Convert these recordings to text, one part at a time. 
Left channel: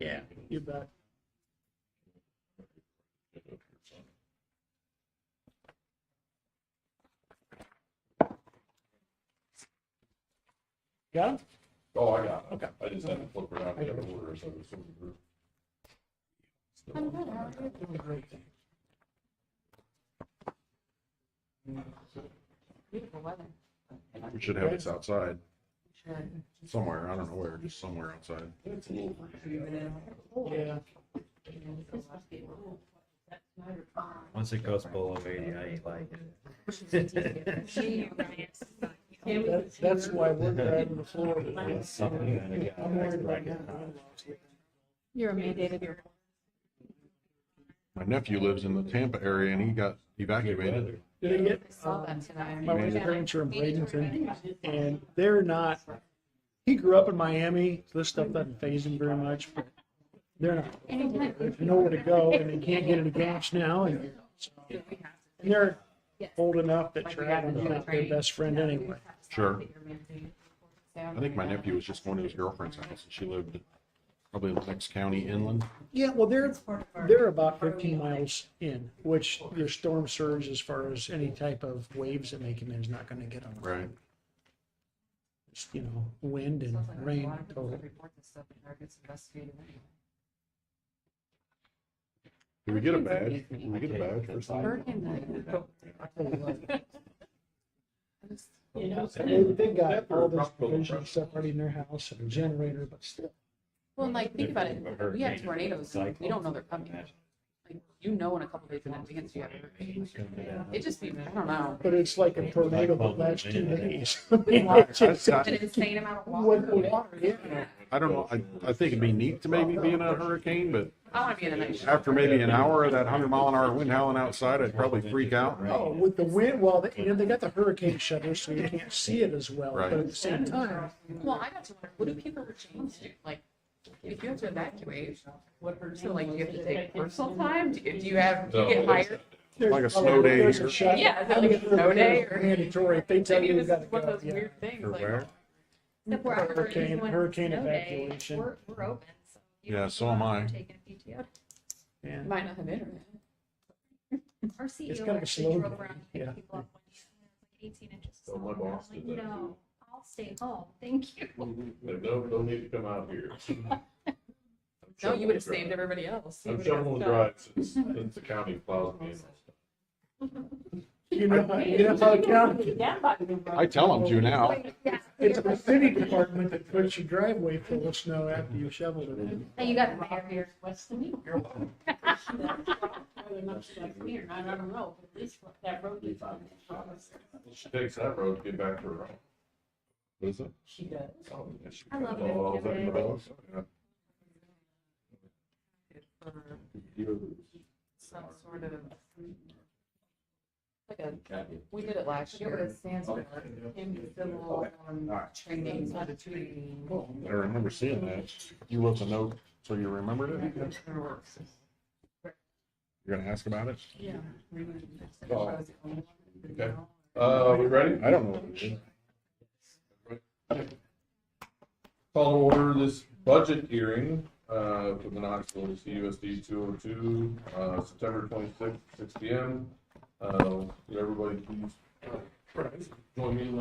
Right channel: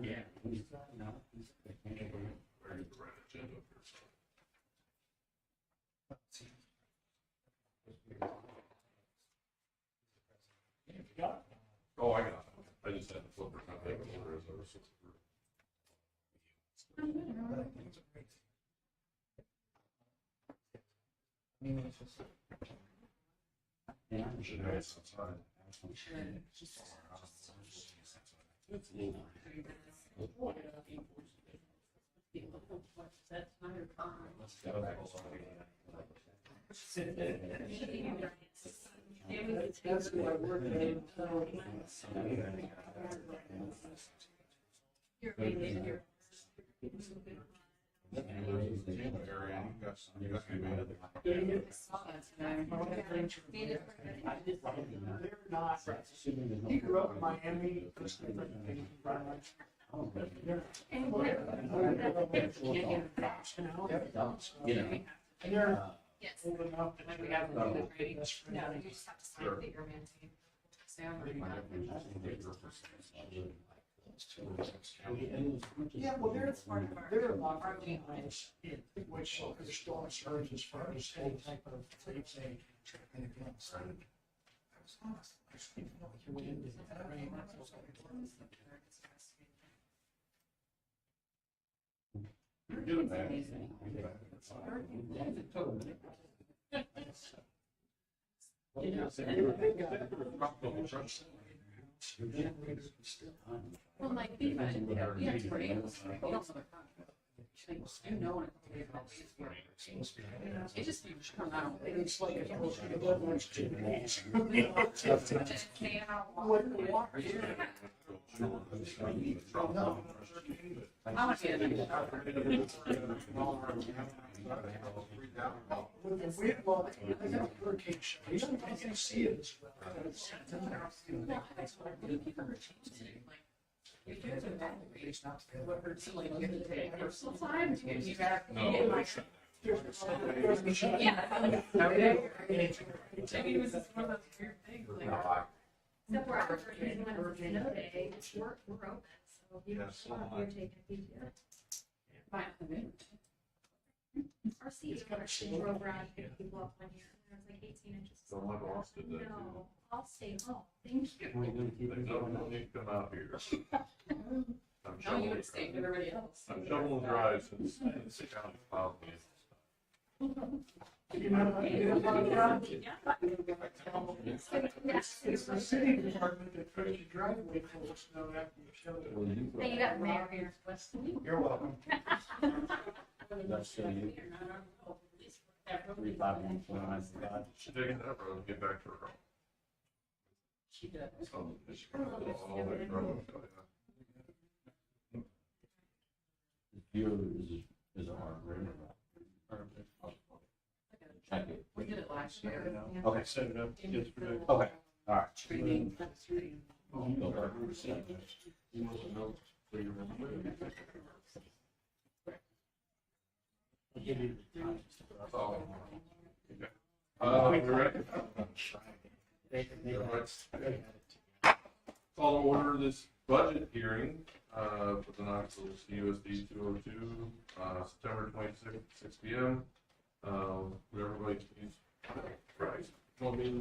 Yeah, you bet. Got it? Oh, I got it. Okay. I just had to flip around to that order, so it's sort of group. I'm good, how are you? It was a great thing. Beautiful weather. We should have this outside Should. somewhere. I don't know where, just somewhere outside. Yeah. Once it goes below 80, I ain't like That's why we're driving to Florida. Something I'm worried right now. You're mandated your. My nephew lives in the Tampa area and he got evacuated. Did they get, Saw that tonight. my wife's parents are in Bradenton, and they're not, he grew up in Miami, so this stuff doesn't faze him very much, but they're not, they have nowhere to go, and they can't get an advantage now, and they're old enough that traveling's not their best friend anyway. Sure. I think my nephew was just going to his girlfriend's house and she lived probably the next county inland. Yeah, well, they're about 15 miles in, which their storm surge, as far as any type of waves that may come in, is not gonna get them. Right. You know, wind and rain total. Did we get a badge? Did we get a badge or something? Hurricane They got all this provision stuff already in their house and a generator, but still. Well, like, think about it, we have tornadoes, we don't know they're coming. Like, you know in a couple days in advance you have a hurricane. It just seems, I don't know. But it's like a tornado that lasts 2 days. An insane amount of water. I don't know. I think it'd be neat to maybe be in a hurricane, but I wanna be in an. after maybe an hour of that 100-mile-an-hour wind howling outside, I'd probably freak out. Oh, with the wind, well, they got the hurricane shutters, so you can't see it as well, Right. but at the same time, Well, I got to, what do people change? Like, if you have to evacuate, so like, do you have to take personal time? Do you have, do you get hired? Like a snow day. there's a shut- Yeah, is it like a snow day or? Mandatory, if they tell Maybe you you this gotta is one of go, those yeah. weird things, like. Except we're out for Hurricane- even when hurricane it's snow day, evacuation. We're open, so. if you Yeah, want so to am go out, I. we're taking PTO. And Might not have internet. Our CEO kind of a actually slow drove day, around and yeah. picked people up one year, and there was like 18 inches. of So my snow. boss I was did like, that too. no, I'll stay home, thank you. Don't need to come out here. No, you would have saved everybody else. You I'm would've got shoveling stuff. dry since the county plows me. you know how the county, I tell them to now. it's the city department that puts your driveway full of snow after you shovel it. And you got the mayor here. You're welcome. She takes that road to get back to her home. What is it? I love it. Oh, that road, yeah. Like we did it last year. Okay. Training. I remember seeing that. You wrote the note, so you remembered it? You're gonna ask about it? Oh, okay. We ready? I don't know what it is. Call to order this budget hearing, for the Knoxville CUSD 202, September 26th, 6 p.m. Would everybody please join me in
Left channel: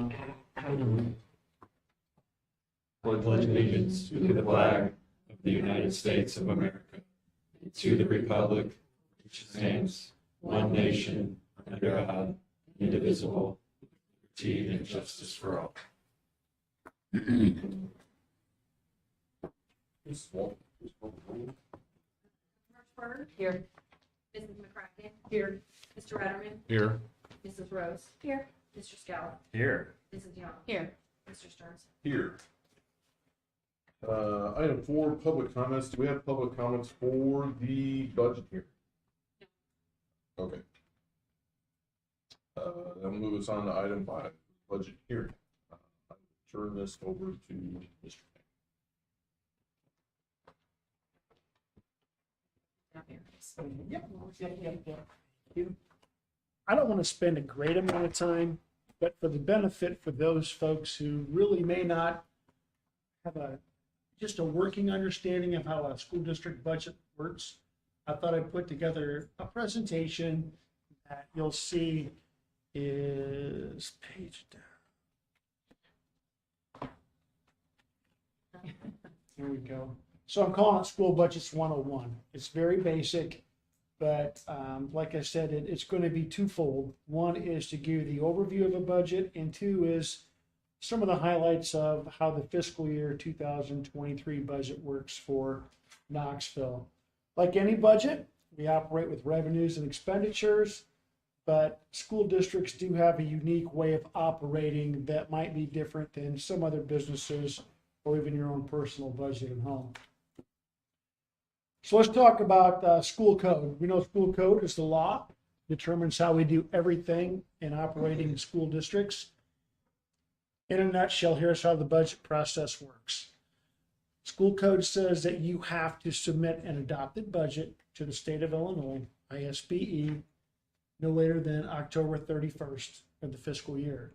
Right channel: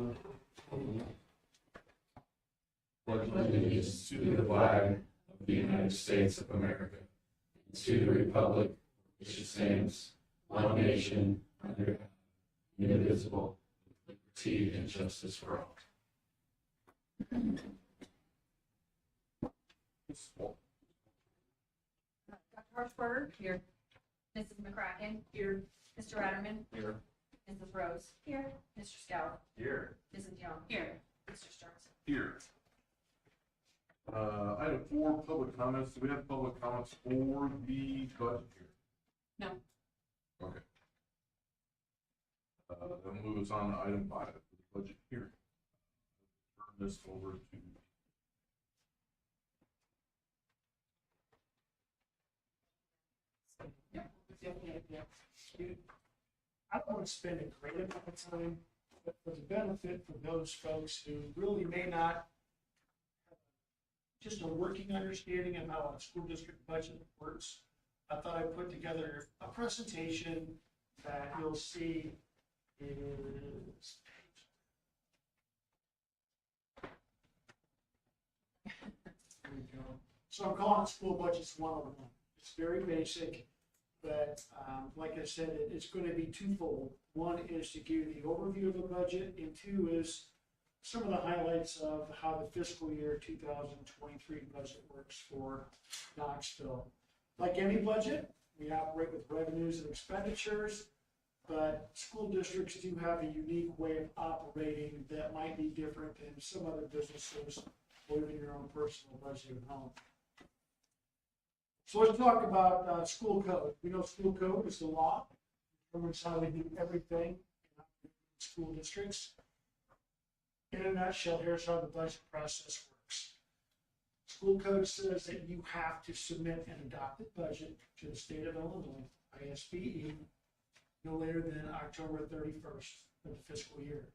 the pledge allegiance to the flag of the United States of America, and to the republic which stands one nation under God, indivisible, with liberty and justice for all. Dr. Harshbarger, Here. Mrs. McCracken. Here. Mr. Ratterman, Here. Mrs. Rose. Here. Mr. Scout, Here. Mrs. Young, Here. Mr. Stearns. Here. Item 4, public comments. Do we have public comments for the budget here? No. Okay. That moves us on to item 5, budget hearing. Turn this over to Mr. I don't want to spend a great amount of time, but for the benefit for those folks who really may not have a just a working understanding of how a school district budget works, I thought I'd put together a presentation that you'll see is page down. Here we go. So I'm calling it School Budgets 101. It's very basic, but like I said, it's going to be twofold. One is to give you the overview of a budget, and two is some of the highlights of how the fiscal year 2023 budget works for Knoxville. Like any budget, we operate with revenues and expenditures, but school districts do have a unique way of operating that might be different than some other businesses or even your own personal budget at home. So let's talk about school code. We know school code is the law, determines how we do everything in operating school districts. In a nutshell, here's how the budget process works. School code says that you have to submit an adopted budget to the state of Illinois, ISBE, no later than October 31st of the fiscal year.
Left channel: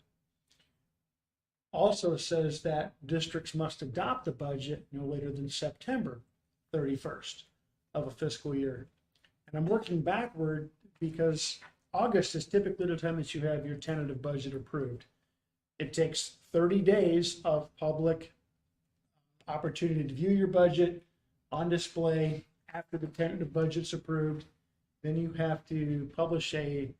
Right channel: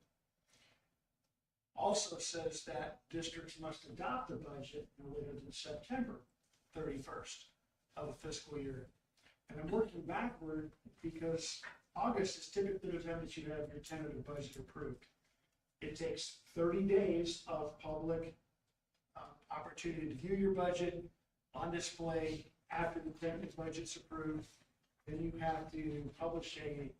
Also says that districts must adopt the budget no later than September 31st of a fiscal year. And I'm working backward because August is typically the time that you have your tentative budget approved. It takes 30 days of public opportunity to view your budget on display after the tentative budget's approved. Then you have to publish a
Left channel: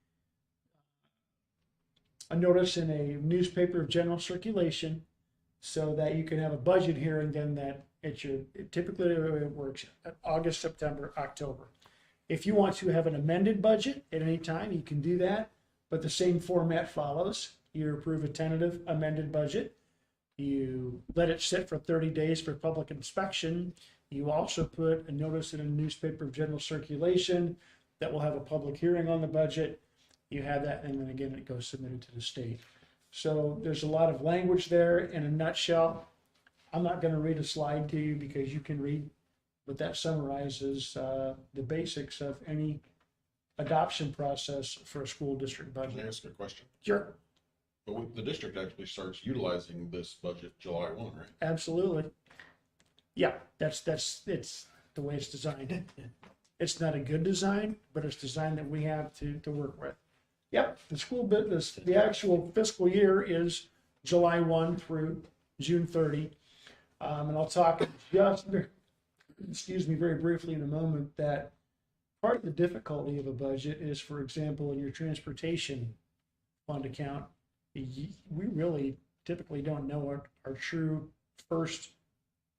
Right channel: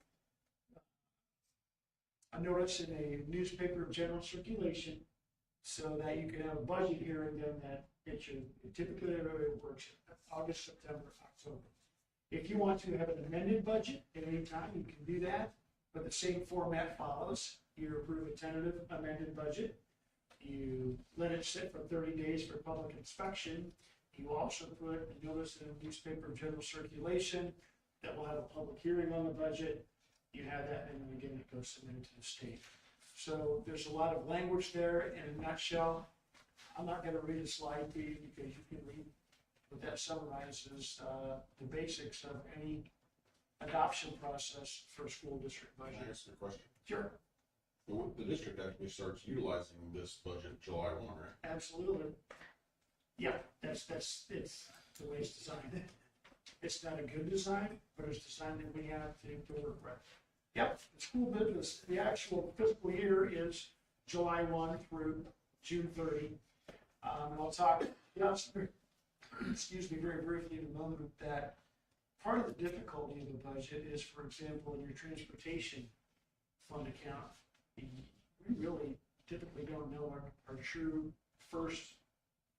notice in a newspaper of general circulation so that you can have a budget hearing then that typically it works August, September, October. If you want to have an amended budget at any time, you can do that, but the same format follows. You approve a tentative amended budget. You let it sit for 30 days for public inspection. You also put a notice in a newspaper of general circulation that will have a public hearing on the budget. You have that, and then again, it goes submitted to the state. So there's a lot of language there. In a nutshell, I'm not going to read a slide to you because you can read, but that summarizes the basics of any adoption process for a school district budget. Can I ask a question? Sure. But the district actually starts utilizing this budget July 1, right? Absolutely. Yeah, it's the way it's designed. It's not a good design, but it's designed that we have to work with. Yep, the school business, the actual fiscal year is July 1 through June 30. And I'll talk just, very briefly in a moment that part of the difficulty of a budget is, for example, in your transportation fund account, we really typically don't know what our true first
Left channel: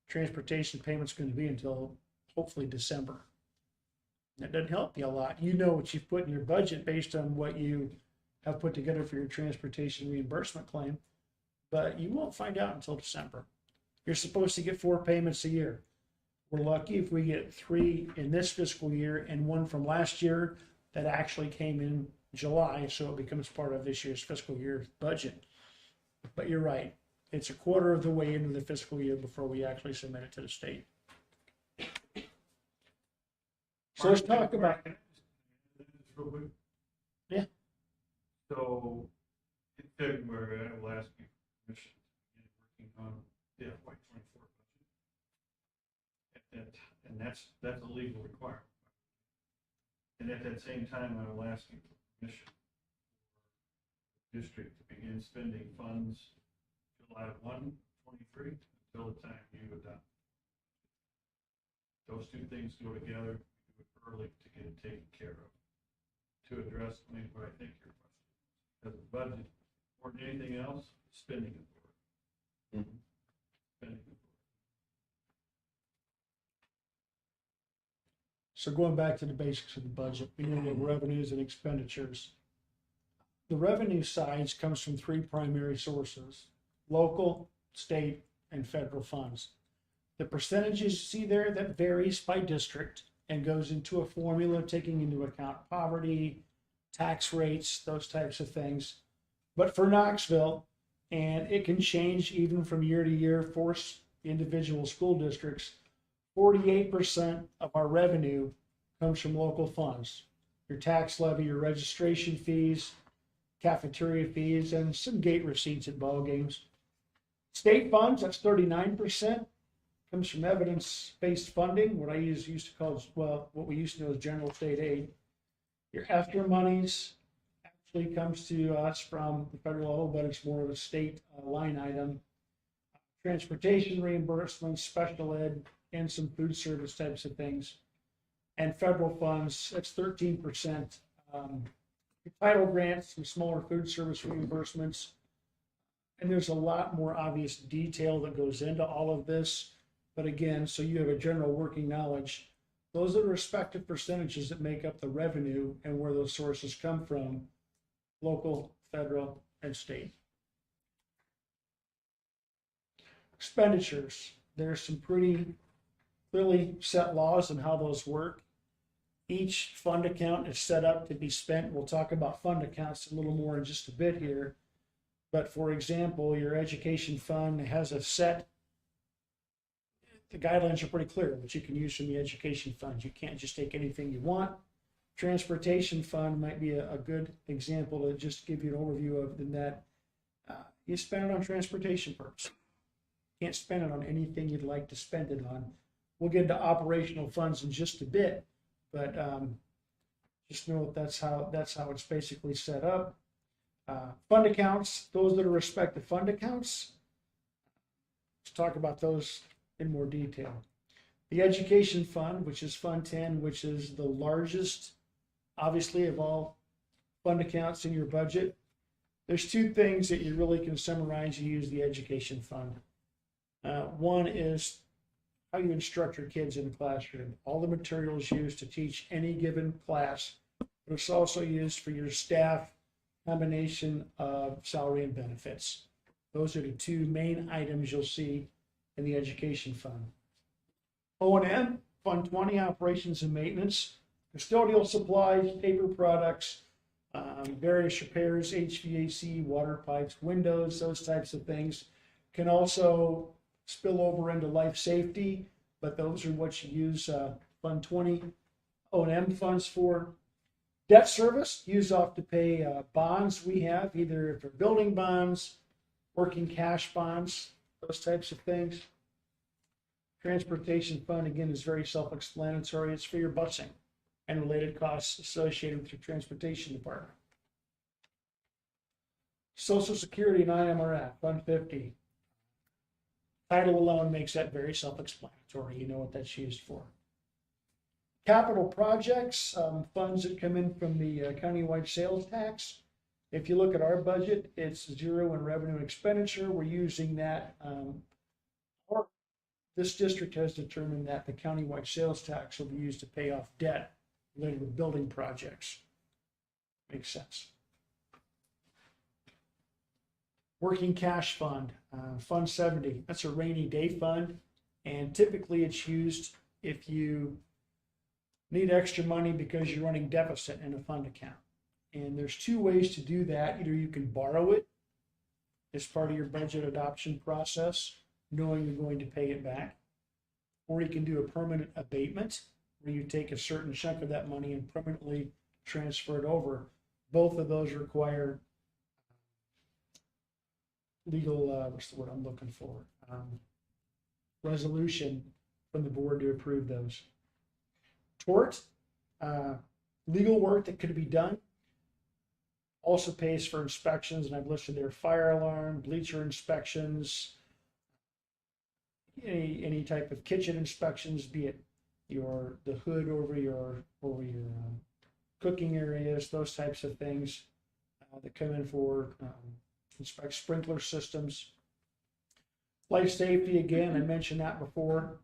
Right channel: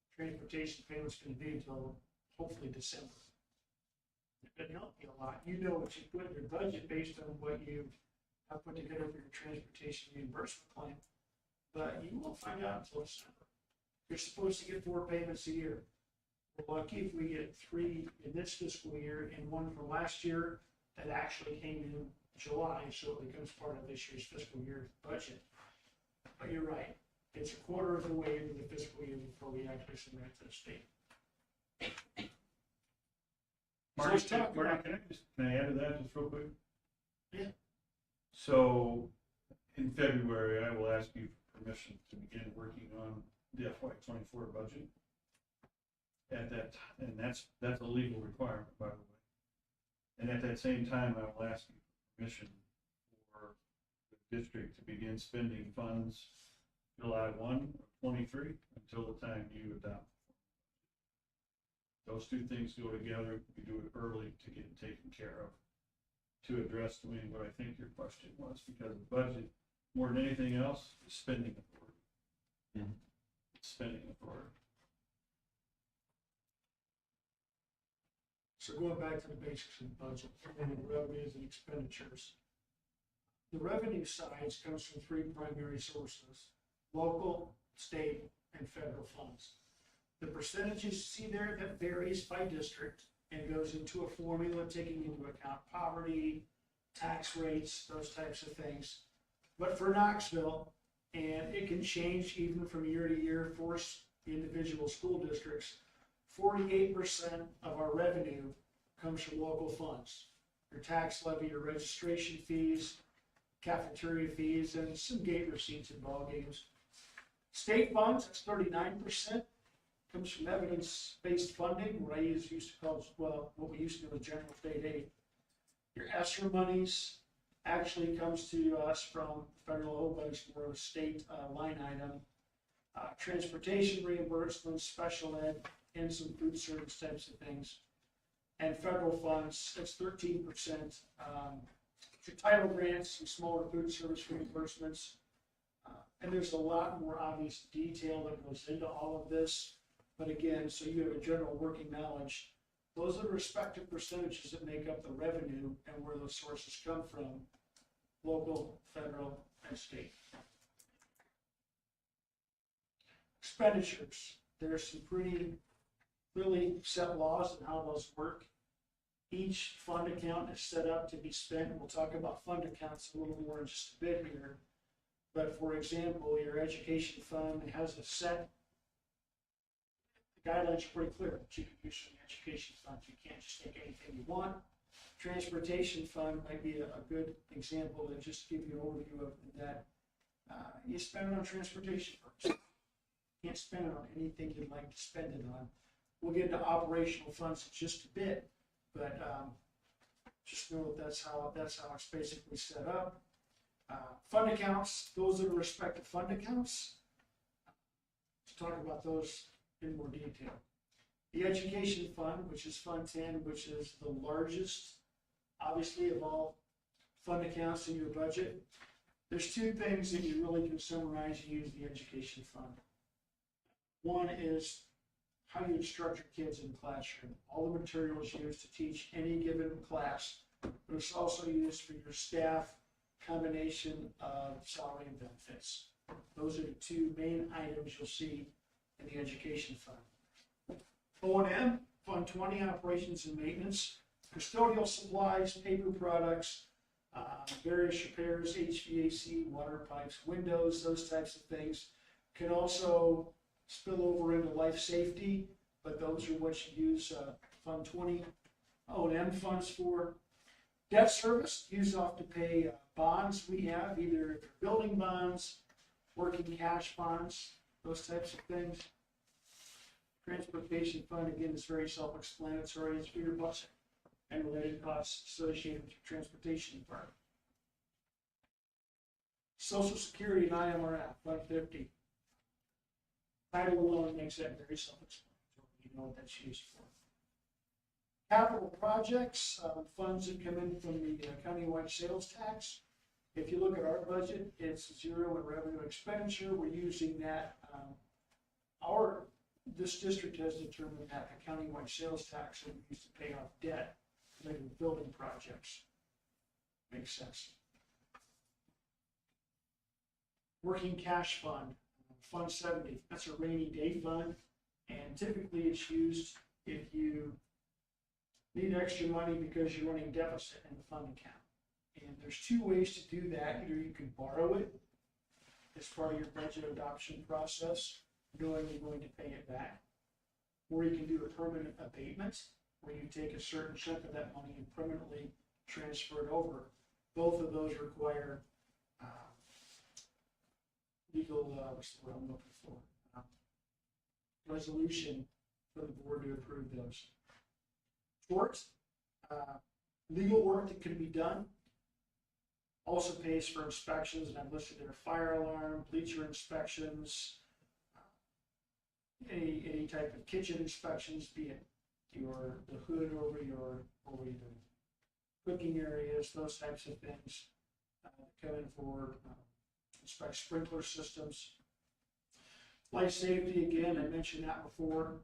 transportation payment's going to be until hopefully December. That doesn't help you a lot. You know what you've put in your budget based on what you have put together for your transportation reimbursement claim, but you won't find out until December. You're supposed to get 4 payments a year. We're lucky if we get 3 in this fiscal year and 1 from last year that actually came in July, so it becomes part of this year's fiscal year budget. But you're right, it's a quarter of the way into the fiscal year before we actually submit it to the state. So let's talk about. Can I add to that just real quick? Yeah. So in February, I will ask you permission to begin working on the FY24 budget. At that, and that's a legal requirement, by the way. And at that same time, I will ask you permission for the district to begin spending funds July 1 of 23 until the time you adopt. Those two things go together. We do it early to get it taken care of. To address what I think your question was, because the budget, more than anything else, is spending authority. Mm-hmm. Spending authority. So going back to the basics of the budget, we know the revenues and expenditures. The revenue side comes from 3 primary sources: local, state, and federal funds. The percentages you see there, that varies by district and goes into a formula taking into account poverty, tax rates, those types of things. But for Knoxville, and it can change even from year to year for individual school districts, 48% of our revenue comes from local funds. Your tax levy, your registration fees, cafeteria fees, and some gate receipts at ball games. State funds, that's 39%, comes from evidence-based funding, what I used to call, well, what we used to know as general state aid. Your ESSER monies actually comes to us from the federal level, but it's more of a state line item. Transportation reimbursements, special ed, and some food service types of things. And federal funds, that's 13%. Title grants, some smaller food service reimbursements. And there's a lot more obvious detail that goes into all of this. But again, so you have a general working knowledge. Those are the respective percentages that make up the revenue and where those sources come from, local, federal, and state. Expenditures. There's some pretty clearly set laws on how those work. Each fund account is set up to be spent. We'll talk about fund accounts a little more in just a bit here. But for example, your education fund has a set, the guidelines are pretty clear, what you can use from the education fund. You can't just take anything you want. Transportation fund might be a good example to just give you an overview of, in that you spend it on transportation purposes. Can't spend it on anything you'd like to spend it on. We'll get into operational funds in just a bit, but just know that that's how it's basically set up. Fund accounts, those that are respective fund accounts. Let's talk about those in more detail. The education fund, which is Fund 10, which is the largest, obviously, of all fund accounts in your budget. There's two things that you really can summarize and use the education fund. One is how you instruct your kids in the classroom. All the materials used to teach any given class, but it's also used for your staff, combination of salary and benefits. Those are the two main items you'll see in the education fund. O&M, Fund 20, operations and maintenance, custodial supplies, paper products, various repairs, HVAC, water pipes, windows, those types of things. Can also spill over into life safety, but those are what you use Fund 20 O&M funds for. Debt service, used off to pay bonds we have, either if they're building bonds, working cash bonds, those types of things. Transportation fund, again, is very self-explanatory. It's for your busing and related costs associated with your transportation department. Social Security and IMRF, Fund 50. Title alone makes that very self-explanatory. You know what that's used for. Capital projects, funds that come in from the countywide sales tax. If you look at our budget, it's zero in revenue and expenditure. We're using that. This district has determined that the countywide sales tax will be used to pay off debt related to building projects. Makes sense. Working cash fund, Fund 70. That's a rainy day fund, and typically it's used if you need extra money because you're running deficit in a fund account. And there's two ways to do that. Either you can borrow it as part of your budget adoption process, knowing you're going to pay it back, or you can do a permanent abatement where you take a certain chunk of that money and permanently transfer it over. Both of those require legal, what's the word I'm looking for? Resolution from the board to approve those. Tort, legal work that could be done, also pays for inspections, and I've listed there fire alarm, bleacher inspections, any type of kitchen inspections, be it the hood over your cooking areas, those types of things that come in for inspect sprinkler systems. Life safety, again, I mentioned that before.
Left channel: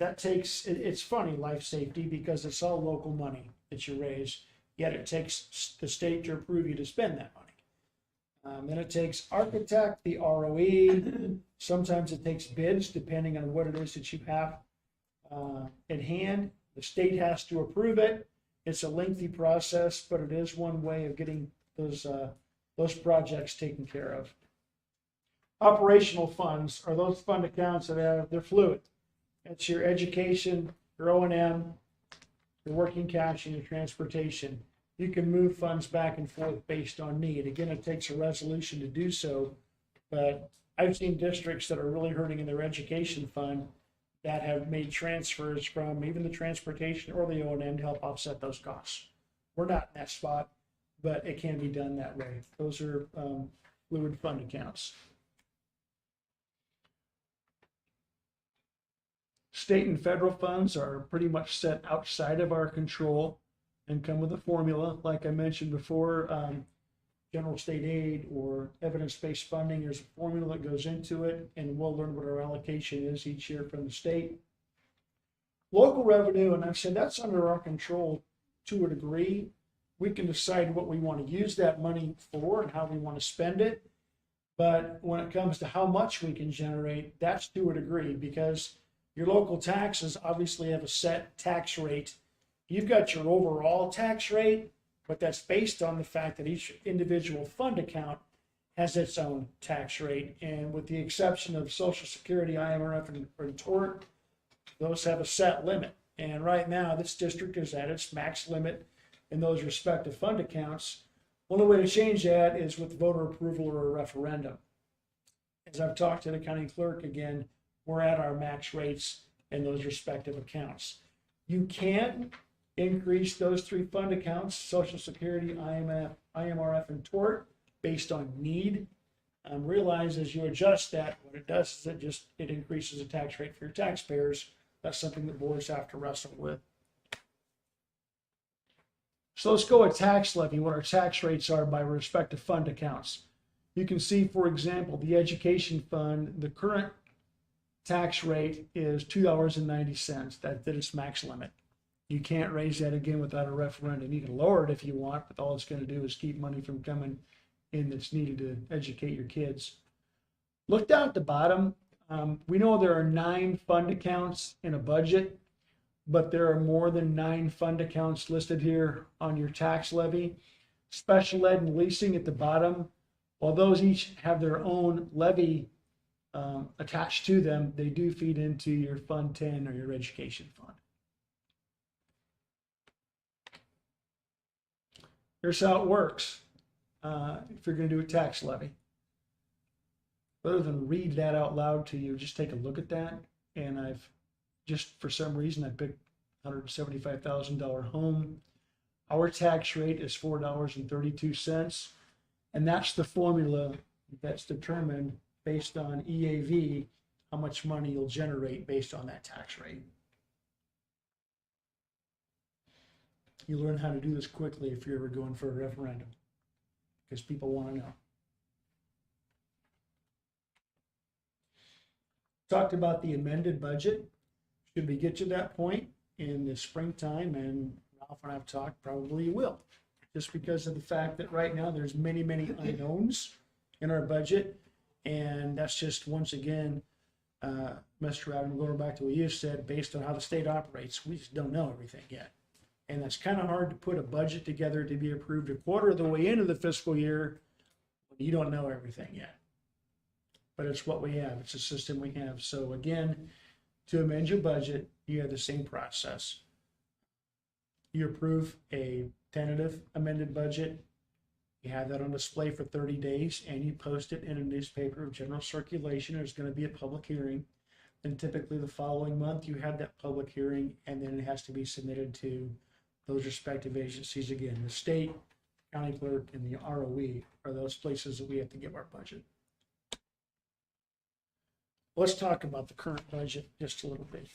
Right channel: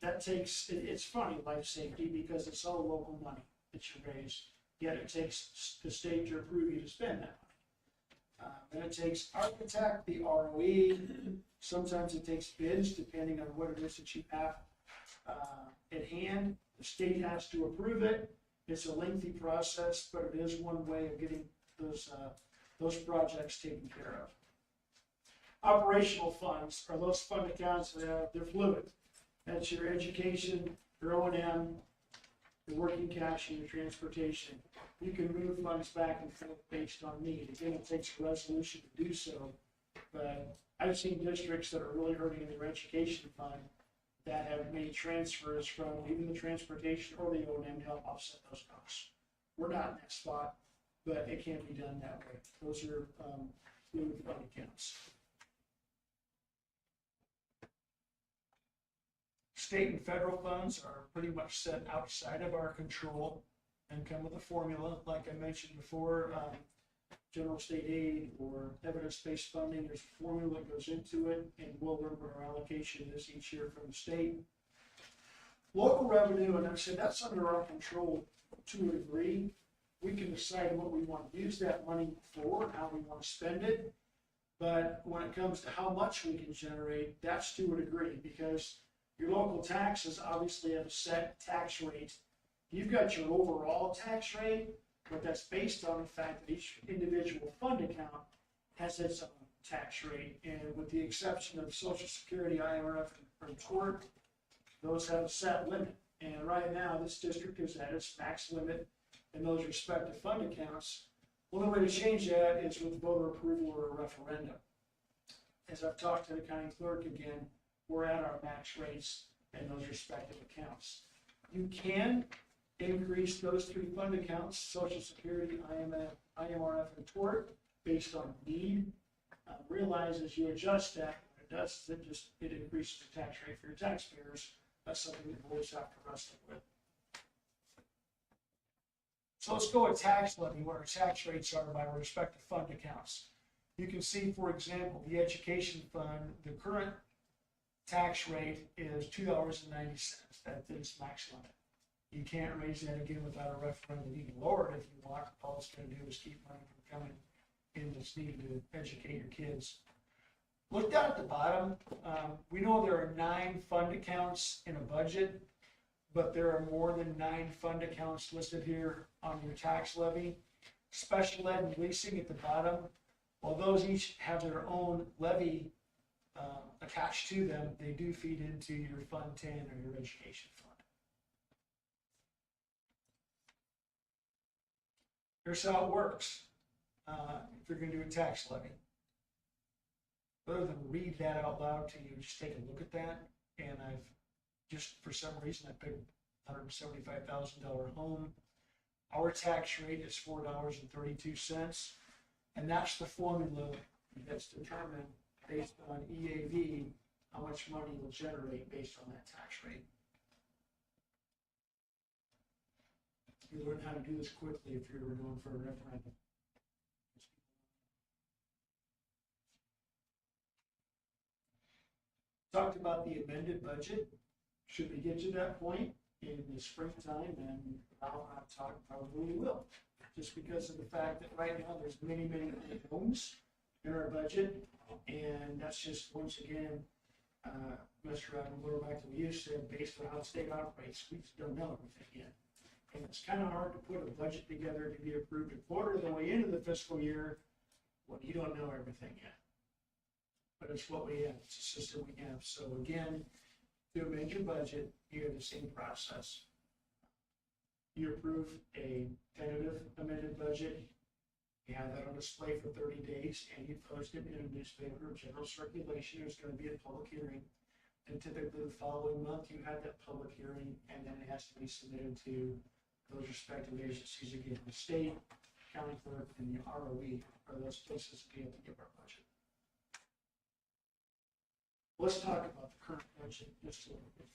That takes, it's funny, life safety, because it's all local money that you raise, yet it takes the state to approve you to spend that money. Then it takes architect, the ROE, sometimes it takes bids, depending on what it is that you have at hand. The state has to approve it. It's a lengthy process, but it is one way of getting those projects taken care of. Operational funds are those fund accounts that they're fluid. That's your education, your O&M, your working cash, and your transportation. You can move funds back and forth based on need. Again, it takes a resolution to do so, but I've seen districts that are really hurting in their education fund that have made transfers from even the transportation or the O&M to help offset those costs. We're not in that spot, but it can be done that way. Those are fluid fund accounts. State and federal funds are pretty much set outside of our control and come with a formula. Like I mentioned before, general state aid or evidence-based funding, there's a formula that goes into it, and we'll learn what our allocation is each year from the state. Local revenue, and I've said that's under our control to a degree. We can decide what we want to use that money for and how we want to spend it. But when it comes to how much we can generate, that's to a degree, because your local taxes obviously have a set tax rate. You've got your overall tax rate, but that's based on the fact that each individual fund account has its own tax rate. And with the exception of Social Security, IMRF, and tort, those have a set limit. And right now, this district is at its max limit in those respective fund accounts. Only way to change that is with voter approval or a referendum. As I've talked to the county clerk again, we're at our max rates in those respective accounts. You can increase those three fund accounts, Social Security, IMRF, and tort, based on need. Realize as you adjust that, what it does is it increases the tax rate for your taxpayers. That's something that boards have to wrestle with. So let's go with tax levy, what our tax rates are by respective fund accounts. You can see, for example, the education fund, the current tax rate is $2.90. That is max limit. You can't raise that again without a referendum. You can lower it if you want, but all it's going to do is keep money from coming in that's needed to educate your kids. Look down at the bottom. We know there are 9 fund accounts in a budget, but there are more than 9 fund accounts listed here on your tax levy. Special ed and leasing at the bottom, while those each have their own levy attached to them, they do feed into your Fund 10 or your education fund. Here's how it works if you're going to do a tax levy. Rather than read that out loud to you, just take a look at that. And I've just, for some reason, I picked $175,000 home. Our tax rate is $4.32. And that's the formula that's determined based on EAV, how much money you'll generate based on that tax rate. You learn how to do this quickly if you're ever going for a referendum, because people want to know. Talked about the amended budget. Should we get to that point in the springtime, and when I've talked, probably will, just because of the fact that right now there's many unknowns in our budget, and that's just, once again, Mr. Adam, going back to what you said, based on how the state operates, we just don't know everything yet. And it's kind of hard to put a budget together to be approved a quarter of the way into the fiscal year when you don't know everything yet. But it's what we have. It's a system we have. So again, to amend your budget, you have the same process. You approve a tentative amended budget. You have that on display for 30 days, and you post it in a newspaper of general circulation. There's going to be a public hearing. And typically the following month, you have that public hearing, and then it has to be submitted to those respective agencies. Again, the state, county clerk, and the ROE are those places that we have to give our budget. Let's talk about the current budget just a little bit.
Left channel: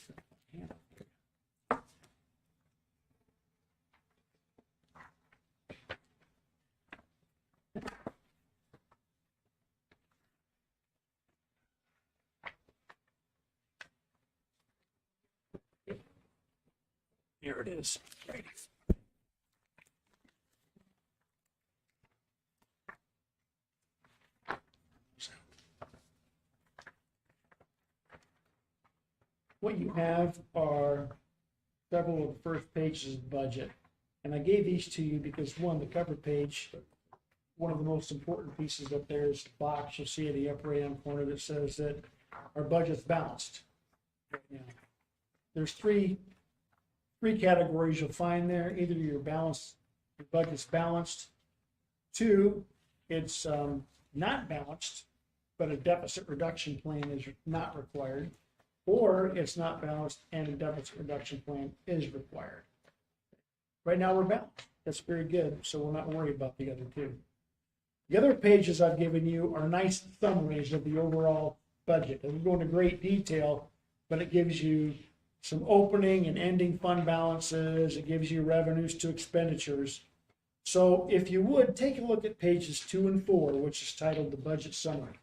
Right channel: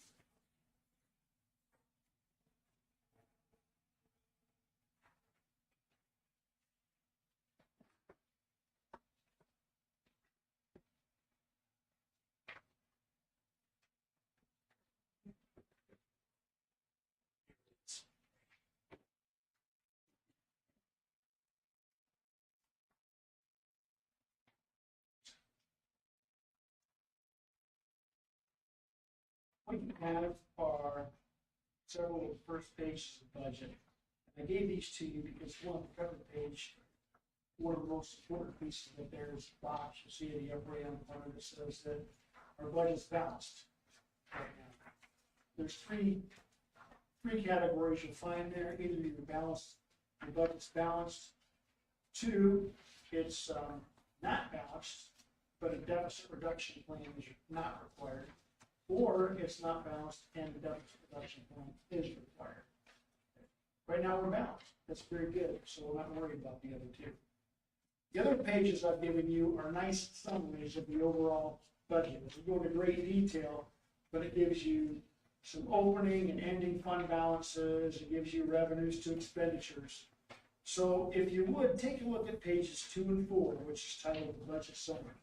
Here it is. Right. What you have are several of the first pages of the budget. And I gave these to you because, one, the cover page, one of the most important pieces up there is the box you'll see at the upper right-hand corner that says that our budget's balanced right now. There's three categories you'll find there. Either your budget's balanced. 2, it's not balanced, but a deficit reduction plan is not required. or it's not balanced and a deficit reduction plan is required. Right now, we're balanced. That's very good, so we're not worried about the other two. The other pages I've given you are nice summaries of the overall budget. It doesn't go into great detail, but it gives you some opening and ending fund balances. It gives you revenues to expenditures. So if you would, take a look at pages 2 and 4, which is titled the budget summary.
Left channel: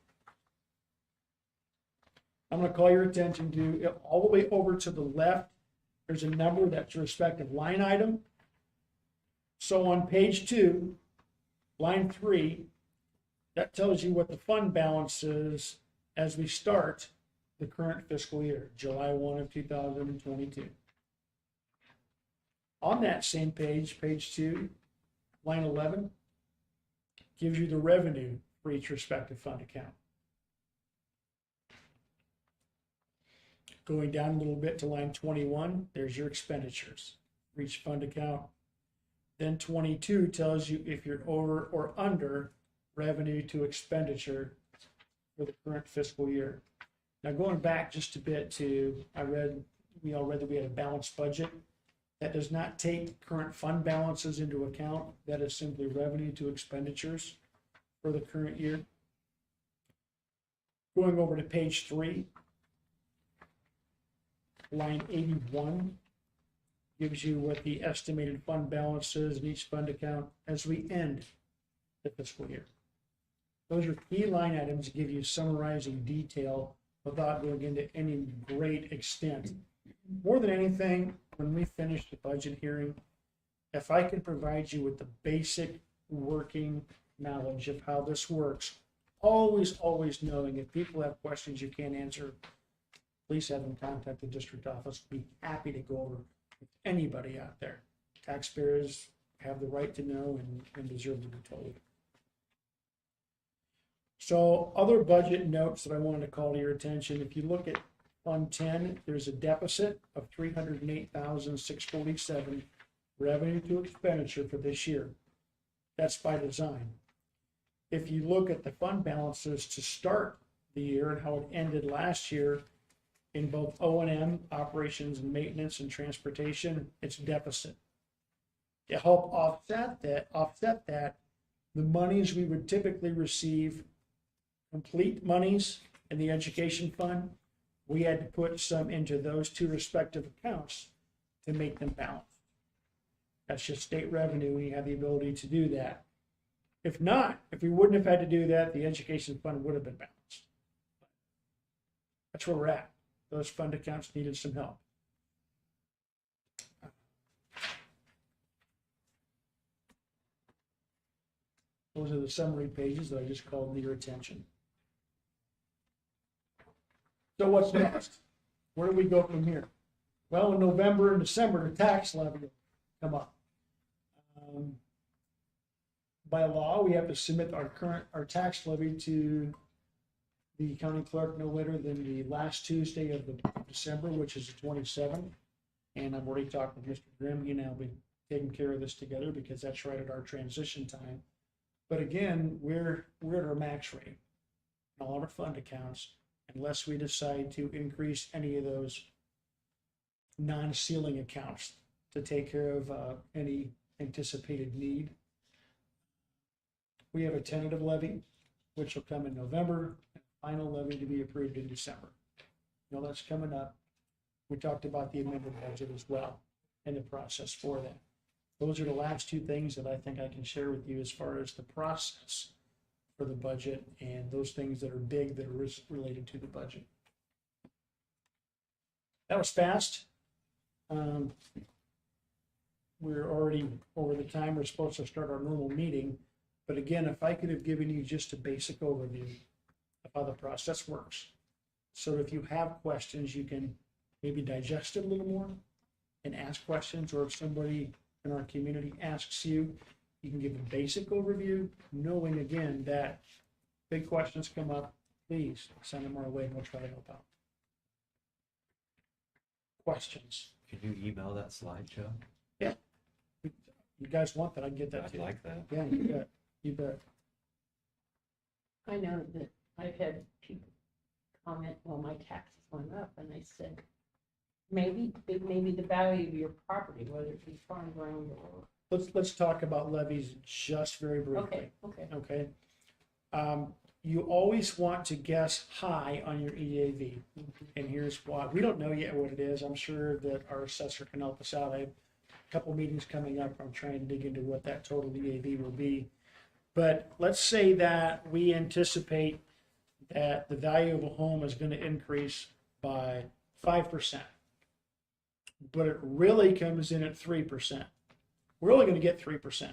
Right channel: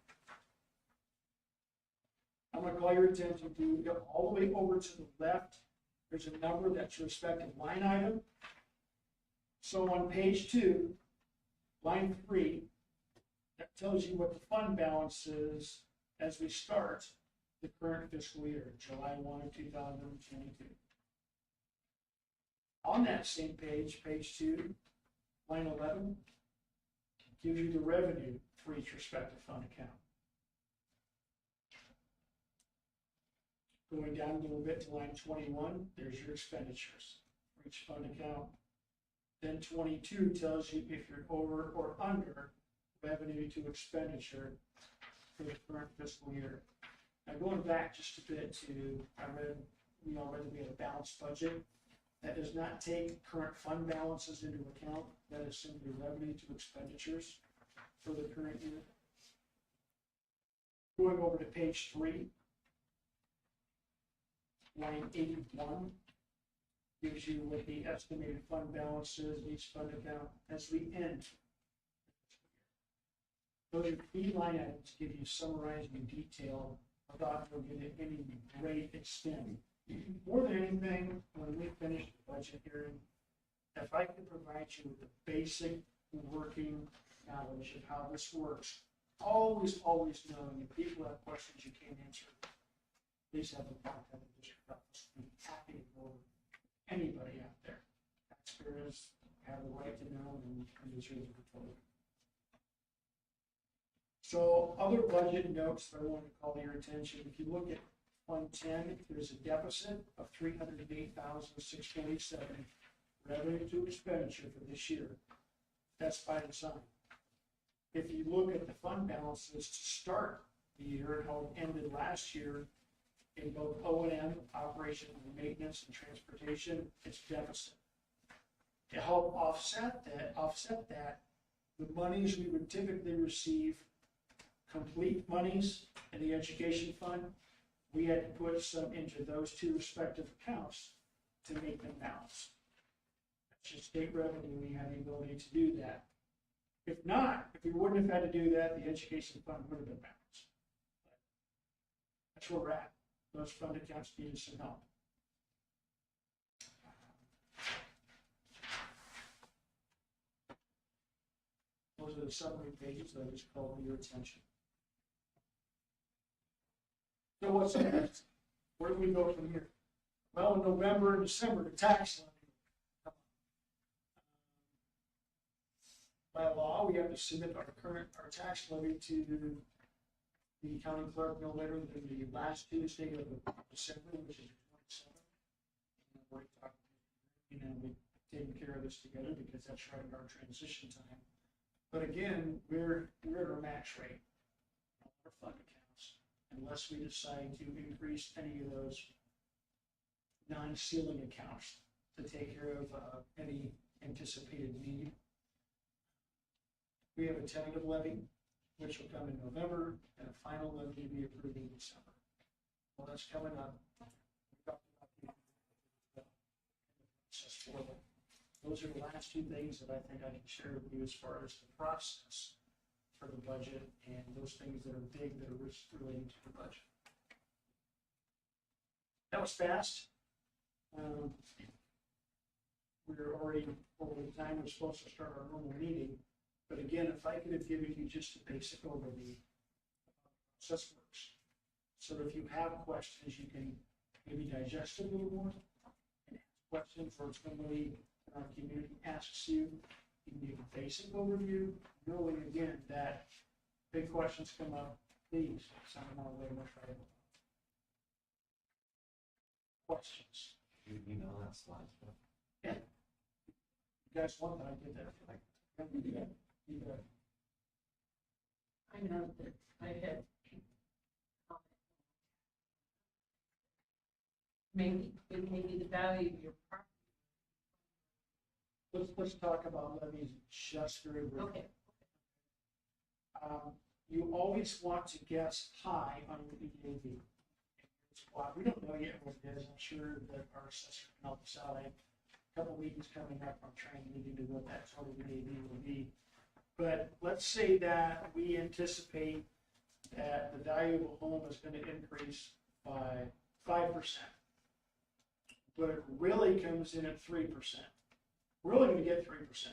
I'm going to call your attention to all the way over to the left. There's a number that's your respective line item. So on page 2, line 3, that tells you what the fund balance is as we start the current fiscal year, July 1 of 2022. On that same page, page 2, line 11, gives you the revenue for each respective fund account. Going down a little bit to line 21, there's your expenditures for each fund account. Then 22 tells you if you're over or under revenue to expenditure for the current fiscal year. Now going back just a bit to, we all read that we had a balanced budget. That does not take current fund balances into account. That is simply revenue to expenditures for the current year. Going over to page 3, line 81 gives you what the estimated fund balance is in each fund account as we end the fiscal year. Those are key line items that give you summarizing detail without going into any great extent. More than anything, when we finish the budget hearing, if I can provide you with the basic working knowledge of how this works, always knowing if people have questions you can't answer, please have them contact the district office. We'd be happy to go over with anybody out there. Taxpayers have the right to know and deserve to be told. So other budget notes that I wanted to call to your attention, if you look at Fund 10, there's a deficit of $308,647 revenue to expenditure for this year. That's by design. If you look at the fund balances to start the year and how it ended last year in both O&M, operations and maintenance and transportation, it's deficit. To help offset that, the monies we would typically receive, complete monies in the education fund, we had to put some into those two respective accounts to make them balance. That's just state revenue. We have the ability to do that. If not, if we wouldn't have had to do that, the education fund would have been balanced. That's where we're at. Those fund accounts needed some help. Those are the summary pages that I just called to your attention. So what's next? Where do we go from here? Well, in November and December, the tax levy will come up. By law, we have to submit our tax levy to the county clerk no later than the last Tuesday of December, which is the 27th. And I've already talked with Mr. Grimm. You know, we'll be taking care of this together because that's right at our transition time. But again, we're at our max rate in all our fund accounts, unless we decide to increase any of those non-ceiling accounts to take care of any anticipated need. We have a tentative levy, which will come in November, and a final levy to be approved in December. You know, that's coming up. We talked about the amended budget as well and the process for that. Those are the last two things that I think I can share with you as far as the process for the budget and those things that are big that are related to the budget. That was fast. We're already over the time we're supposed to start our normal meeting. But again, if I could have given you just a basic overview of how the process works, so if you have questions, you can maybe digest it a little more and ask questions, or if somebody in our community asks you, you can give a basic overview, knowing again that big questions come up, please send them our way and we'll try to help out. Questions? Could you email that slideshow? Yeah. You guys want that, I can get that to I'd you. like that. Yeah, you bet. You bet. I know that I've had people comment, well, my taxes went up, and they said, maybe the value of your property, whether it be farm ground or. Let's talk about levies just very briefly. Okay. Okay? You always want to guess high on your EAV. And here's why. We don't know yet what it is. I'm sure that our assessor can help us out. I have a couple meetings coming up. I'm trying to dig into what that total EAV will be. But let's say that we anticipate that the value of a home is going to increase by 5%. But it really comes in at 3%. We're only going to get 3%.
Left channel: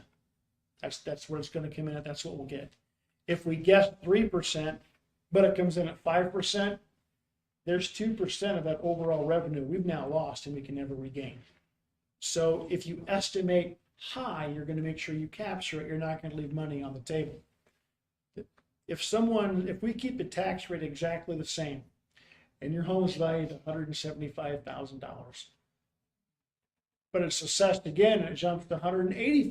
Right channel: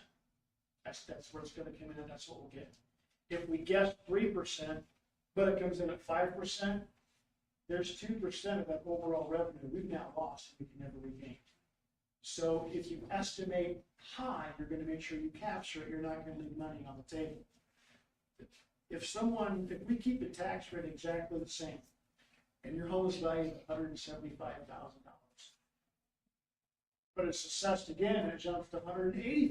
That's where it's going to come in at. That's what we'll get. If we guess 3%, but it comes in at 5%, there's 2% of that overall revenue we've now lost and we can never regain. So if you estimate high, you're going to make sure you capture it. You're not going to leave money on the table. If we keep the tax rate exactly the same and your home is valued at $175,000, but it's assessed again and it jumps to $185,000,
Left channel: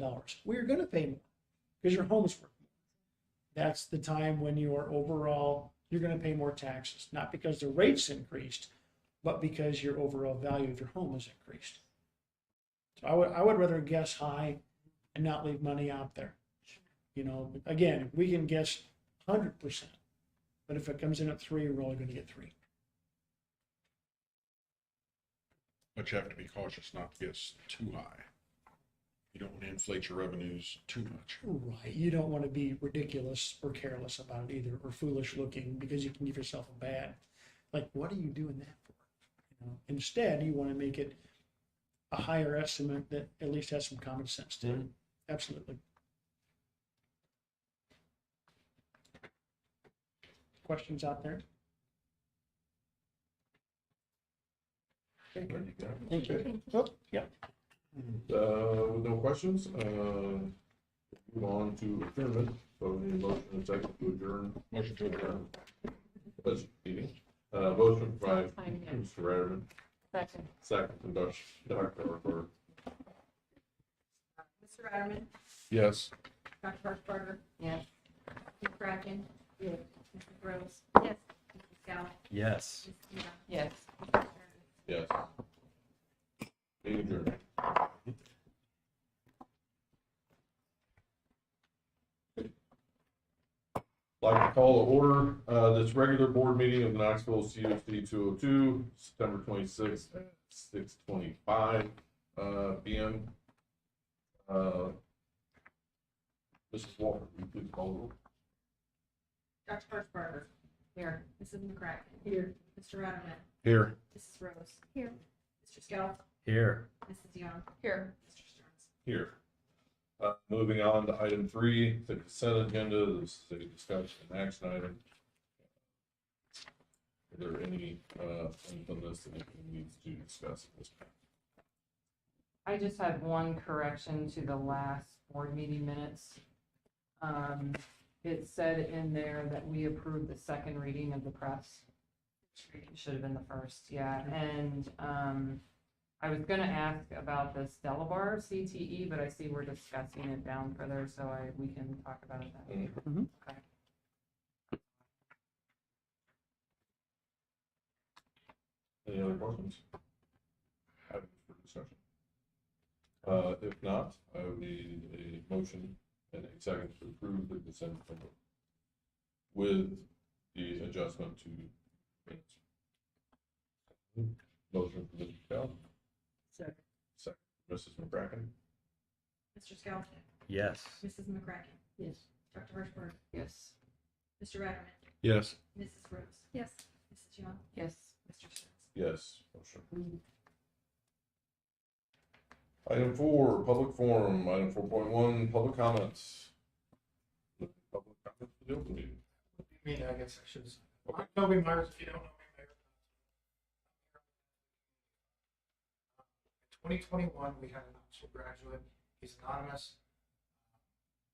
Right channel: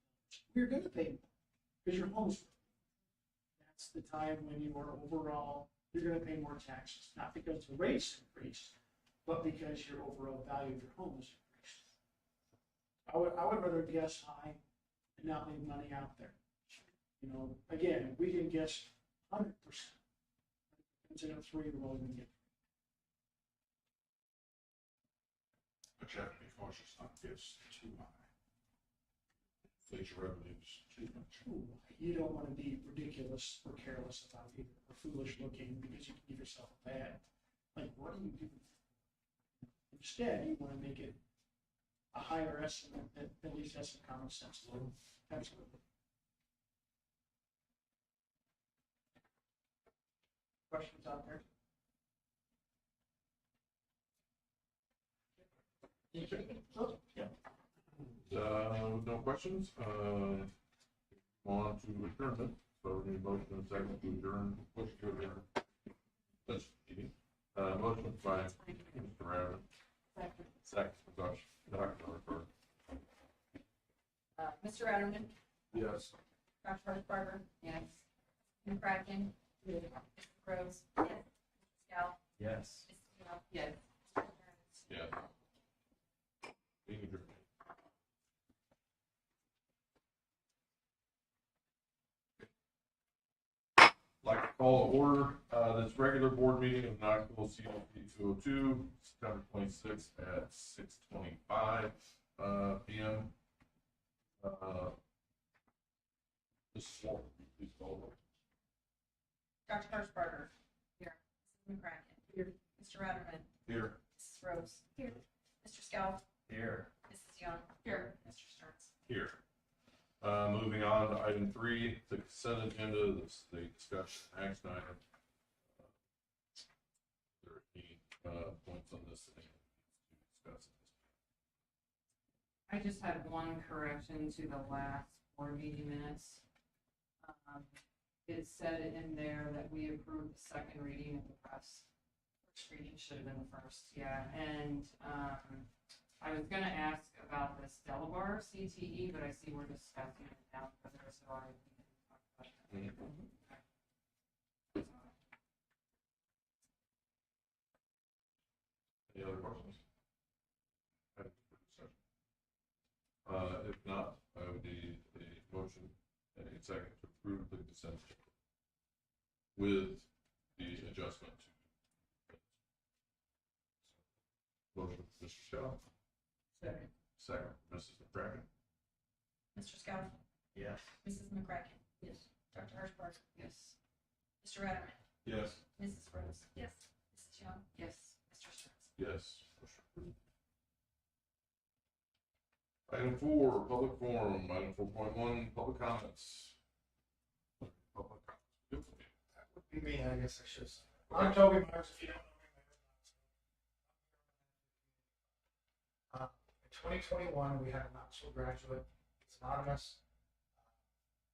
well, you're going to pay more because your home is worth more. That's the time when you're going to pay more taxes, not because the rates increased, but because your overall value of your home has increased. So I would rather guess high and not leave money out there. You know, again, we can guess 100%, but if it comes in at 3, we're only going to get 3. But you have to be cautious not to guess too high. You don't want to inflate your revenues too much. Right. You don't want to be ridiculous or careless about it either, or foolish looking, because you can give yourself a bad. Like, what are you doing that for? You know, instead, you want to make it a higher estimate that at least has some common sense to it. Absolutely. Questions out there? Okay, good. Thank you. Oh, yeah. With no questions, move on to adjournment. So I need a motion and a second to adjourn. Motion to adjourn. This meeting. Motion by Mr. Ratterman. Second from Dr. Harper. Mr. Ratterman, Yes. Dr. Harshbarger, Yes. Mr. McCracken, Mrs. Rose, Yes. Mrs. Scout, Yes. Mrs. Young, Yes. Mr. Stearns. Yes. Meeting adjourned. Like to call to order this regular board meeting of the Knoxville CUSD 202, September 26th at 6:25 p.m. Mrs. Walker, will you please call the roll? Dr. Harshbarger, Here. Mrs. McCracken. Here. Mr. Ratterman, Here. Mrs. Rose. Here. Mr. Scout, Here. Mrs. Young, Here. Mr. Stearns. Here. Moving on to item 3, the consent agenda, this is the discussion and action item. Are there any points on this that anyone needs to discuss at this point? I just had one correction to the last board meeting minutes. It said in there that we approved the second reading of the press. First reading should have been the first, yeah, and, I was gonna ask about the Stella Bar CTE, but I see we're discussing it down further, so we can talk about it then. Mhm. Okay. Any other questions? Items for discussion. If not, I would need a motion and a second to approve the consent agenda with the adjustment to minutes. Motion from Mr. Scout. Second, Mrs. McCracken. Mr. Scout, Yes. Mrs. McCracken. Yes. Dr. Harshbarger, Yes. Mr. Ratterman, Yes. Mrs. Rose. Yes. Mrs. Young, Yes. Mr. Stearns. Yes, motion. Item 4, public forum. Item 4.1, public comments. Public comments for the open meeting. Would be me, I guess I should have said. Okay. I'm Toby Myers, if you don't know me, Mayor. In 2021, we had a Knoxville graduate, he's anonymous.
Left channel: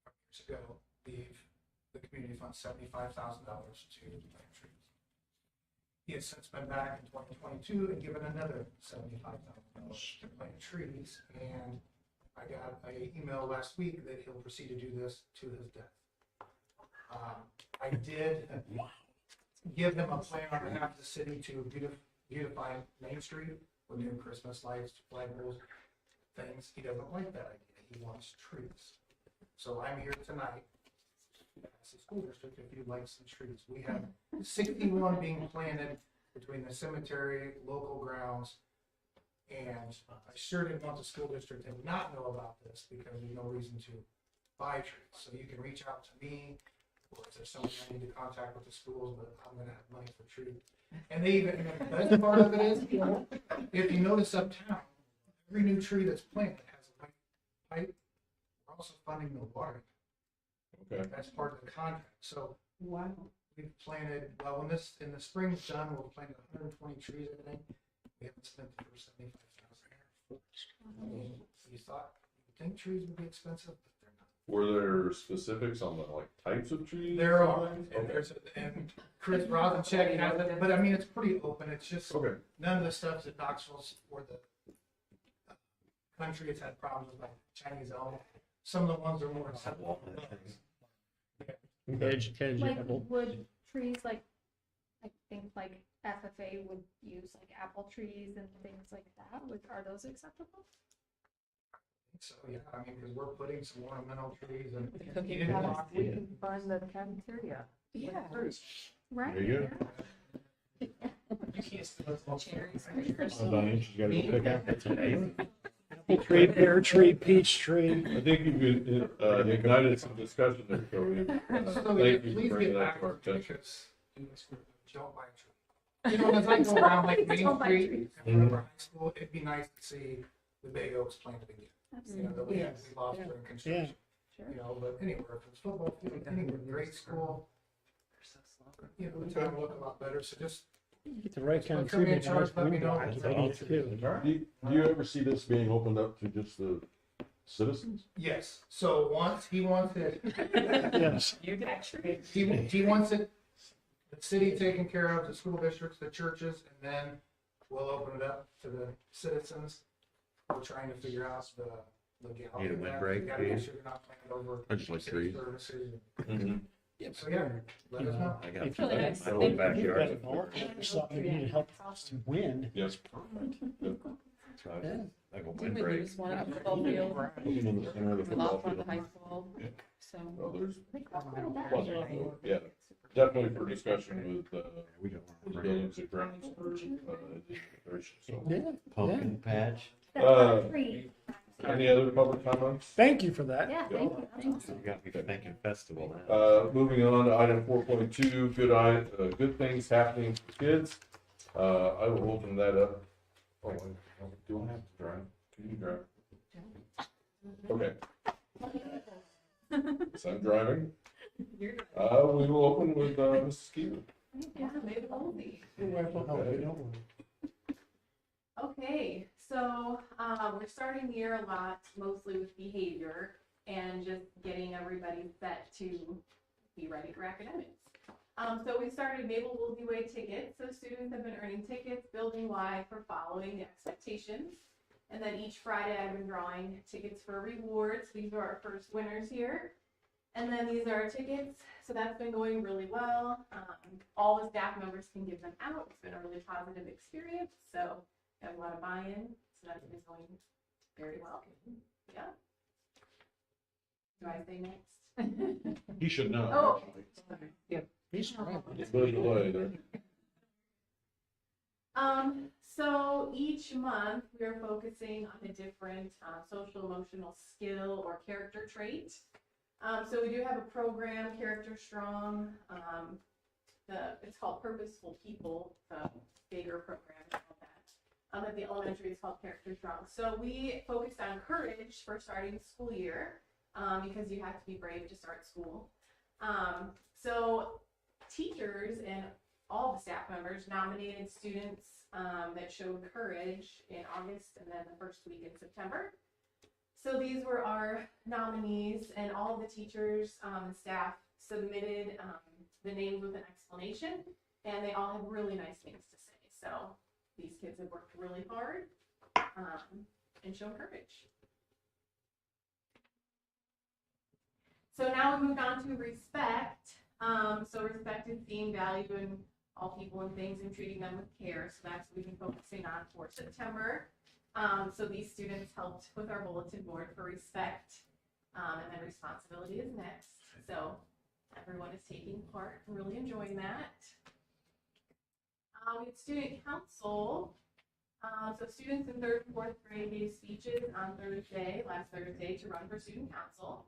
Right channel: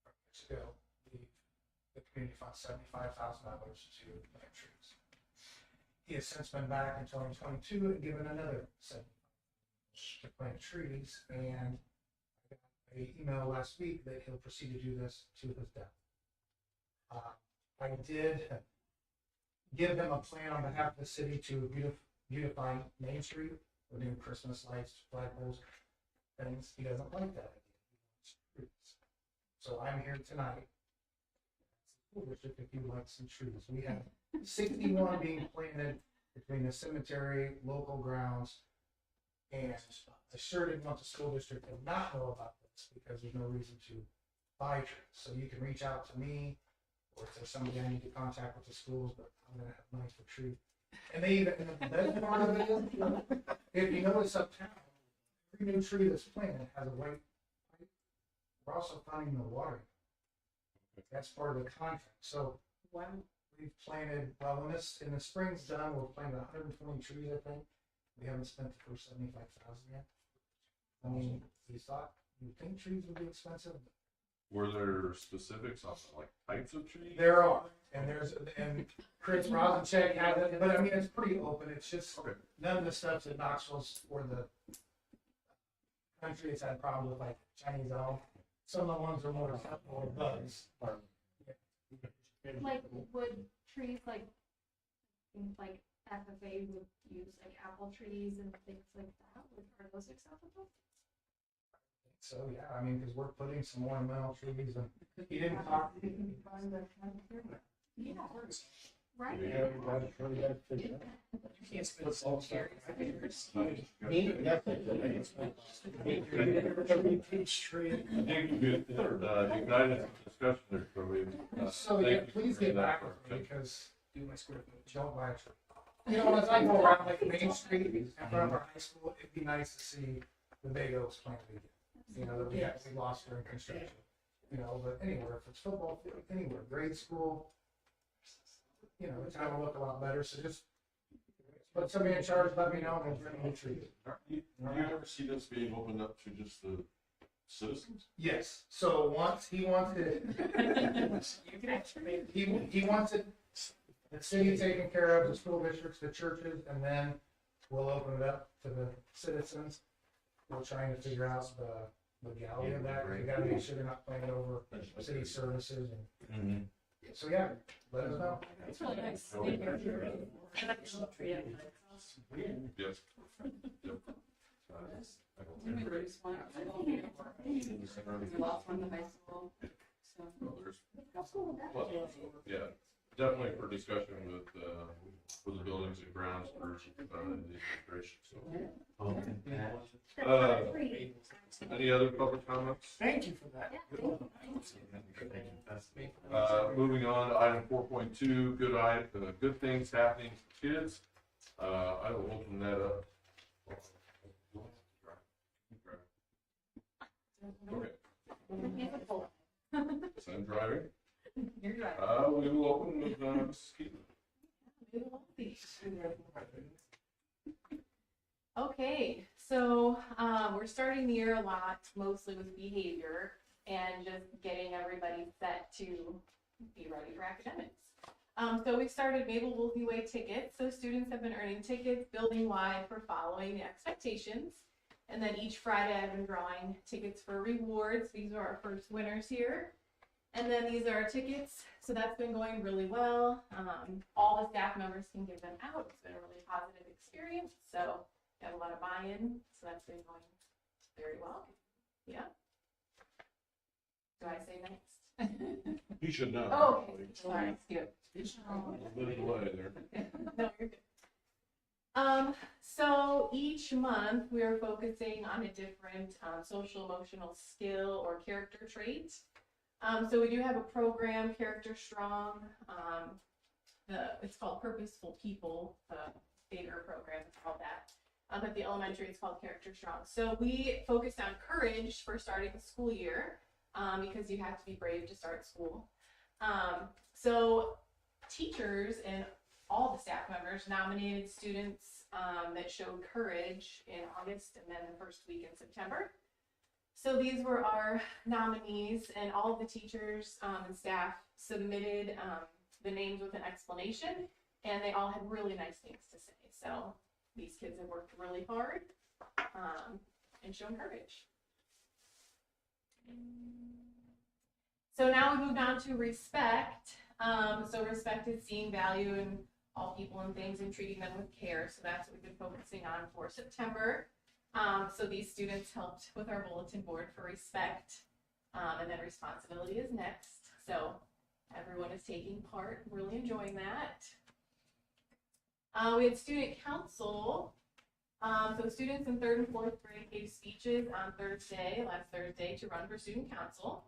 From years ago, gave the community fund $75,000 to plant trees. He has since been back in 2022 and given another $75,000 to plant trees, and I got an email last week that he'll proceed to do this to his death. I did give him a plan on behalf of the city to beautify Main Street with new Christmas lights, flagpoles, things. He doesn't like that idea. He wants trees. So I'm here tonight as a school district if you'd like some trees. We have 61 being planted between the cemetery, local grounds, and I sure didn't want the school district to not know about this because there's no reason to buy trees. So you can reach out to me, or if there's somebody I need to contact with the schools, but I'm gonna have money for trees. And they even, and the best part of it is, if you notice uptown, every new tree that's planted has a white pipe. We're also funding the watering. Okay. That's part of the contract. So Wow. we've planted, well, when this, in the spring's done, we'll plant 120 trees, I think. We haven't spent the first 75,000 yet. I mean, you think trees would be expensive, but they're not. Were there specifics on the like types of trees? There are, and Chris Rosencheck has it, but I mean, it's pretty open. It's just Okay. none of the stuff that Knoxville's or the country has had problems with, like Chinese elm. Some of the ones are more acceptable than others. Like wood trees, like I think like FFA would use like apple trees and things like that. Are those acceptable? So, yeah, I mean, because we're putting some ornamental trees and We he didn't talk. can find the cafeteria. Yeah, There right. you Tree, pear tree, peach tree. I think you could, ignited some discussion there, Cody. So, Thank yeah, you for please bringing get that back to our attention. because don't buy a tree. You know, as I go around like Main Don't buy Street trees. in front of our high school, it'd be nice to see the big oaks planted again. You know, that we lost during construction. You know, but anywhere, if it's football field, anywhere, grade school, you know, it's gonna look a lot better. So just Get the right kind of Put somebody tree. in charge, let me know. Do you ever see this being opened up to just the citizens? yes. So once he wants it, Yes. You can actually. he wants it, the city taking care of the school districts, the churches, and then we'll open it up to the citizens. We're trying to figure out the legality of that. We gotta make sure they're not planning over I just like city trees. services. Mm-hmm. So yeah, let us know. I got If you Really got nice. my my old backyard, backyard. something you help some wind. Yes. I go Didn't we windbreak. lose one at the football field? Open in the center of the We football lost one at the field. high school, so. Well, there's plenty, so, yeah, definitely for discussion with, with buildings and grounds for, the administration, so. Yeah. Pumpkin patch. Any other public comments? Thank you for that. Yeah, thank you. You got me thinking festival now. Moving on to item 4.2, good things happening for kids. I will open that up. Oh, do I have to drive? Can you drive? Okay, so I'm driving. You're driving. We will open with, Mrs. Keeler. Yeah, maybe oldies. Okay. Okay, so we're starting the year a lot, mostly with behavior and just getting everybody set to be ready for academics. So we started Mabel Woolsey Way tickets. So students have been earning tickets building-wide for following expectations. And then each Friday I've been drawing tickets for rewards. These are our first winners here. And then these are our tickets. So that's been going really well. All the staff members can give them out. It's been a really positive experience. So got a lot of buy-in. So that's been going very well. Yeah. Do I say next? You should know. Oh, okay. Sorry. Skip. He's right. It's been away there. No, you're good. So each month we're focusing on a different social emotional skill or character trait. So we do have a program, Character Strong. It's called Purposeful People, the bigger program is called that. At the elementary, it's called Character Strong. So we focused on courage for starting the school year, because you have to be brave to start school. So teachers and all the staff members nominated students that showed courage in August and then the first week in September. So these were our nominees, and all of the teachers and staff submitted the names with an explanation, and they all had really nice things to say. So these kids have worked really hard and shown courage. So now we moved on to respect. So respect is seeing value in all people and things and treating them with care. So that's what we've been focusing on for September. So these students helped with our bulletin board for respect, and then responsibility is next. So everyone is taking part and really enjoying that. We had student council. So students in 3rd and 4th grade gave speeches on last Thursday, to run for student council.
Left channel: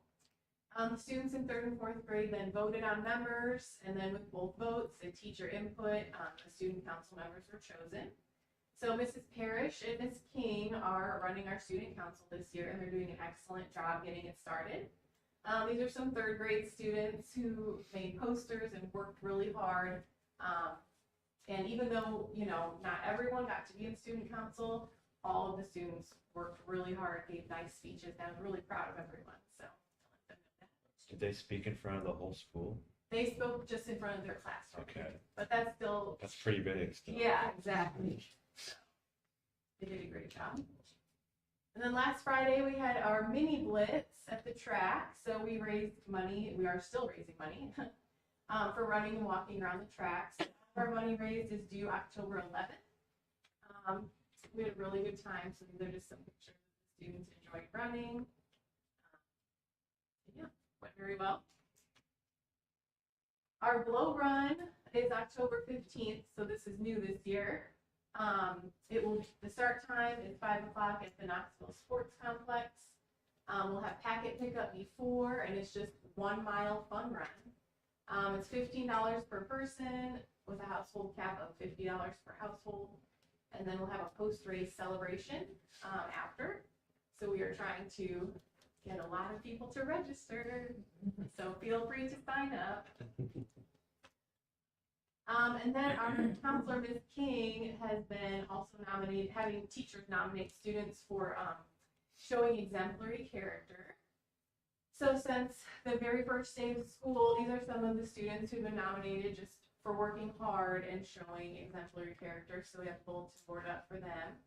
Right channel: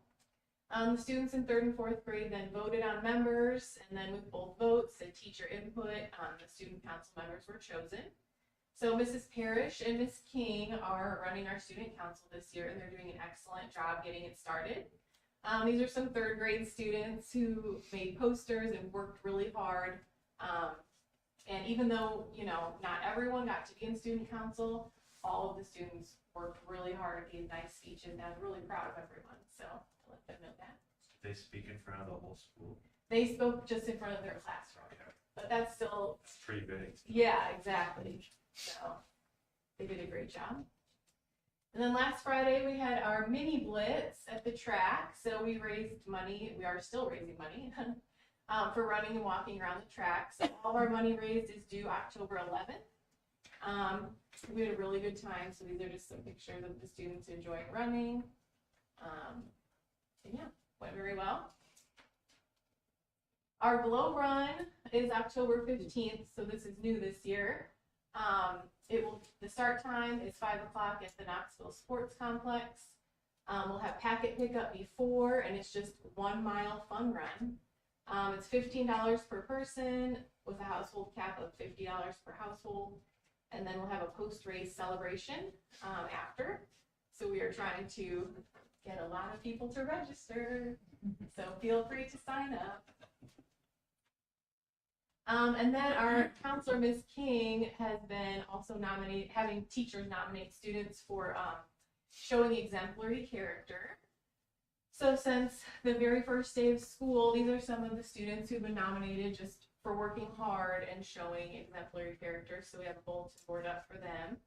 The students in 3rd and 4th grade then voted on members, and then with both votes and teacher input, the student council members were chosen. So Mrs. Parrish and Ms. King are running our student council this year, and they're doing an excellent job getting it started. These are some 3rd grade students who made posters and worked really hard. And even though, not everyone got to be in student council, all of the students worked really hard, gave nice speeches, and I'm really proud of everyone. So to let them know that. Did they speak in front of the whole school? They spoke just in front of their classroom. Okay. But that's still. That's pretty big. Still. Yeah, exactly. So they did a great job. And then last Friday we had our mini blitz at the track. So we raised money. We are still raising money for running and walking around the track. So all of our money raised is due October 11th. We had a really good time. So these are just some pictures of the students enjoying running. And yeah, went very well. Our glow run is October 15th. So this is new this year. The start time is 5 o'clock at the Knoxville Sports Complex. We'll have packet pickup before, and it's just 1 mile fun run. It's $15 per person with a household cap of $50 per household. And then we'll have a post-race celebration after. So we are trying to get a lot of people to register. So feel free to sign up. And then our counselor, Ms. King, has been also having teachers nominate students for showing exemplary character. So since the very first day of school, these are some of the students who've been nominated just for working hard and showing exemplary character. So we have a bulletin board up for them.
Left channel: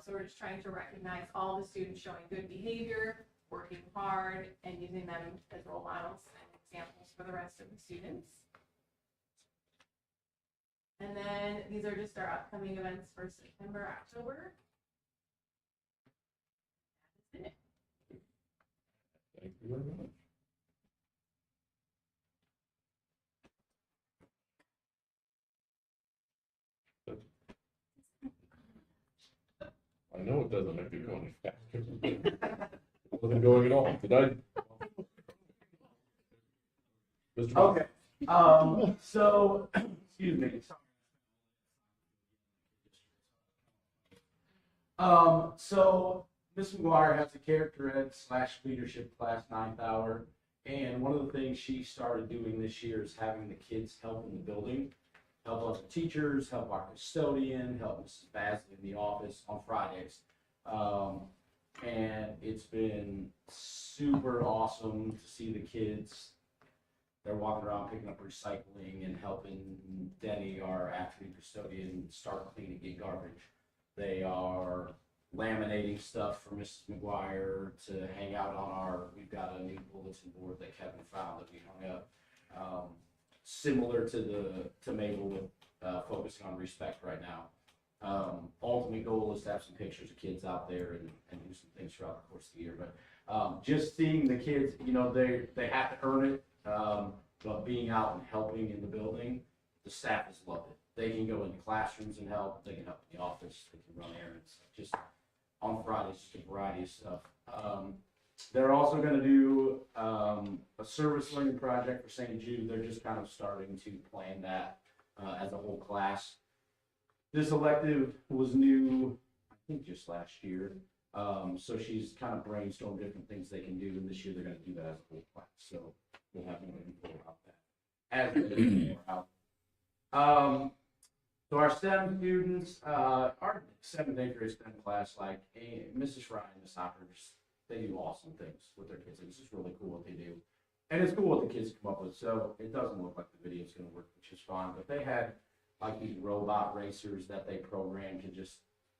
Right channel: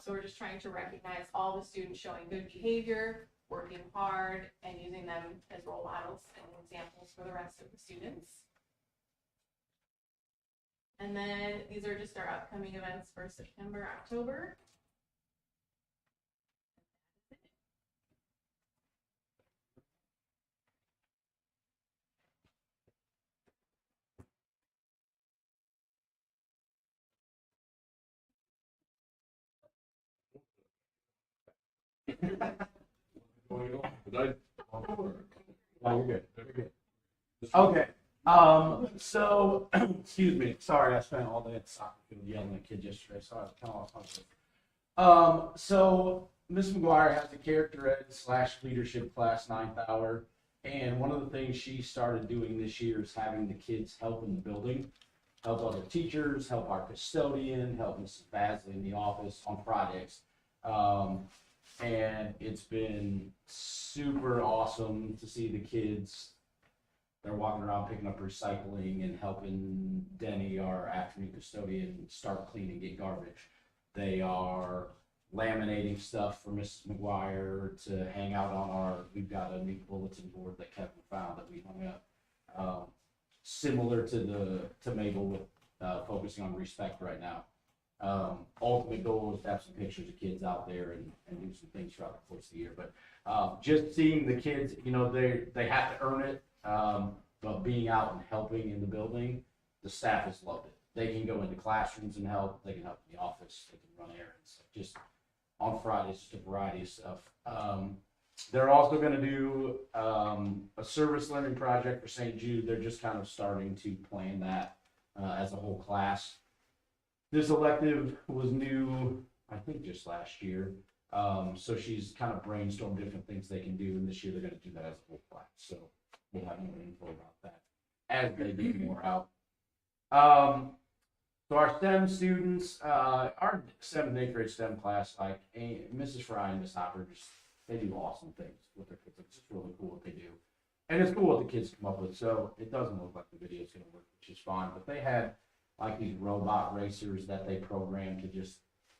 So we're just trying to recognize all the students showing good behavior, working hard, and using them as role models and examples for the rest of the students. And then these are just our upcoming events for September, October. That's it. Thank you very much. I know it doesn't make it go any faster. It wasn't going at all. Did I? No, you're good. Mr. Okay. So, excuse me. Sorry, I spent all day at the soccer field yelling at kids yesterday, so I was kind of off my game. So Miss McGuire has a character ed / leadership class 9th hour, and one of the things she started doing this year is having the kids help in the building, help other teachers, help our custodian, help Mrs. Basley in the office on Fridays. And it's been super awesome to see the kids. They're walking around picking up recycling and helping Denny, our afternoon custodian, start cleaning, get garbage. They are laminating stuff for Mrs. McGuire to hang out on we've got a new bulletin board that Kevin found that we hung up. Similar to Mabel with focusing on respect right now. Ultimate goal is to have some pictures of kids out there and do some things throughout the course of the year. But just seeing the kids, they have to earn it. But being out and helping in the building, the staff has loved it. They can go into classrooms and help. They can help in the office. They can run errands. Just on Fridays, just a variety of stuff. They're also going to do a service learning project for St. Jude. They're just kind of starting to plan that as a whole class. This elective was new, I think, just last year. So she's kind of brainstormed different things they can do, and this year they're going to do that as a whole class. So we'll have more info about that as we get more out. So our STEM students, our 7th and 8th grade STEM class, like Mrs. Fry and Miss Hopper, they do awesome things with their kids. It's just really cool what they do. And it's cool what the kids come up with. So it doesn't look like the video is going to work, which is fine. But they had like these robot racers that they programmed to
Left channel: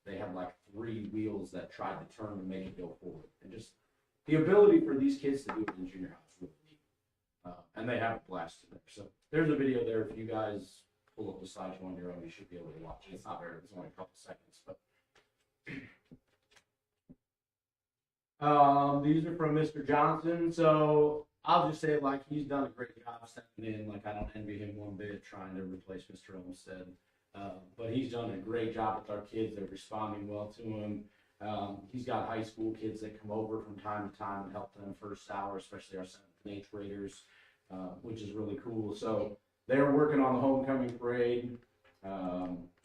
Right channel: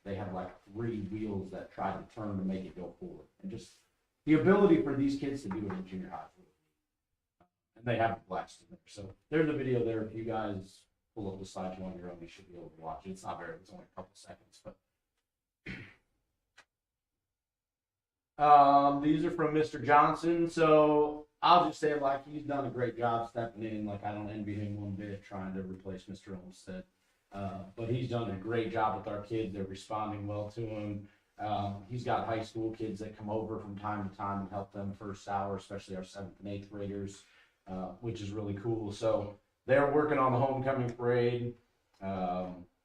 they had like 3 wheels that tried to turn to make it go forward. And just the ability for these kids to do it in junior high is really neat. And they have a blast in there. So there's a video there if you guys pull up the slides on your own, you should be able to watch it. It's not very, it's only a couple seconds, but. These are from Mr. Johnson, so I'll just say, like, he's done a great job stepping in. Like, I don't envy him one bit trying to replace Mr. Olmstead. But he's done a great job with our kids. They're responding well to him. He's got high school kids that come over from time to time and help them first hour, especially our 7th and 8th graders, which is really cool. So they're working on the homecoming parade,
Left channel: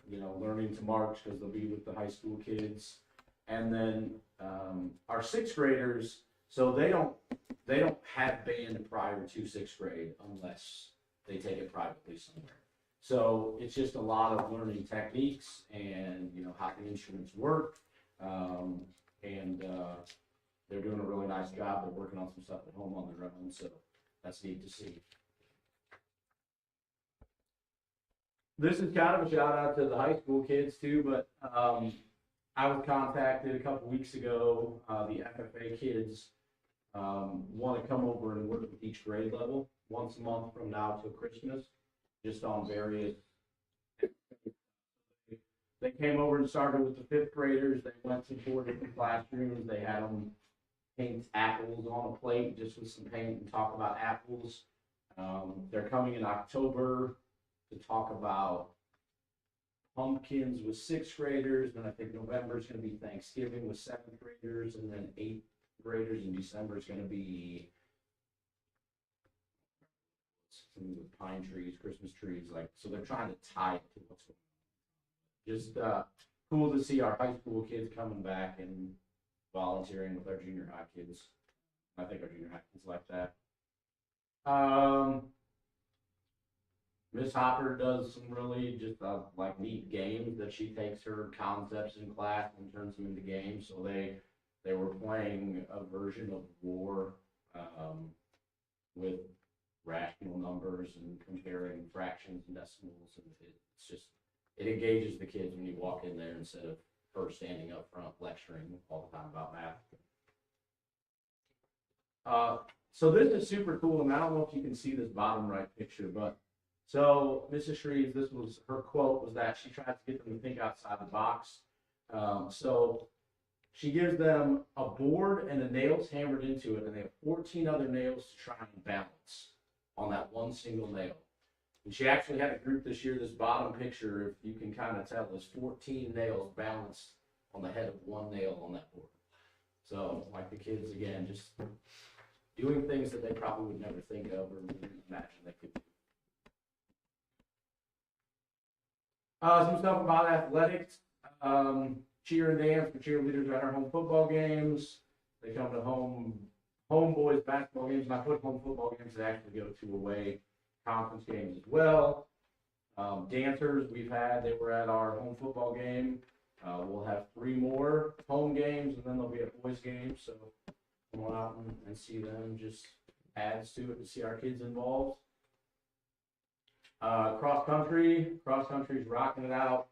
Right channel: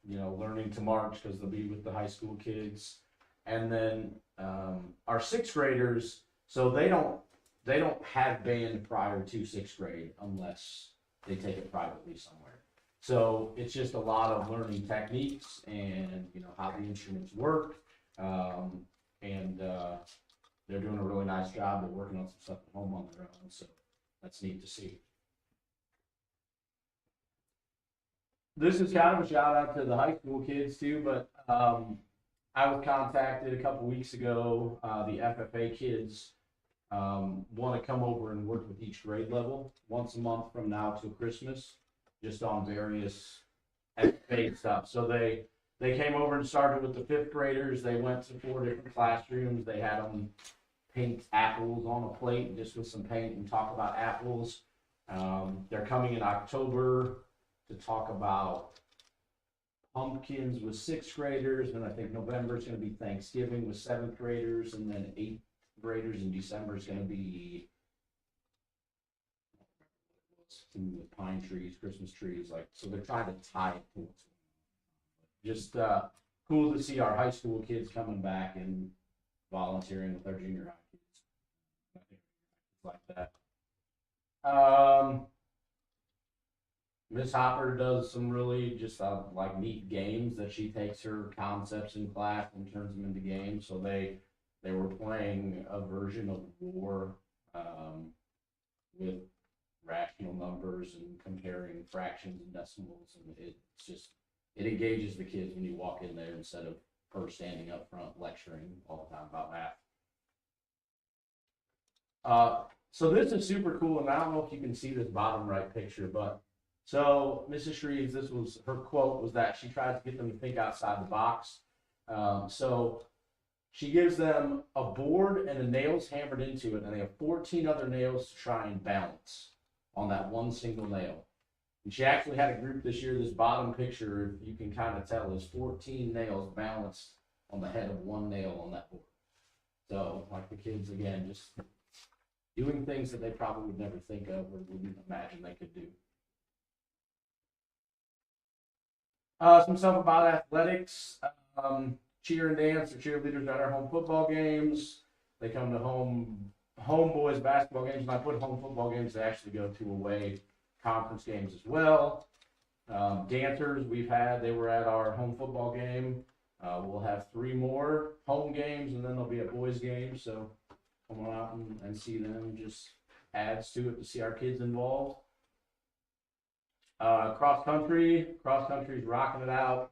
learning to march because they'll be with the high school kids. And then our 6th graders, so they don't have band prior to 6th grade unless they take it privately somewhere. So it's just a lot of learning techniques and how the instruments work. They're doing a really nice job. They're working on some stuff at home on their own, so that's neat to see. This is kind of a shout out to the high school kids too, but I was contacted a couple weeks ago. The FFA kids want to come over and work with each grade level once a month from now till Christmas, just on various FFA stuff. So they came over and started with the 5th graders. They went to 4 different classrooms. They had them paint apples on a plate just with some paint and talk about apples. They're coming in October to talk about pumpkins with 6th graders, and I think November is going to be Thanksgiving with 7th graders, and then 8th graders in December is going to be with pine trees, Christmas trees, so they're trying to tie it to what's going on. Just cool to see our high school kids coming back and volunteering with our junior high kids. I think our junior high kids like that. Miss Hopper does some really just neat games that she takes her concepts in class and turns them into games. So they were playing a version of war with rational numbers and comparing fractions and decimals, and it engages the kids when you walk in there instead of her standing up front lecturing all the time about math. So this is super cool, and I don't know if you can see this bottom right picture, but so Mrs. Shreves, this was her quote, was that she tries to get them to think outside the box. So she gives them a board and the nails hammered into it, and they have 14 other nails to try and balance on that one single nail. And she actually had a group this year. This bottom picture, if you can kind of tell, is 14 nails balanced on the head of one nail on that board. So like the kids, again, just doing things that they probably would never think of or wouldn't imagine they could do. Some stuff about athletics, cheer and dance. The cheerleaders at our home football games. They come to home boys basketball games. When I put home football games, they actually go to away conference games as well. Dancers they were at our home football game. We'll have 3 more home games, and then there'll be a boys game. So come on out and see them. Just adds to it to see our kids involved. Cross country's rocking it out.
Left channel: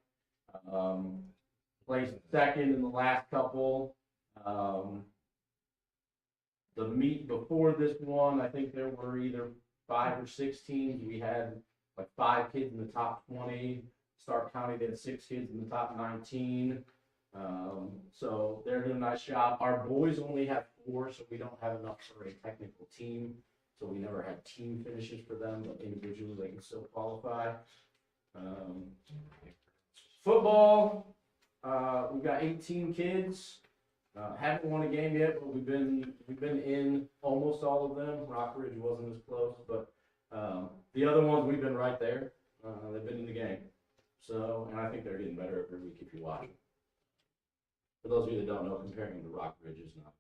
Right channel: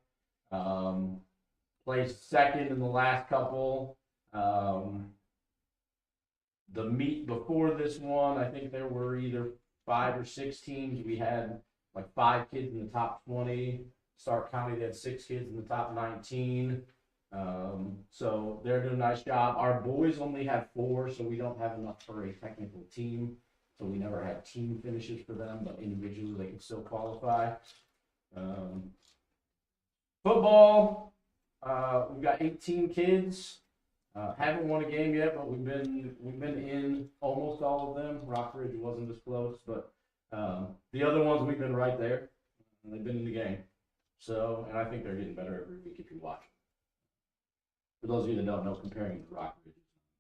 Placed 2nd in the last couple. The meet before this one, I think there were either 5 or 6 teams. We had 5 kids in the top 20. Stark County had 6 kids in the top 19. So they're doing a nice job. Our boys only have 4, so we don't have enough for a technical team. So we never had team finishes for them, but individually they can still qualify. Football, we've got 18 kids. Haven't won a game yet, but we've been in almost all of them. Rockridge wasn't as close, but the other ones we've been right there. They've been in the game. So, and I think they're getting better every week if you watch them. For those of you that don't know, comparing to Rockridge is not.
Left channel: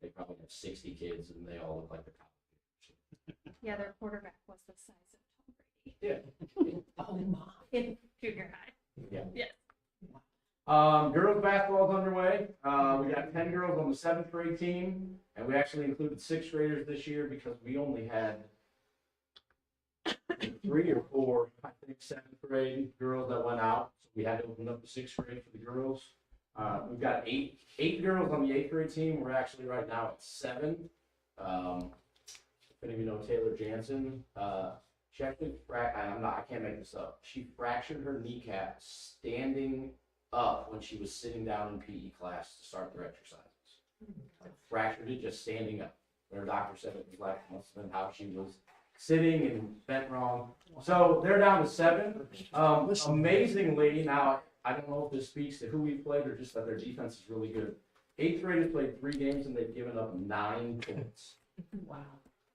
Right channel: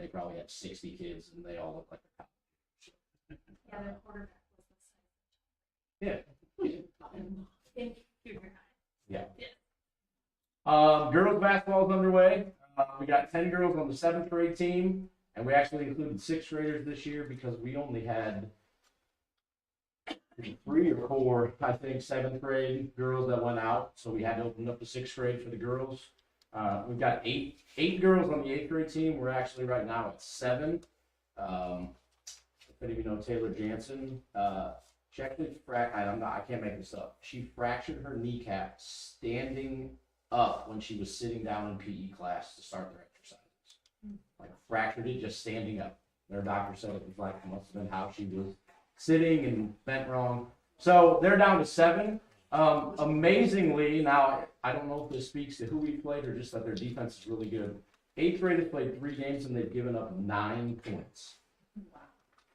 They probably had 60 kids, and they all look like the top. Yeah, their quarterback was the size of Tom Yeah. Brady in junior high. Yeah. Yeah. Girls basketball is underway. We got 10 girls on the 7th grade team, and we actually included 6th graders this year because we only had 3 or 4, I think, 7th grade girls that went out. So we had to open up the 6th grade for the girls. We've got 8 girls on the 8th grade team. We're actually right now at 7. If any of you know Taylor Jansen, She actually I can't make this up. She fractured her kneecap standing up when she was sitting down in PE class to start their exercises. Like fractured it just standing up. Their doctor said it was like, must have been how she was sitting and bent wrong. So they're down to 7. Amazingly, now I don't know if this speaks to who we played or just that their defense is really good. 8th graders played 3 games and they've given up 9 points. Wow.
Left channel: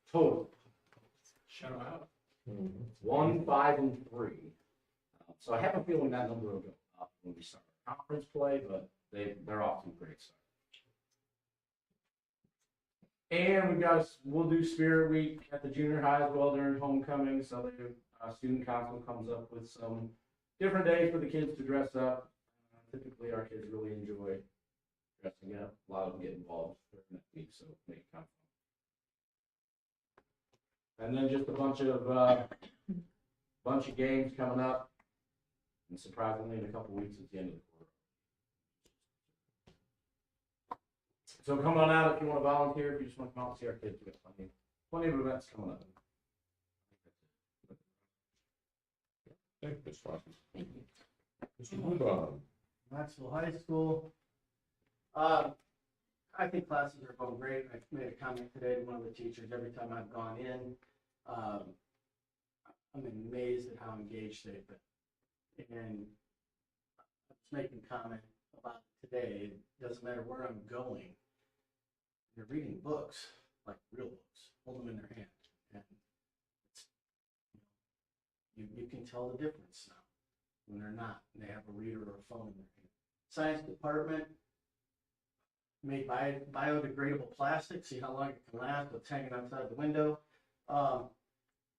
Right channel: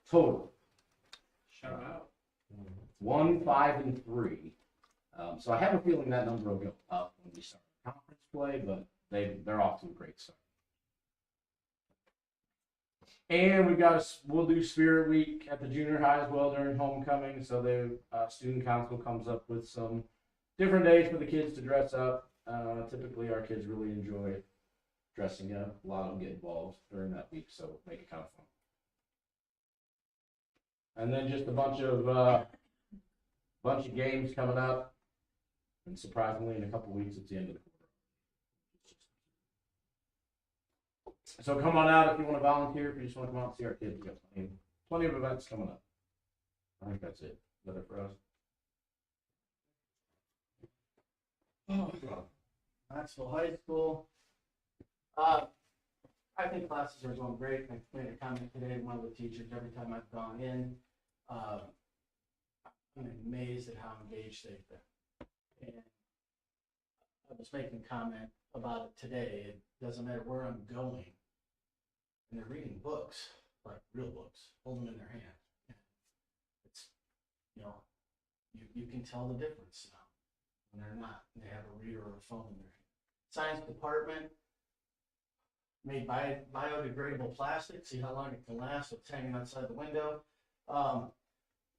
Total. Shout out. 1, 5, and 3. So I have a feeling that number will go up when we start conference play, but they're off to a great start. And we'll do Spirit Week at the junior high as well during homecoming. So the student council comes up with some different days for the kids to dress up. Typically, our kids really enjoy dressing up. A lot of them get involved during that week, so make it kind of fun. And then just a bunch of games coming up. And surprisingly, in a couple weeks, it's the end of the quarter. So come on out if you want to volunteer. If you just want to come out and see our kids, we've got plenty of events coming up. I think that's it. Is that it for us? Thank you, Ms. Foster. Thank you. Mr. Bob. Knoxville High School. I think classes are going great. I made a comment today to one of the teachers. Every time I've gone in, I'm amazed at how engaged they've been. And I was making a comment about it today. It doesn't matter where I'm going. And they're reading books, like real books, hold them in their hand. And it's, you can tell the difference now when they're not, and they have a reader or a phone in their hand. Science department made biodegradable plastic. See how long it can last with hanging outside the window.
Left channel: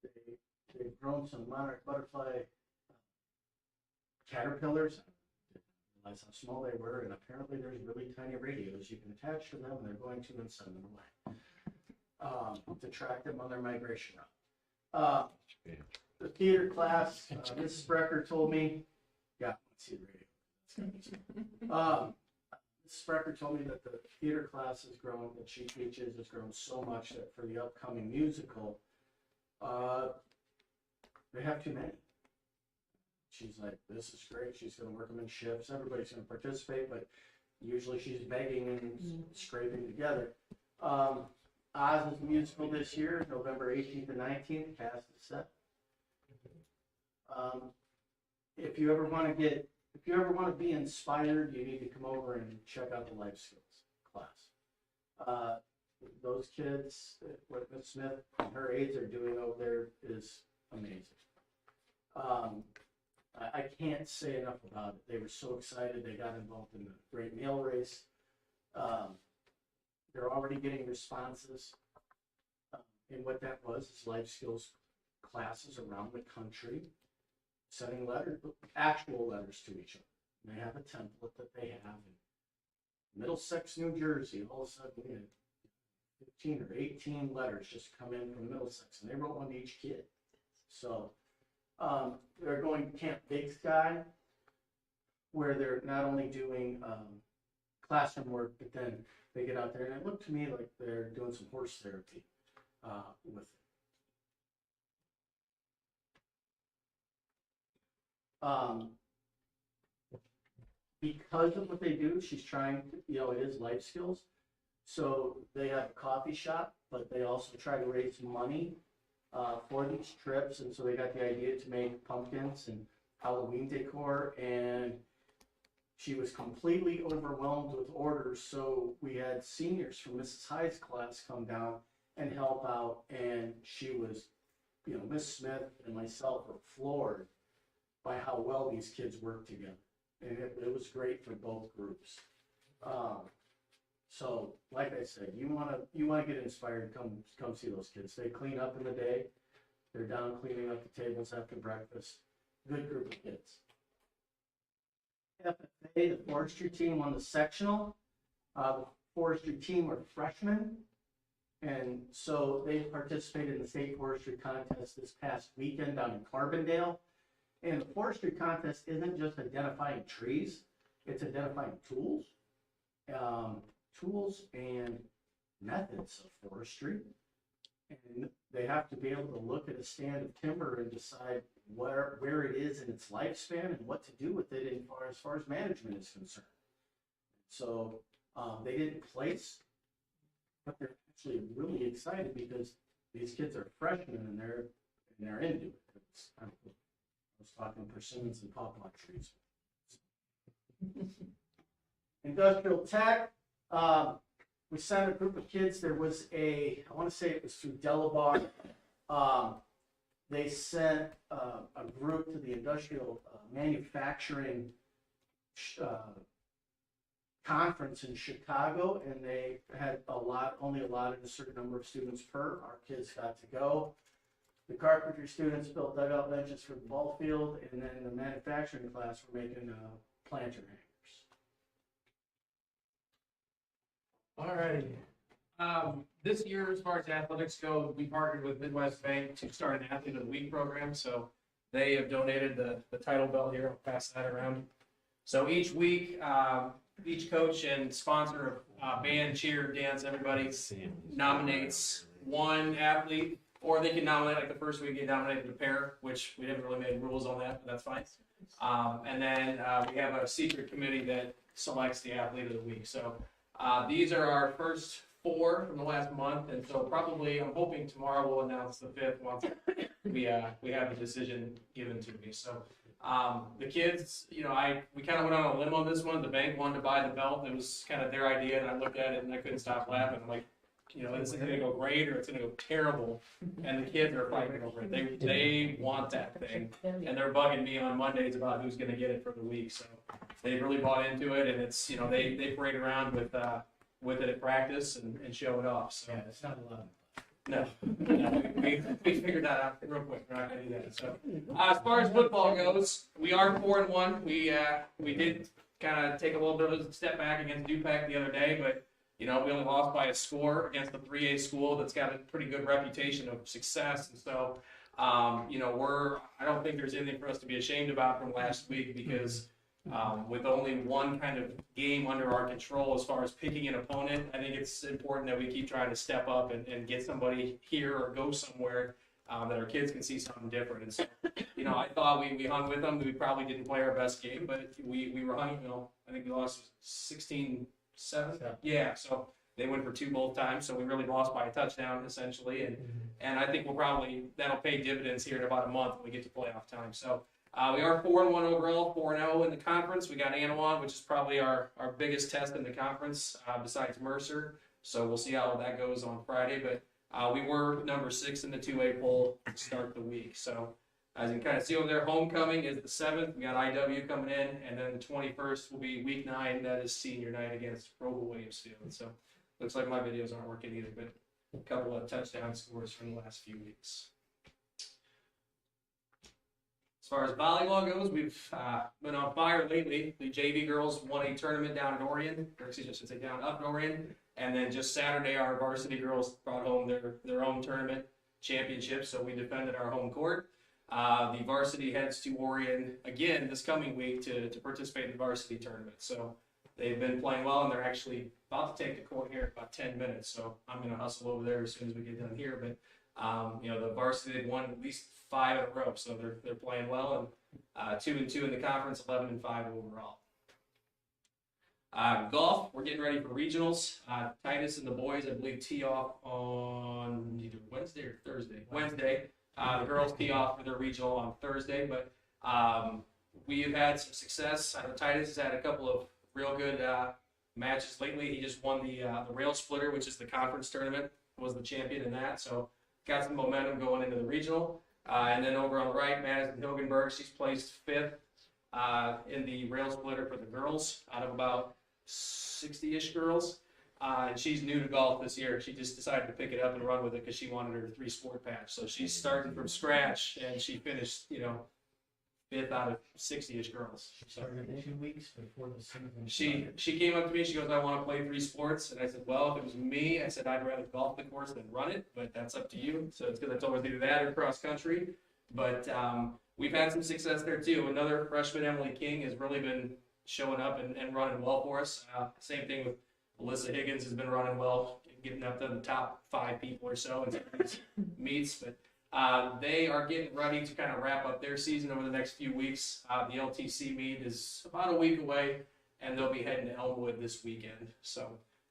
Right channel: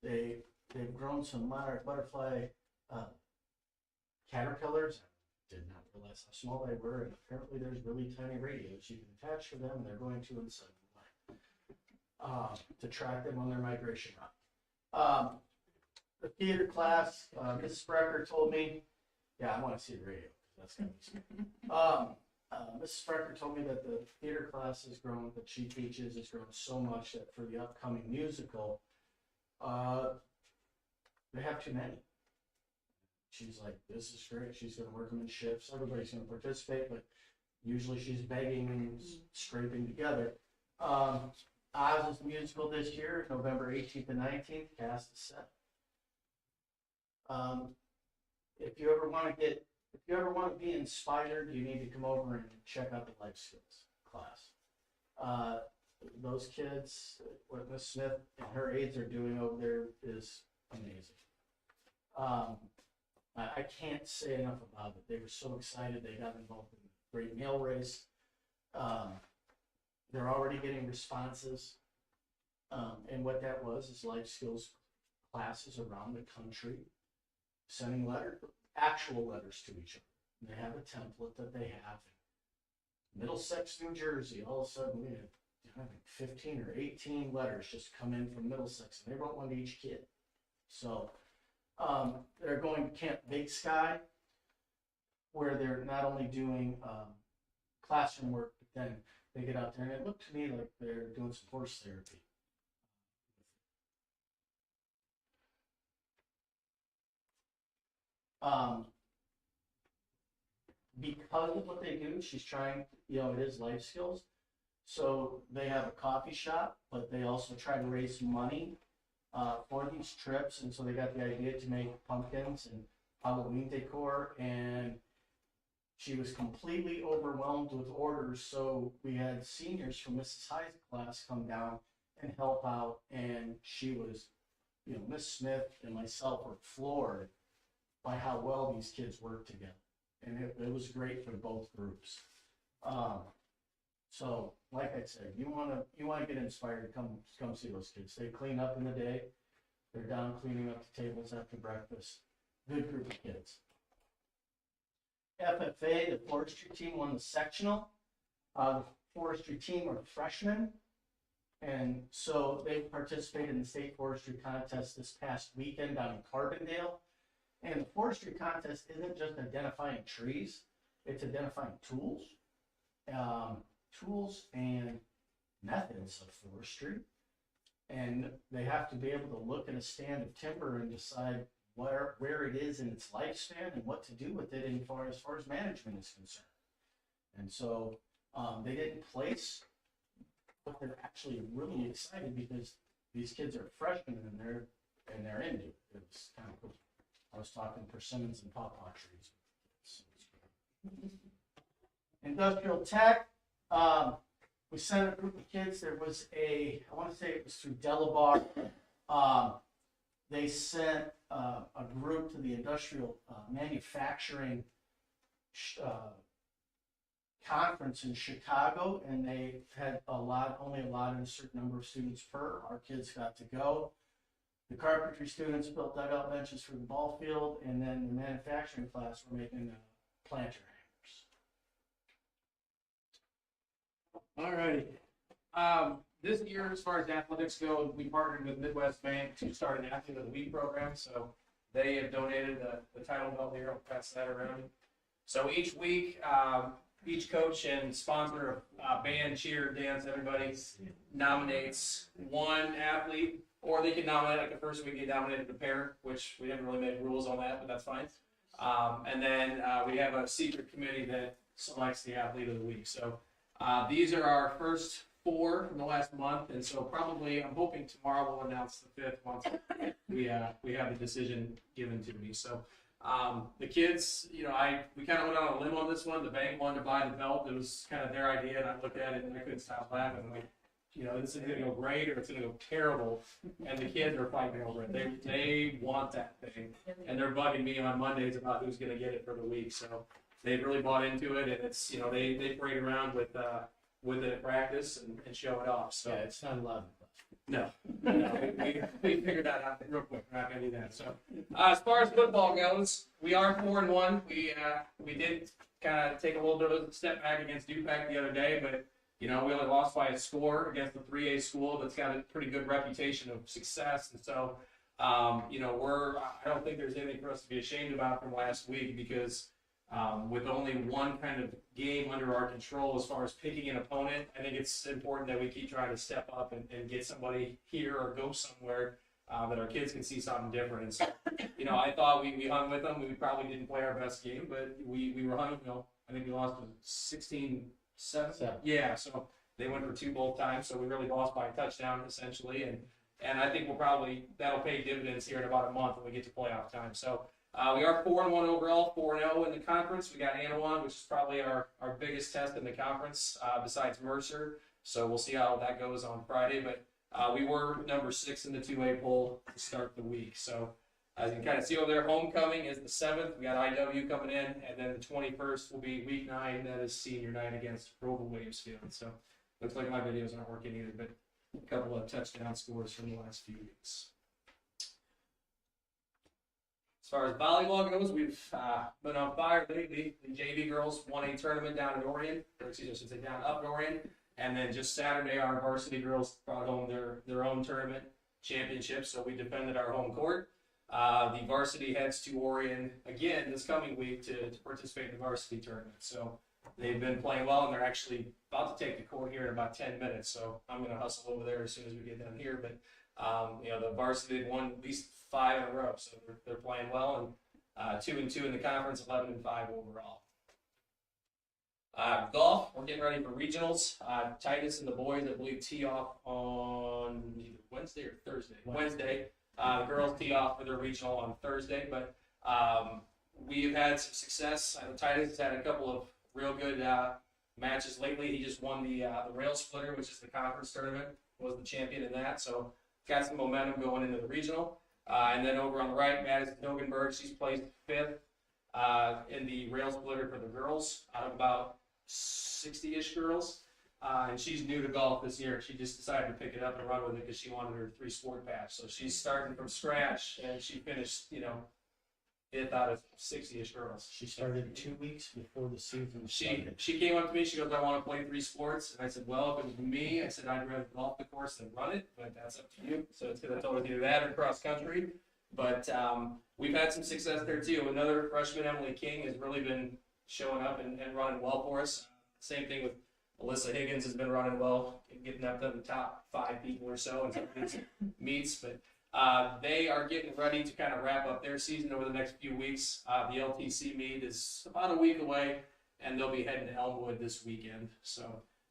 They've grown some monarch butterfly caterpillars. I did not realize how small they were, and apparently there's really tiny radios you can attach to them, and they're going to and send them away to track them on their migration route. The theater class, Mrs. Sprecher told me, yeah, I want to see the radio. That's gonna be something. Mrs. Sprecher told me that the theater class has grown, that she teaches has grown so much that for the upcoming musical, they have too many. She's like, this is great. She's going to work them in shifts. Everybody's going to participate, but usually she's begging and scraping together. Oz is musical this year, November 18th and 19th. Cast is set. If you ever want to be inspired, you need to come over and check out the life skills class. Those kids, what Miss Smith and her aides are doing over there is amazing. I can't say enough about it. They were so excited. They got involved in the great meal race. They're already getting responses. And what that was is life skills classes around the country sending actual letters to each other. And they have a template that they have. In Middlesex, New Jersey, all of a sudden we had 15 or 18 letters just come in from Middlesex, and they wrote one to each kid. So they're going to Camp Big Sky, where they're not only doing classroom work, but then they get out there, and it looked to me like they're doing some horse therapy with it. Because of what they do, she's trying, it is life skills. So they have a coffee shop, but they also try to raise money for these trips. And so they got the idea to make pumpkins and Halloween decor. And she was completely overwhelmed with orders. So we had seniors from Mrs. Hyde's class come down and help out. And she was, Miss Smith and myself were floored by how well these kids work together. And it was great for both groups. So, like I said, you wanna get inspired, come see those kids. They clean up in the day. They're down cleaning up the tables after breakfast. Good group of kids. FFA, the forestry team, won the sectional. The forestry team were freshmen, and so they participated in the state forestry contest this past weekend down in Carbondale. And the forestry contest isn't just identifying trees, it's identifying tools, tools and methods of forestry, And they have to be able to look at a stand of timber and decide where it is in its lifespan and what to do with it as far as management is concerned. And so they didn't place, but they're actually really excited because these kids are freshmen and they're into it. It was kind of cool. I was talking persimmons and pawpaw trees. Industrial tech. We sent a group of kids. There was I want to say it was through Delabar. They sent a group to the industrial manufacturing conference in Chicago, and they had only allotted a certain number of students per. Our kids got to go. The carpentry students built dugout benches for the ball field, and then the manufacturing class were making planter hangers. Alrighty. This year, as far as athletics go, we partnered with Midwest Bank to start an Athlete of the Week program. So they have donated the title belt here. I'll pass that around. So each week, each coach and sponsor of band, cheer, dance, everybody nominates one athlete, or they can nominate, like the first week, they nominated a pair, which we haven't really made rules on that, but that's fine. And then we have a secret committee that selects the Athlete of the Week. So these are our first 4 from the last month, and so probably I'm hoping tomorrow we'll announce the 5th once we have the decision given to me. So the kids, we kind of went on a limb on this one. The bank wanted to buy the belt. It was kind of their idea, and I looked at it and I couldn't stop laughing. I'm like, is it going to go great or it's going to go terrible? And the kids are fighting over it. They want that thing, and they're bugging me on Mondays about who's going to get it for the week. So they really bought into it, and it's they parade around with it at practice and show it off. So Yeah, it's not allowed. no, we figured that out real quick. We're not going to do that. So as far as football goes, we are 4-1. We did kind of take a little bit of a step back against Dupac the other day, but we only lost by a score against the 3A school that's got a pretty good reputation of success. And so, I don't think there's anything for us to be ashamed about from last week because with only one kind of game under our control as far as picking an opponent, I think it's important that we keep trying to step up and get somebody here or go somewhere that our kids can see something different. And so, I thought we hung with them. We probably didn't play our best game, but we were hung. I think we lost 16-7. Yeah, so they went for 2 both times, so we really lost by a touchdown essentially, and I think that'll pay dividends here in about a month when we get to playoff time. So we are 4-1 overall, 4-0 in the conference. We got Anawan, which is probably our biggest test in the conference besides Mercer. So we'll see how that goes on Friday, but we were number 6 in the 2A poll to start the week. So as you can kind of see over there, homecoming is the 7th. We got IW coming in, and then the 21st will be week 9. That is senior night against Roble Williamsfield. So looks like my videos aren't working either, but a couple of touchdown scores from the last few weeks. As far as volleyball goes, we've been on fire lately. The JV girls won a tournament down in Orion, or excuse me, I should say down up in Orion. And then just Saturday, our varsity girls brought home their own tournament championship. So we defended our home court. The varsity heads to Orion again this coming week to participate in the varsity tournament. So they've been playing well, and they're actually about to take the court here in about 10 minutes. So I'm going to hustle over there as soon as we get done here. But the varsity, they've won at least 5 in a row, so they're playing well, and 2-2 in the conference, 11-5 overall. Golf, we're getting ready for regionals. Titus and the boys, I believe, tee off on either Wednesday or Thursday. Wednesday. The girls tee off for their regional on Thursday, but we've had some success. I know Titus has had a couple of real good matches lately. He just won the rail splitter, which is the conference tournament, was the champion in that, so got some momentum going into the regional. And then over on the right, Madison Hilgenberg, she's placed 5th in the rail splitter for the girls out of about 60-ish girls. And she's new to golf this year. She just decided to pick it up and run with it because she wanted her 3-sport patch. So she's starting from scratch, and she finished, 5th out of 60-ish girls. She started 2 weeks before the season started. She came up to me, she goes, I want to play 3 sports. And I said, well, if it was me, I said, I'd rather golf the course than run it, but that's up to you. So it's because I told her to do that or cross country. But we've had some success there too. Another freshman, Emily King, has really been showing up and running well for us. Same thing with Alyssa Higgins has been running well, getting up to the top 5 people or so in some of these meets. But they are getting ready to kind of wrap up their season over the next few weeks. The LTC meet is about a week away, and they'll be heading to Elmwood this weekend. So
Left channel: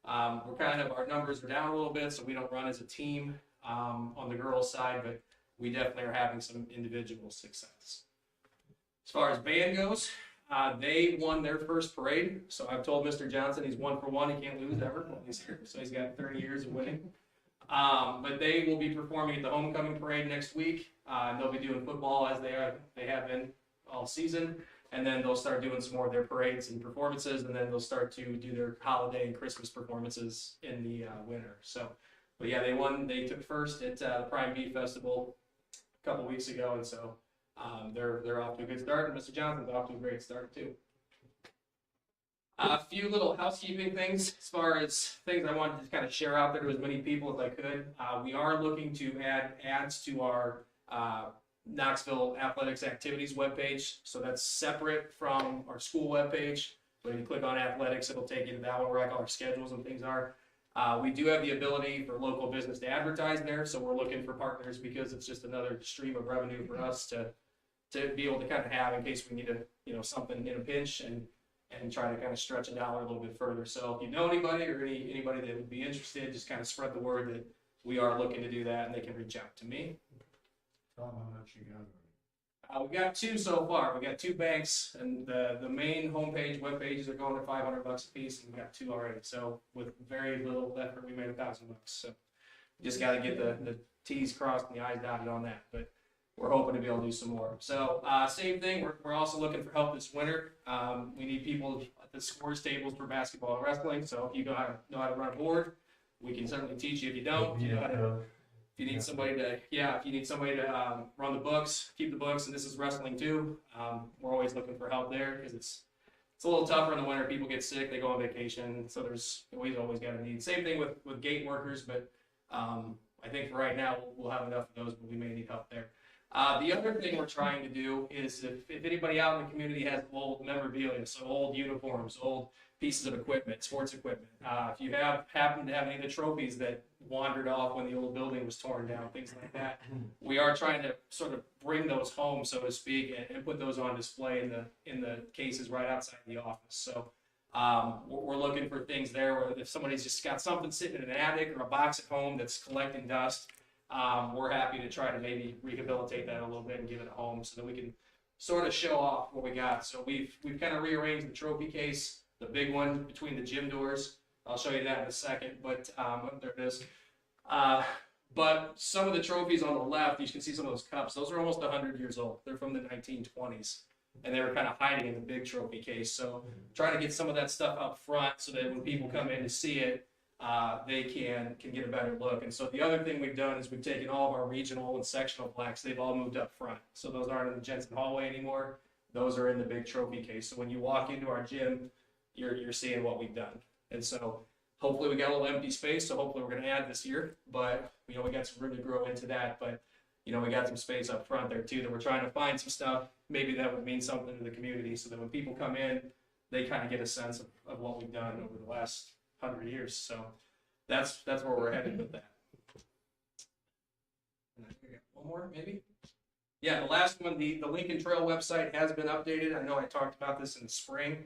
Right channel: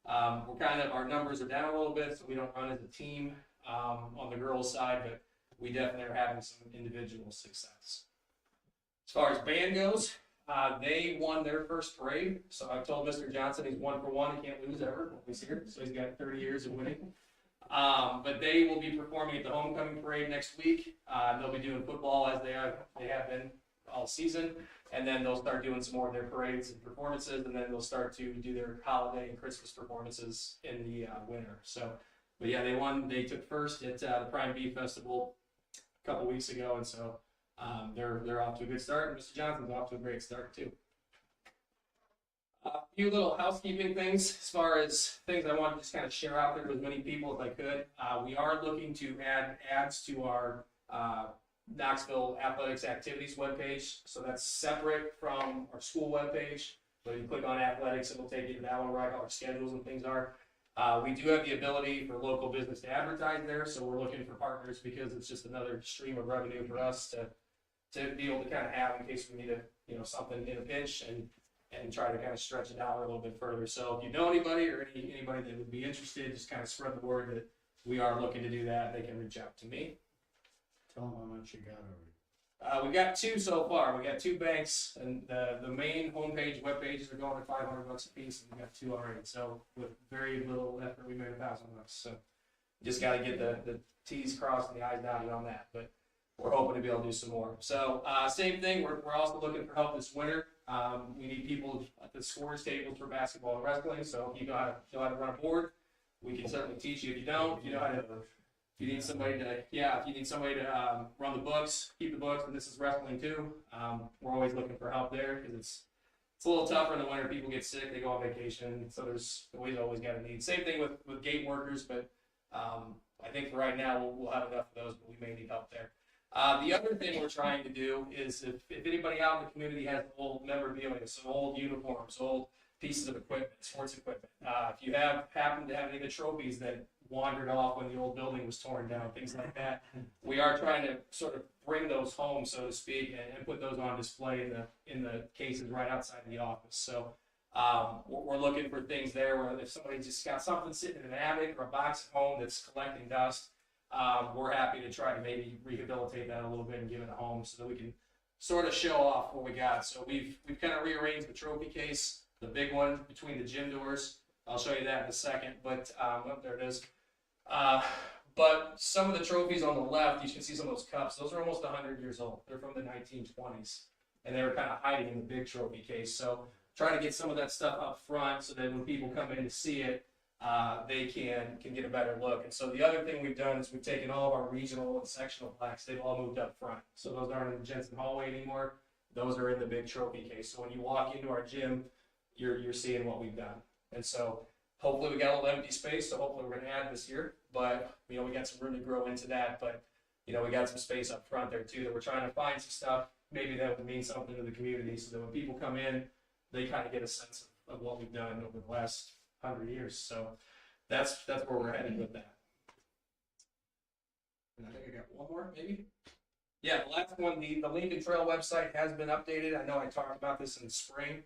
our numbers are down a little bit, so we don't run as a team on the girls' side, but we definitely are having some individual success. As far as band goes, they won their first parade. So I've told Mr. Johnson he's 1 for 1. He can't lose ever when he's here. So he's got 30 years of winning. But they will be performing at the homecoming parade next week. They'll be doing football as they have been all season. And then they'll start doing some more of their parades and performances. And then they'll start to do their holiday and Christmas performances in the winter. So, but yeah, they won. They took first at the Prime Bee Festival a couple weeks ago. And so they're off to a good start. And Mr. Johnson's off to a great start too. A few little housekeeping things as far as things I wanted to just kind of share out there to as many people as I could. We are looking to add ads to our Knoxville Athletics Activities webpage. So that's separate from our school webpage. So you click on athletics, it'll take you to that one where all our schedules and things are. We do have the ability for local business to advertise there. So we're looking for partners because it's just another stream of revenue for us to be able to kind of have in case we need something in a pinch and try to kind of stretch it out a little bit further. So if you know anybody or anybody that would be interested, just kind of spread the word that we are looking to do that, and they can reach out to me. Tell them how much you got already. We got 2 so far. We got 2 banks, and the main homepage web pages are going to $500 a piece, and we got 2 already. So with very little effort, we made $1,000. So you just got to get the T's crossed and the I's dotted on that. But we're hoping to be able to do some more. So same thing, we're also looking for help this winter. We need people at the scores tables for basketball and wrestling. So if you know how to run a board, we can certainly teach you. If you don't, you know how to. If you need somebody to run the books, keep the books, and this is wrestling too. We're always looking for help there because it's a little tougher in the winter. People get sick, they go on vacation, so there's always got a need. Same thing with gate workers, but I think for right now we'll have enough of those, but we may need help there. The other thing we're trying to do is if anybody out in the community has old memorabilia, so old uniforms, old pieces of equipment, sports equipment, if you happen to have any of the trophies that wandered off when the old building was torn down, things like that, we are trying to sort of bring those home, so to speak, and put those on display in the cases right outside the office. So we're looking for things there where if somebody's just got something sitting in an attic or a box at home that's collecting dust, we're happy to try to maybe rehabilitate that a little bit and give it a home so that we can sort of show off what we got. So we've kind of rearranged the trophy case, the big one between the gym doors. I'll show you that in a second, but there it is. But some of the trophies on the left, you can see some of those cups. Those are almost 100 years old. They're from the 1920s, and they were kind of hiding in the big trophy case. So trying to get some of that stuff up front so that when people come in to see it, they can get a better look. And so the other thing we've done is we've taken all of our regional and sectional plaques. They've all moved up front. So those aren't in the Jensen hallway anymore. Those are in the big trophy case. So when you walk into our gym, you're seeing what we've done. And so hopefully we got a little empty space. So hopefully we're going to add this year. But we got some room to grow into that. But we got some space up front there too that we're trying to find some stuff maybe that would mean something to the community so that when people come in, they kind of get a sense of what we've done over the last 100 years. So that's where we're headed with that. And I think I got one more, maybe. Yeah, the last one, the Lincoln Trail website has been updated. I know I talked about this in the spring,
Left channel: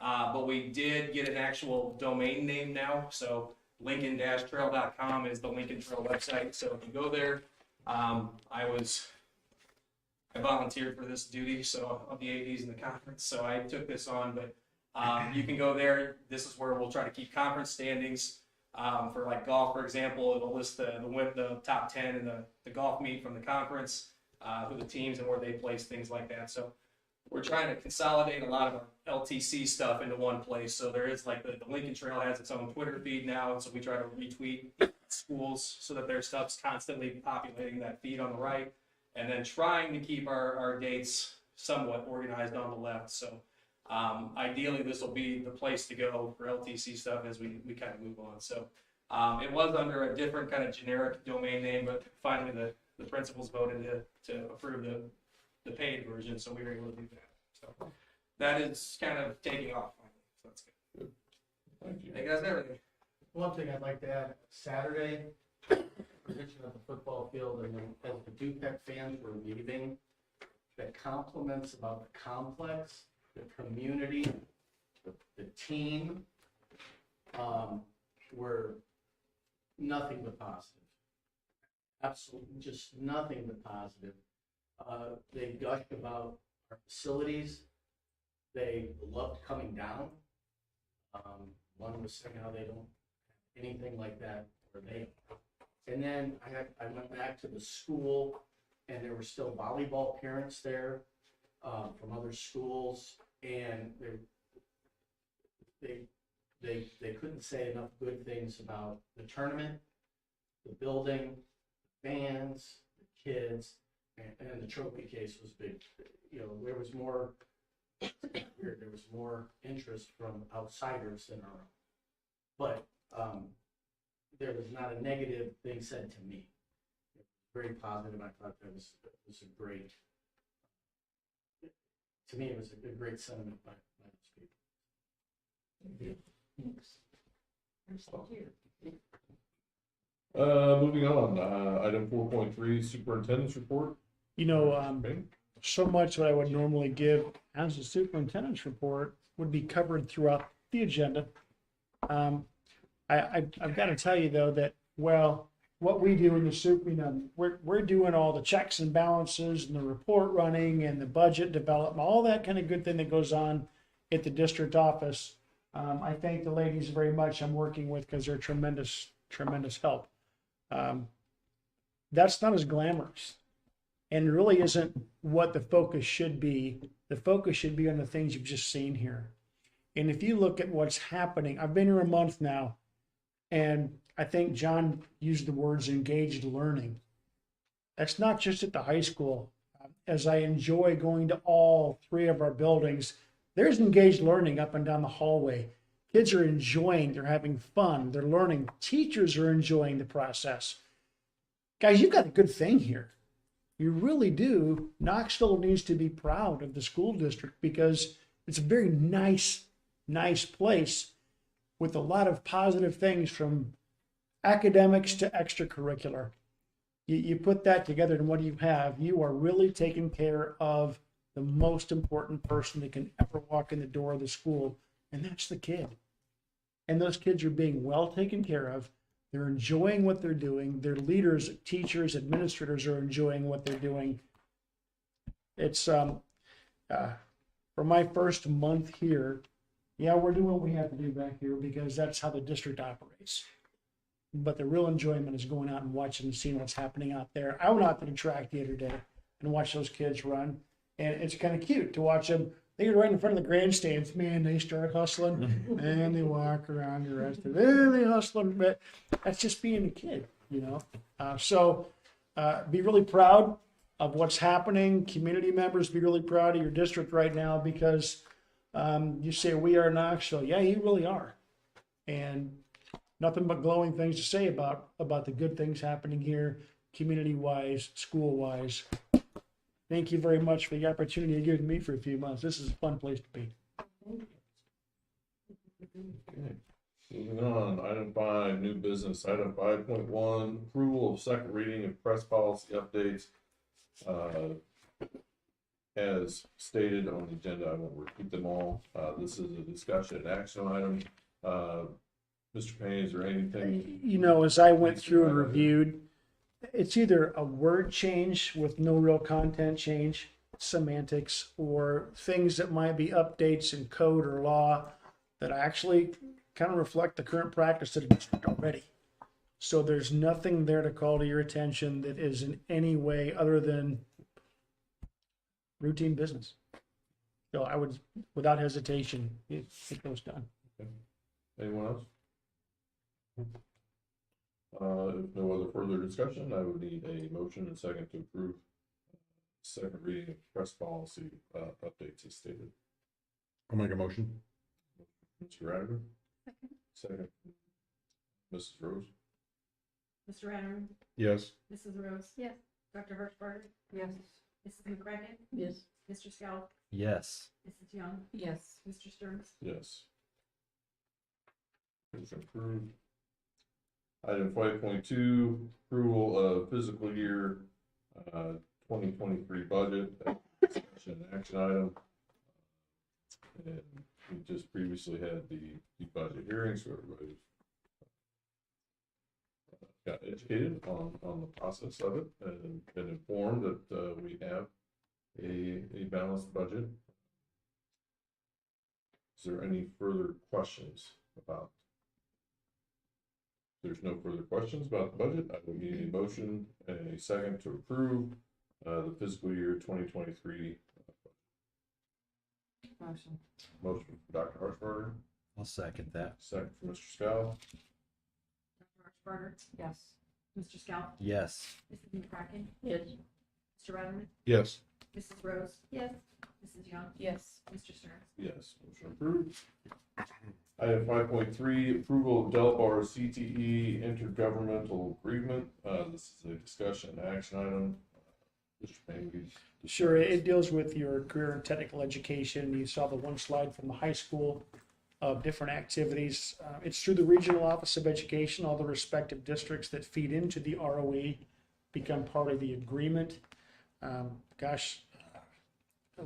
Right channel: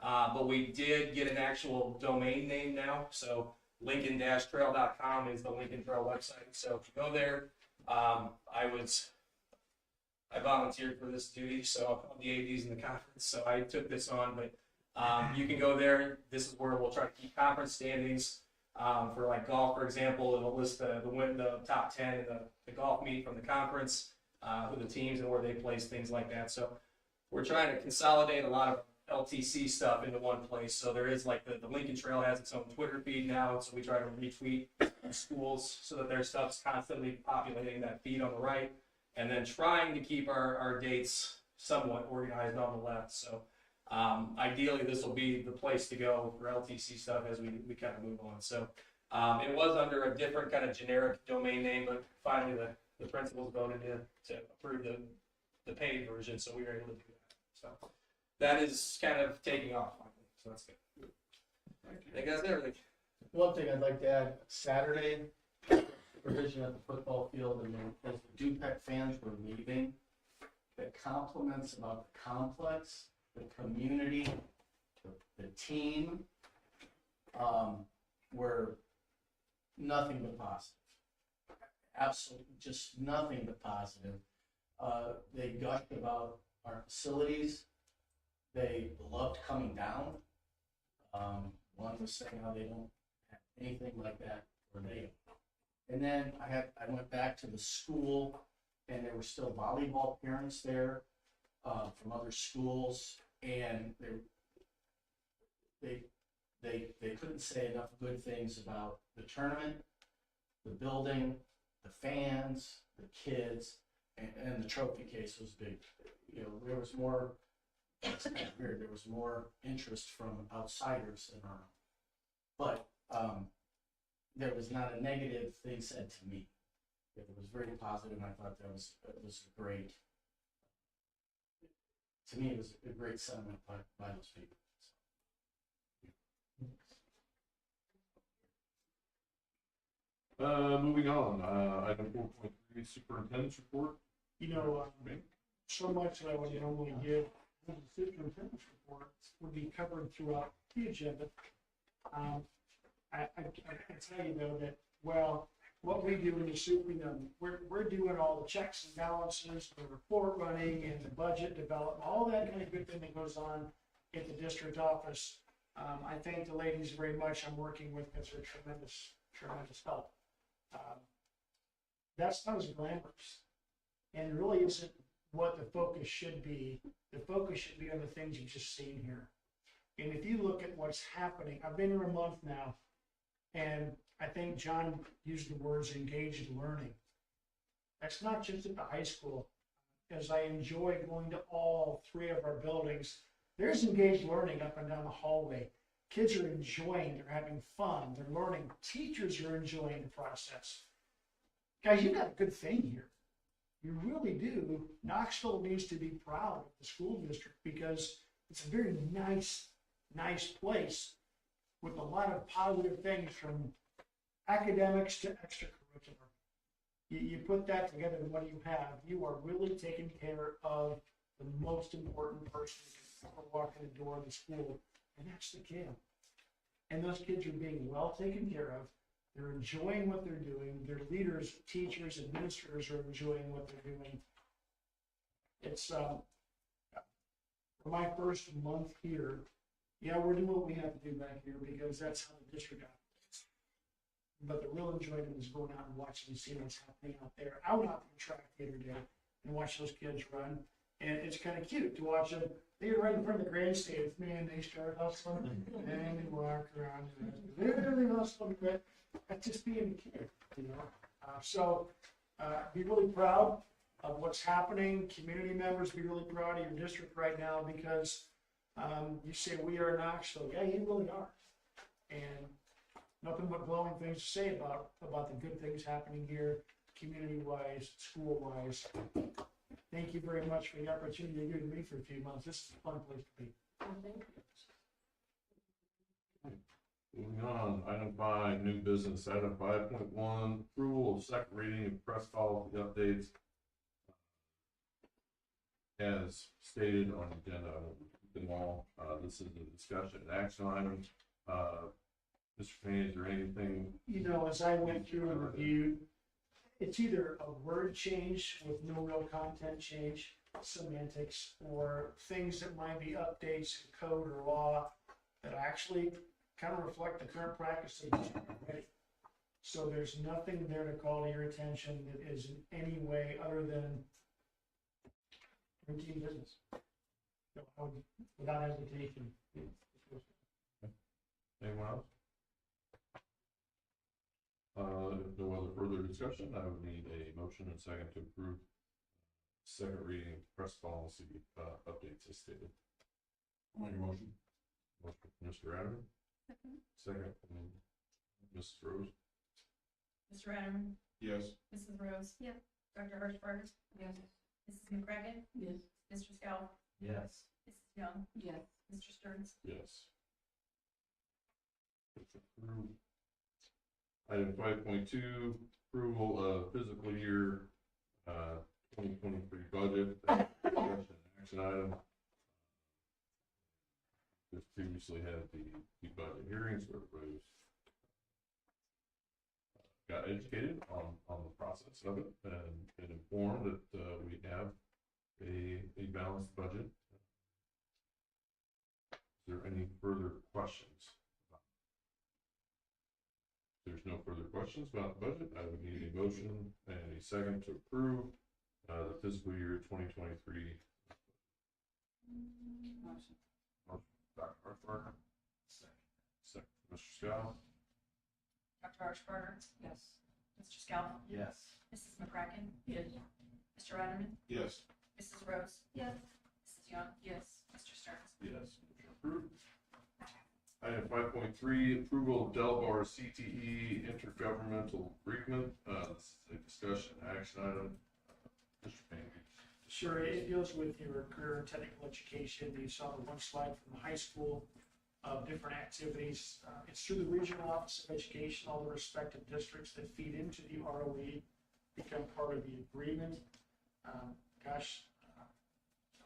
but we did get an actual domain name now. So Lincoln-trail.com is the Lincoln Trail website. So if you go there, I volunteered for this duty, so of the ADs in the conference. So I took this on, but you can go there. This is where we'll try to keep conference standings. For like golf, for example, it'll list the top 10 in the golf meet from the conference, who the teams and where they place, things like that. So we're trying to consolidate a lot of LTC stuff into one place. So there is like the Lincoln Trail has its own Twitter feed now, so we try to retweet schools so that their stuff's constantly populating that feed on the right, and then trying to keep our dates somewhat organized on the left. So ideally, this will be the place to go for LTC stuff as we kind of move on. So it was under a different kind of generic domain name, but finally the principals voted to approve the paid version, so we were able to do that. So that is kind of taking off finally, so that's good. Thank you. I think that's everything. One thing I'd like to add, Saturday, provision at the football field, and then as the Dupec fans were leaving, the compliments about the complex, the community, the team, were nothing but positive. Absolutely, just nothing but positive. They gushed about our facilities. They loved coming down. One was saying how they don't have anything like that where they are. And then I went back to the school, and there were still volleyball parents there from other schools, and they couldn't say enough good things about the tournament, the building, the fans, the kids, and the trophy case was big. You know, there was more. It's kind of weird. There was more interest from outsiders than our own, but there was not a negative thing said to me. It was very positive, and I thought that was a great. To me, it was a great sentiment by those people. Moving on, item 4.3, Superintendents Report. You know, so much what I would normally give as a superintendent's report would be covered throughout the agenda. I've got to tell you though that, well, what we do in the soup, you know, we're doing all the checks and balances and the report running and the budget development, all that kind of good thing that goes on at the district office. I thank the ladies very much I'm working with because they're tremendous help. That's not as glamorous and really isn't what the focus should be. The focus should be on the things you've just seen here. And if you look at what's happening, I've been here a month now, and I think John used the words engaged learning. That's not just at the high school. As I enjoy going to all three of our buildings, there's engaged learning up and down the hallway. Kids are enjoying, they're having fun, they're learning. Teachers are enjoying the process. Guys, you've got a good thing here. You really do. Knoxville needs to be proud of the school district because it's a very nice place with a lot of positive things from academics to extracurricular. You put that together and what do you have? You are really taking care of the most important person that can ever walk in the door of the school, and that's the kid. And those kids are being well taken care of. They're enjoying what they're doing. Their leaders, teachers, administrators are enjoying what they're doing. It's for my first month here, yeah, we're doing what we have to do back here because that's how the district operates. But the real enjoyment is going out and watching and seeing what's happening out there. I went out to the track the other day and watched those kids run. And it's kind of cute to watch them. They get right in front of the grandstands. Man, they start hustling and they walk around the rest of it. And they hustle. But that's just being a kid, you know. So be really proud of what's happening. Community members, be really proud of your district right now because you say we are Knoxville. Yeah, you really are. And nothing but glowing things to say about the good things happening here, community-wise, school-wise. Thank you very much for the opportunity you've given me for a few months. This is a fun place to be. Okay. Moving on, item 5, new business. Item 5.1, approval of second reading of press policy updates. As stated on the agenda, I won't repeat them all. This is a discussion and action item. Mr. Payne, is there anything? You know, as I went through and reviewed, it's either a word change with no real content change, semantics, or things that might be updates in code or law that actually kind of reflect the current practice of the district already. So there's nothing there to call to your attention that is in any way other than routine business. So I would, without hesitation, get those done. Okay. Anyone else? If no other further discussion, I would need a motion and second to approve second reading of press policy updates as stated. I'll make a motion. Mr. Adams. Second. Mrs. Rose. Mr. Adams? Yes. Mrs. Rose? Yes. Dr. Hirschberg? Yes. Mrs. McCracken? Yes. Mr. Scout? Yes. Mrs. Young? Yes. Mr. Stearns? Yes. Motion approved. Item 5.2, approval of fiscal year 2023 budget. Discussion and action item. And we just previously had the budget hearing, so everybody got educated on the process of it and been informed that we have a balanced budget. Is there any further questions about? If there's no further questions about the budget, I would need a motion and a second to approve the fiscal year 2023. Motion. Motion from Dr. Harshbarger, I'll second that. second from Mr. Scow. Dr. Archbarger? Yes. Mr. Scout? Yes. Mrs. McCracken? Yes. Mr. Rutterman? Yes. Mrs. Rose? Yes. Mrs. Young? Yes. Mr. Stearns? Yes, motion approved. Item 5.3, approval of Delbar CTE intergovernmental agreement. This is a discussion and action item. Mr. Payne, Sure, it deals with your career and technical education. You saw the one slide from the high school of different activities. It's through the Regional Office of Education. All the respective districts that feed into the ROE become part of the agreement. As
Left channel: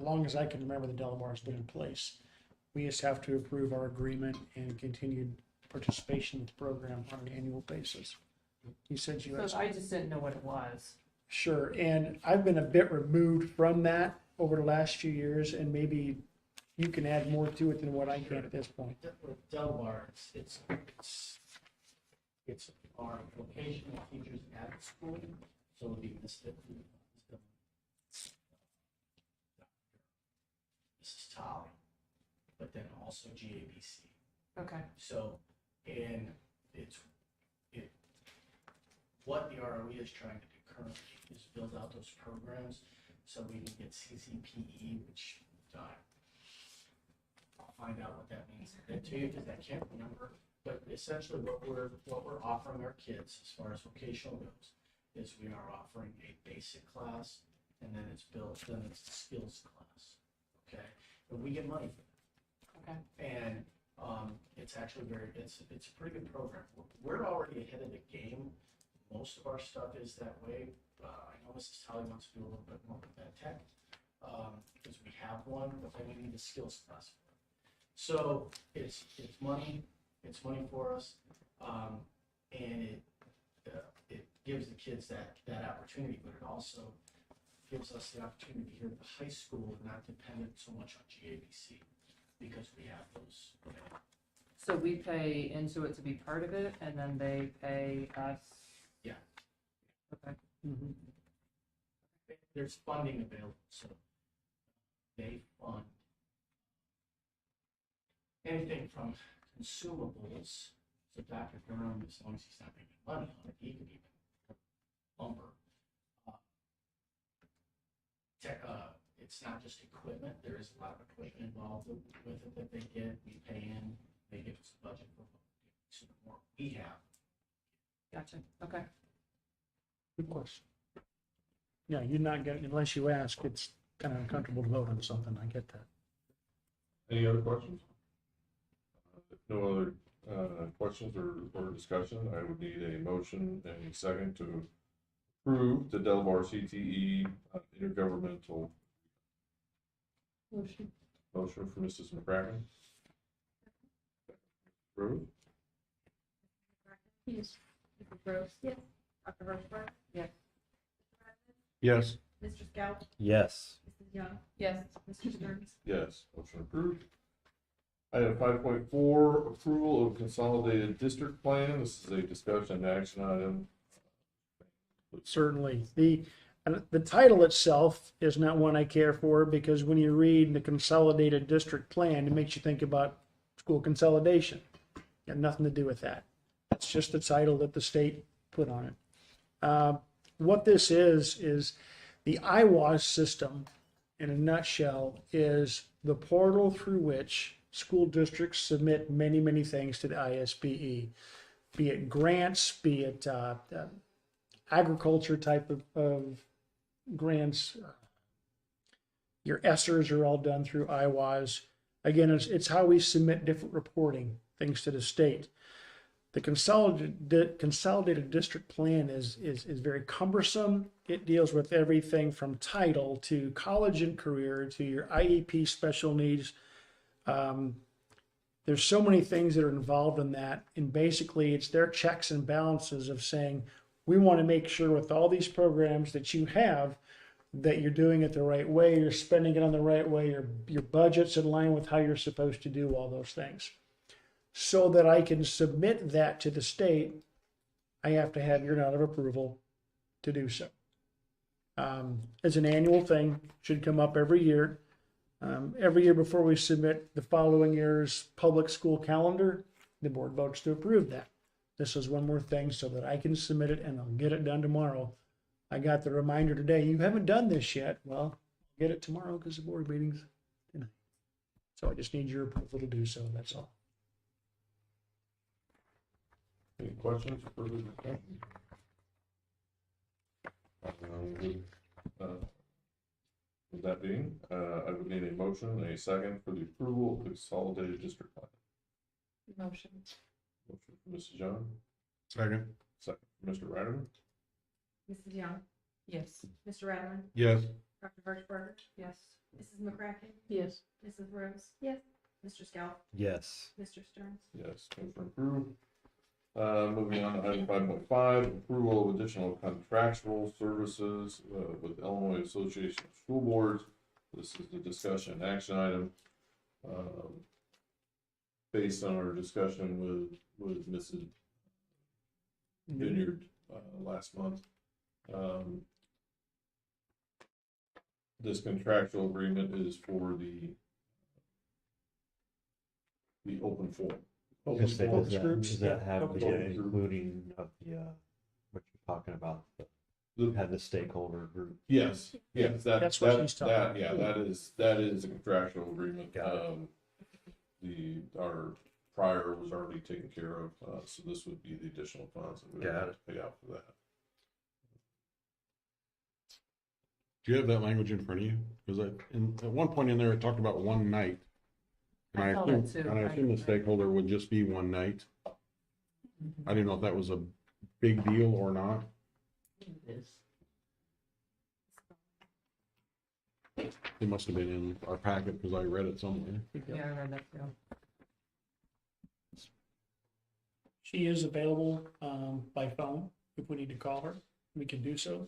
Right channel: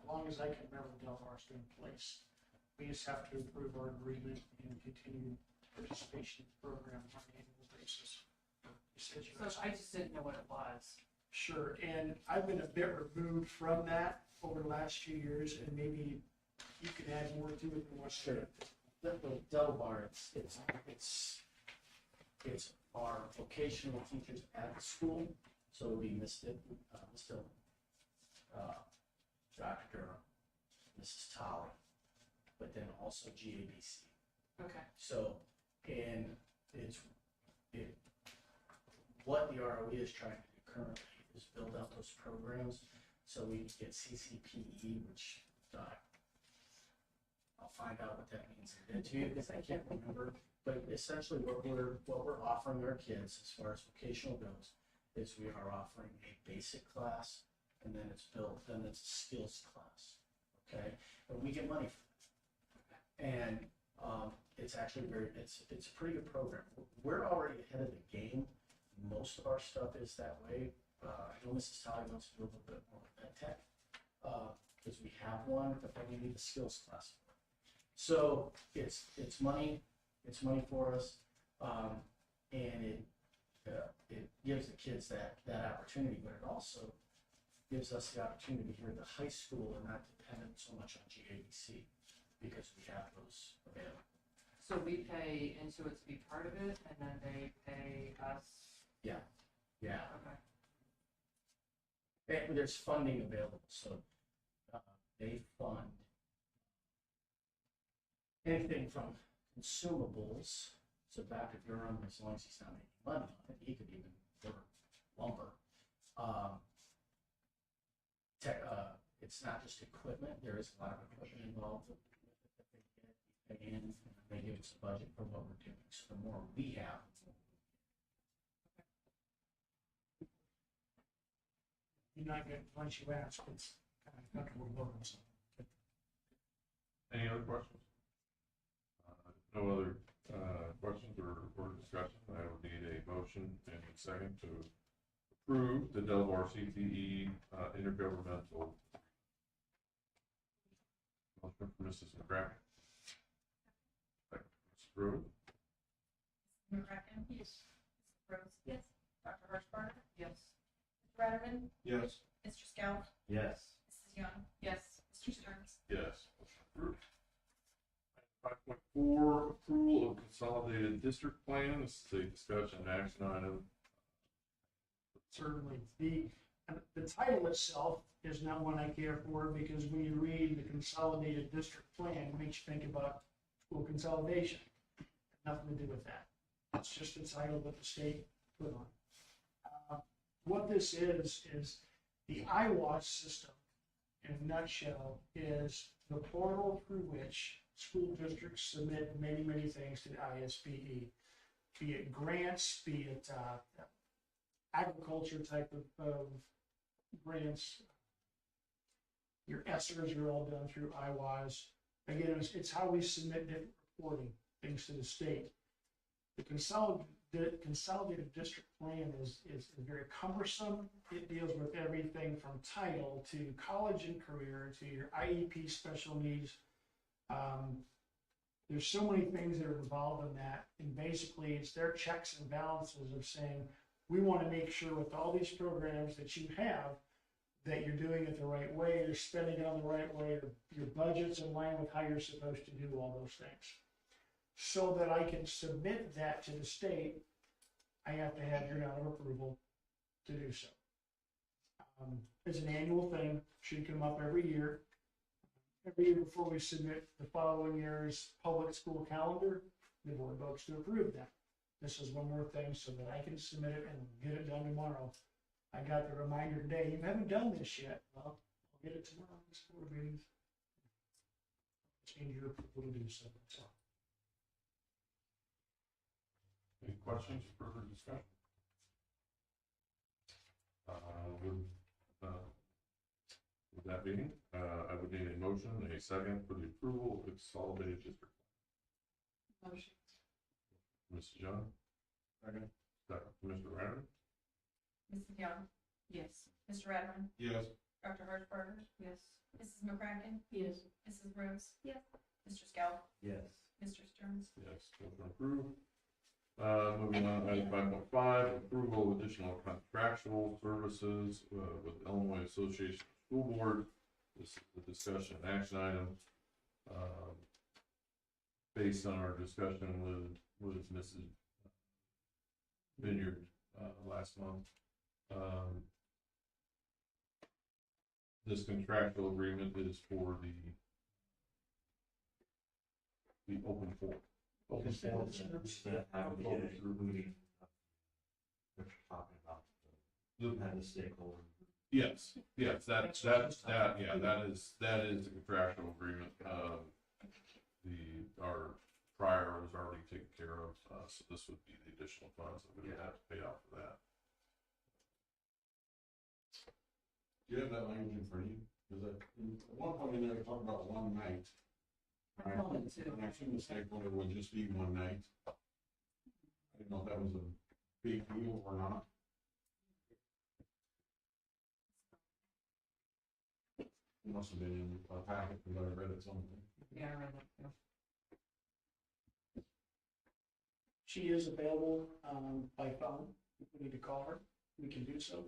long as I can remember, the Delbar has been in place. We just have to approve our agreement and continued participation in the program on an annual basis. You said you had. So I just didn't know what it was. Sure, and I've been a bit removed from that over the last few years, and maybe you can add more to it than what I can at this point. Delbar, it's our vocational teachers at the school, so we missed it, Dr. Durham, Mrs. Tolley, but then also GABC. Okay. So, and what the ROE is trying to do currently is build out those programs so we can get CCPE, which I'll find out what that means to you because I can't remember. But essentially what we're offering our kids as far as vocational goes is we are offering a basic class and then it's a skills class. Okay? And we get money for that. Okay. And it's actually it's a pretty good program. We're already ahead of the game. Most of our stuff is that way. I know Mrs. Talley wants to do a little bit more with ed tech because we have one, but then we need a skills class. So it's money for us, and it gives the kids that opportunity, but it also gives us the opportunity here at the high school and not dependent so much on GABC because we have those available. So we pay into it to be part of it, and then they pay us. Yeah. Okay. Mm-hmm. There's funding available, so they fund anything from consumables. So Dr. Durham, as long as he's not making money on it, he could even order lumber. It's not just equipment. There is a lot of equipment involved with it that they get. We pay in, and they give us a budget for what we're doing. So the more we have, Gotcha. Okay. Good question. Yeah, you're not getting, unless you ask, it's kind of uncomfortable to vote on something. I get that. any other questions? No other questions or discussion. I would need a motion and a second to approve the Delbar CTE intergovernmental. Motion. Motion for Mrs. McCracken. Second for Mrs. Rose. Mrs. McCracken? Yes. Mrs. Rose? Yes. Dr. Archbarger? Yes. Mr. Rutterman? Yes. Mr. Scout? Yes. Mrs. Young? Yes. Mr. Stearns? Yes, motion approved. Item 5.4, approval of consolidated district plan. This is a discussion and action item. Certainly. The title itself is not one I care for because when you read the Consolidated District Plan, it makes you think about school consolidation. Got nothing to do with that. It's just the title that the state put on it. What this is the IWAS system, in a nutshell, is the portal through which school districts submit many, many things to the ISBE, be it grants, be it agriculture type of grants. Your ESSERs are all done through IWAS. Again, it's how we submit different reporting things to the state. The consolidated district plan is very cumbersome. It deals with everything from title to college and career to your IEP special needs. There's so many things that are involved in that, and basically it's their checks and balances of saying, we want to make sure with all these programs that you have, that you're doing it the right way, you're spending it on the right way, your budget's in line with how you're supposed to do all those things. So that I can submit that to the state, I have to have your nod of approval to do so. It's an annual thing, should come up every year. Every year before we submit the following year's public school calendar, the board votes to approve that. This is one more thing so that I can submit it and I'll get it done tomorrow. I got the reminder today, you haven't done this yet. Well, get it tomorrow because the board meeting's tonight. So I just need your approval to do so, that's all. Any questions, further discussion? With that being, I would need a motion and a second for the approval of the consolidated district plan. Motion. Motion from Mrs. Young, Second. second from Mr. Ryder. Mrs. Young, Yes. Mr. Ratterman, Yes. Dr. Hirschberger, Yes. Mrs. McCracken, Yes. Mrs. Rose, Yes. Mr. Scout, Yes. Mr. Stearns. Yes, motion approved. Moving on to item 5.5, approval of additional contractual services with Illinois Association of School Boards. This is the discussion action item. Based on our discussion with Mrs. Vineyard last month. This contractual agreement is for the open forum. Does that, groups? does that have the Open group. including of the, what you're talking about, had the stakeholder group? Yes, yes, That's what she's talking about. yeah, that is a contractual agreement. Got Our prior was already taken care of, so this would be the additional funds that we would Got have to pay out for that. Do you have that language in front of you? Because at one point in there, it talked about one night. And I I saw assume, that too. and I assume the stakeholder would just be one night. I didn't know if that was a big deal or not. It must have been in our packet because I read it somewhere. Yeah, I read that too. She is available by phone if we need to call her. We can do so.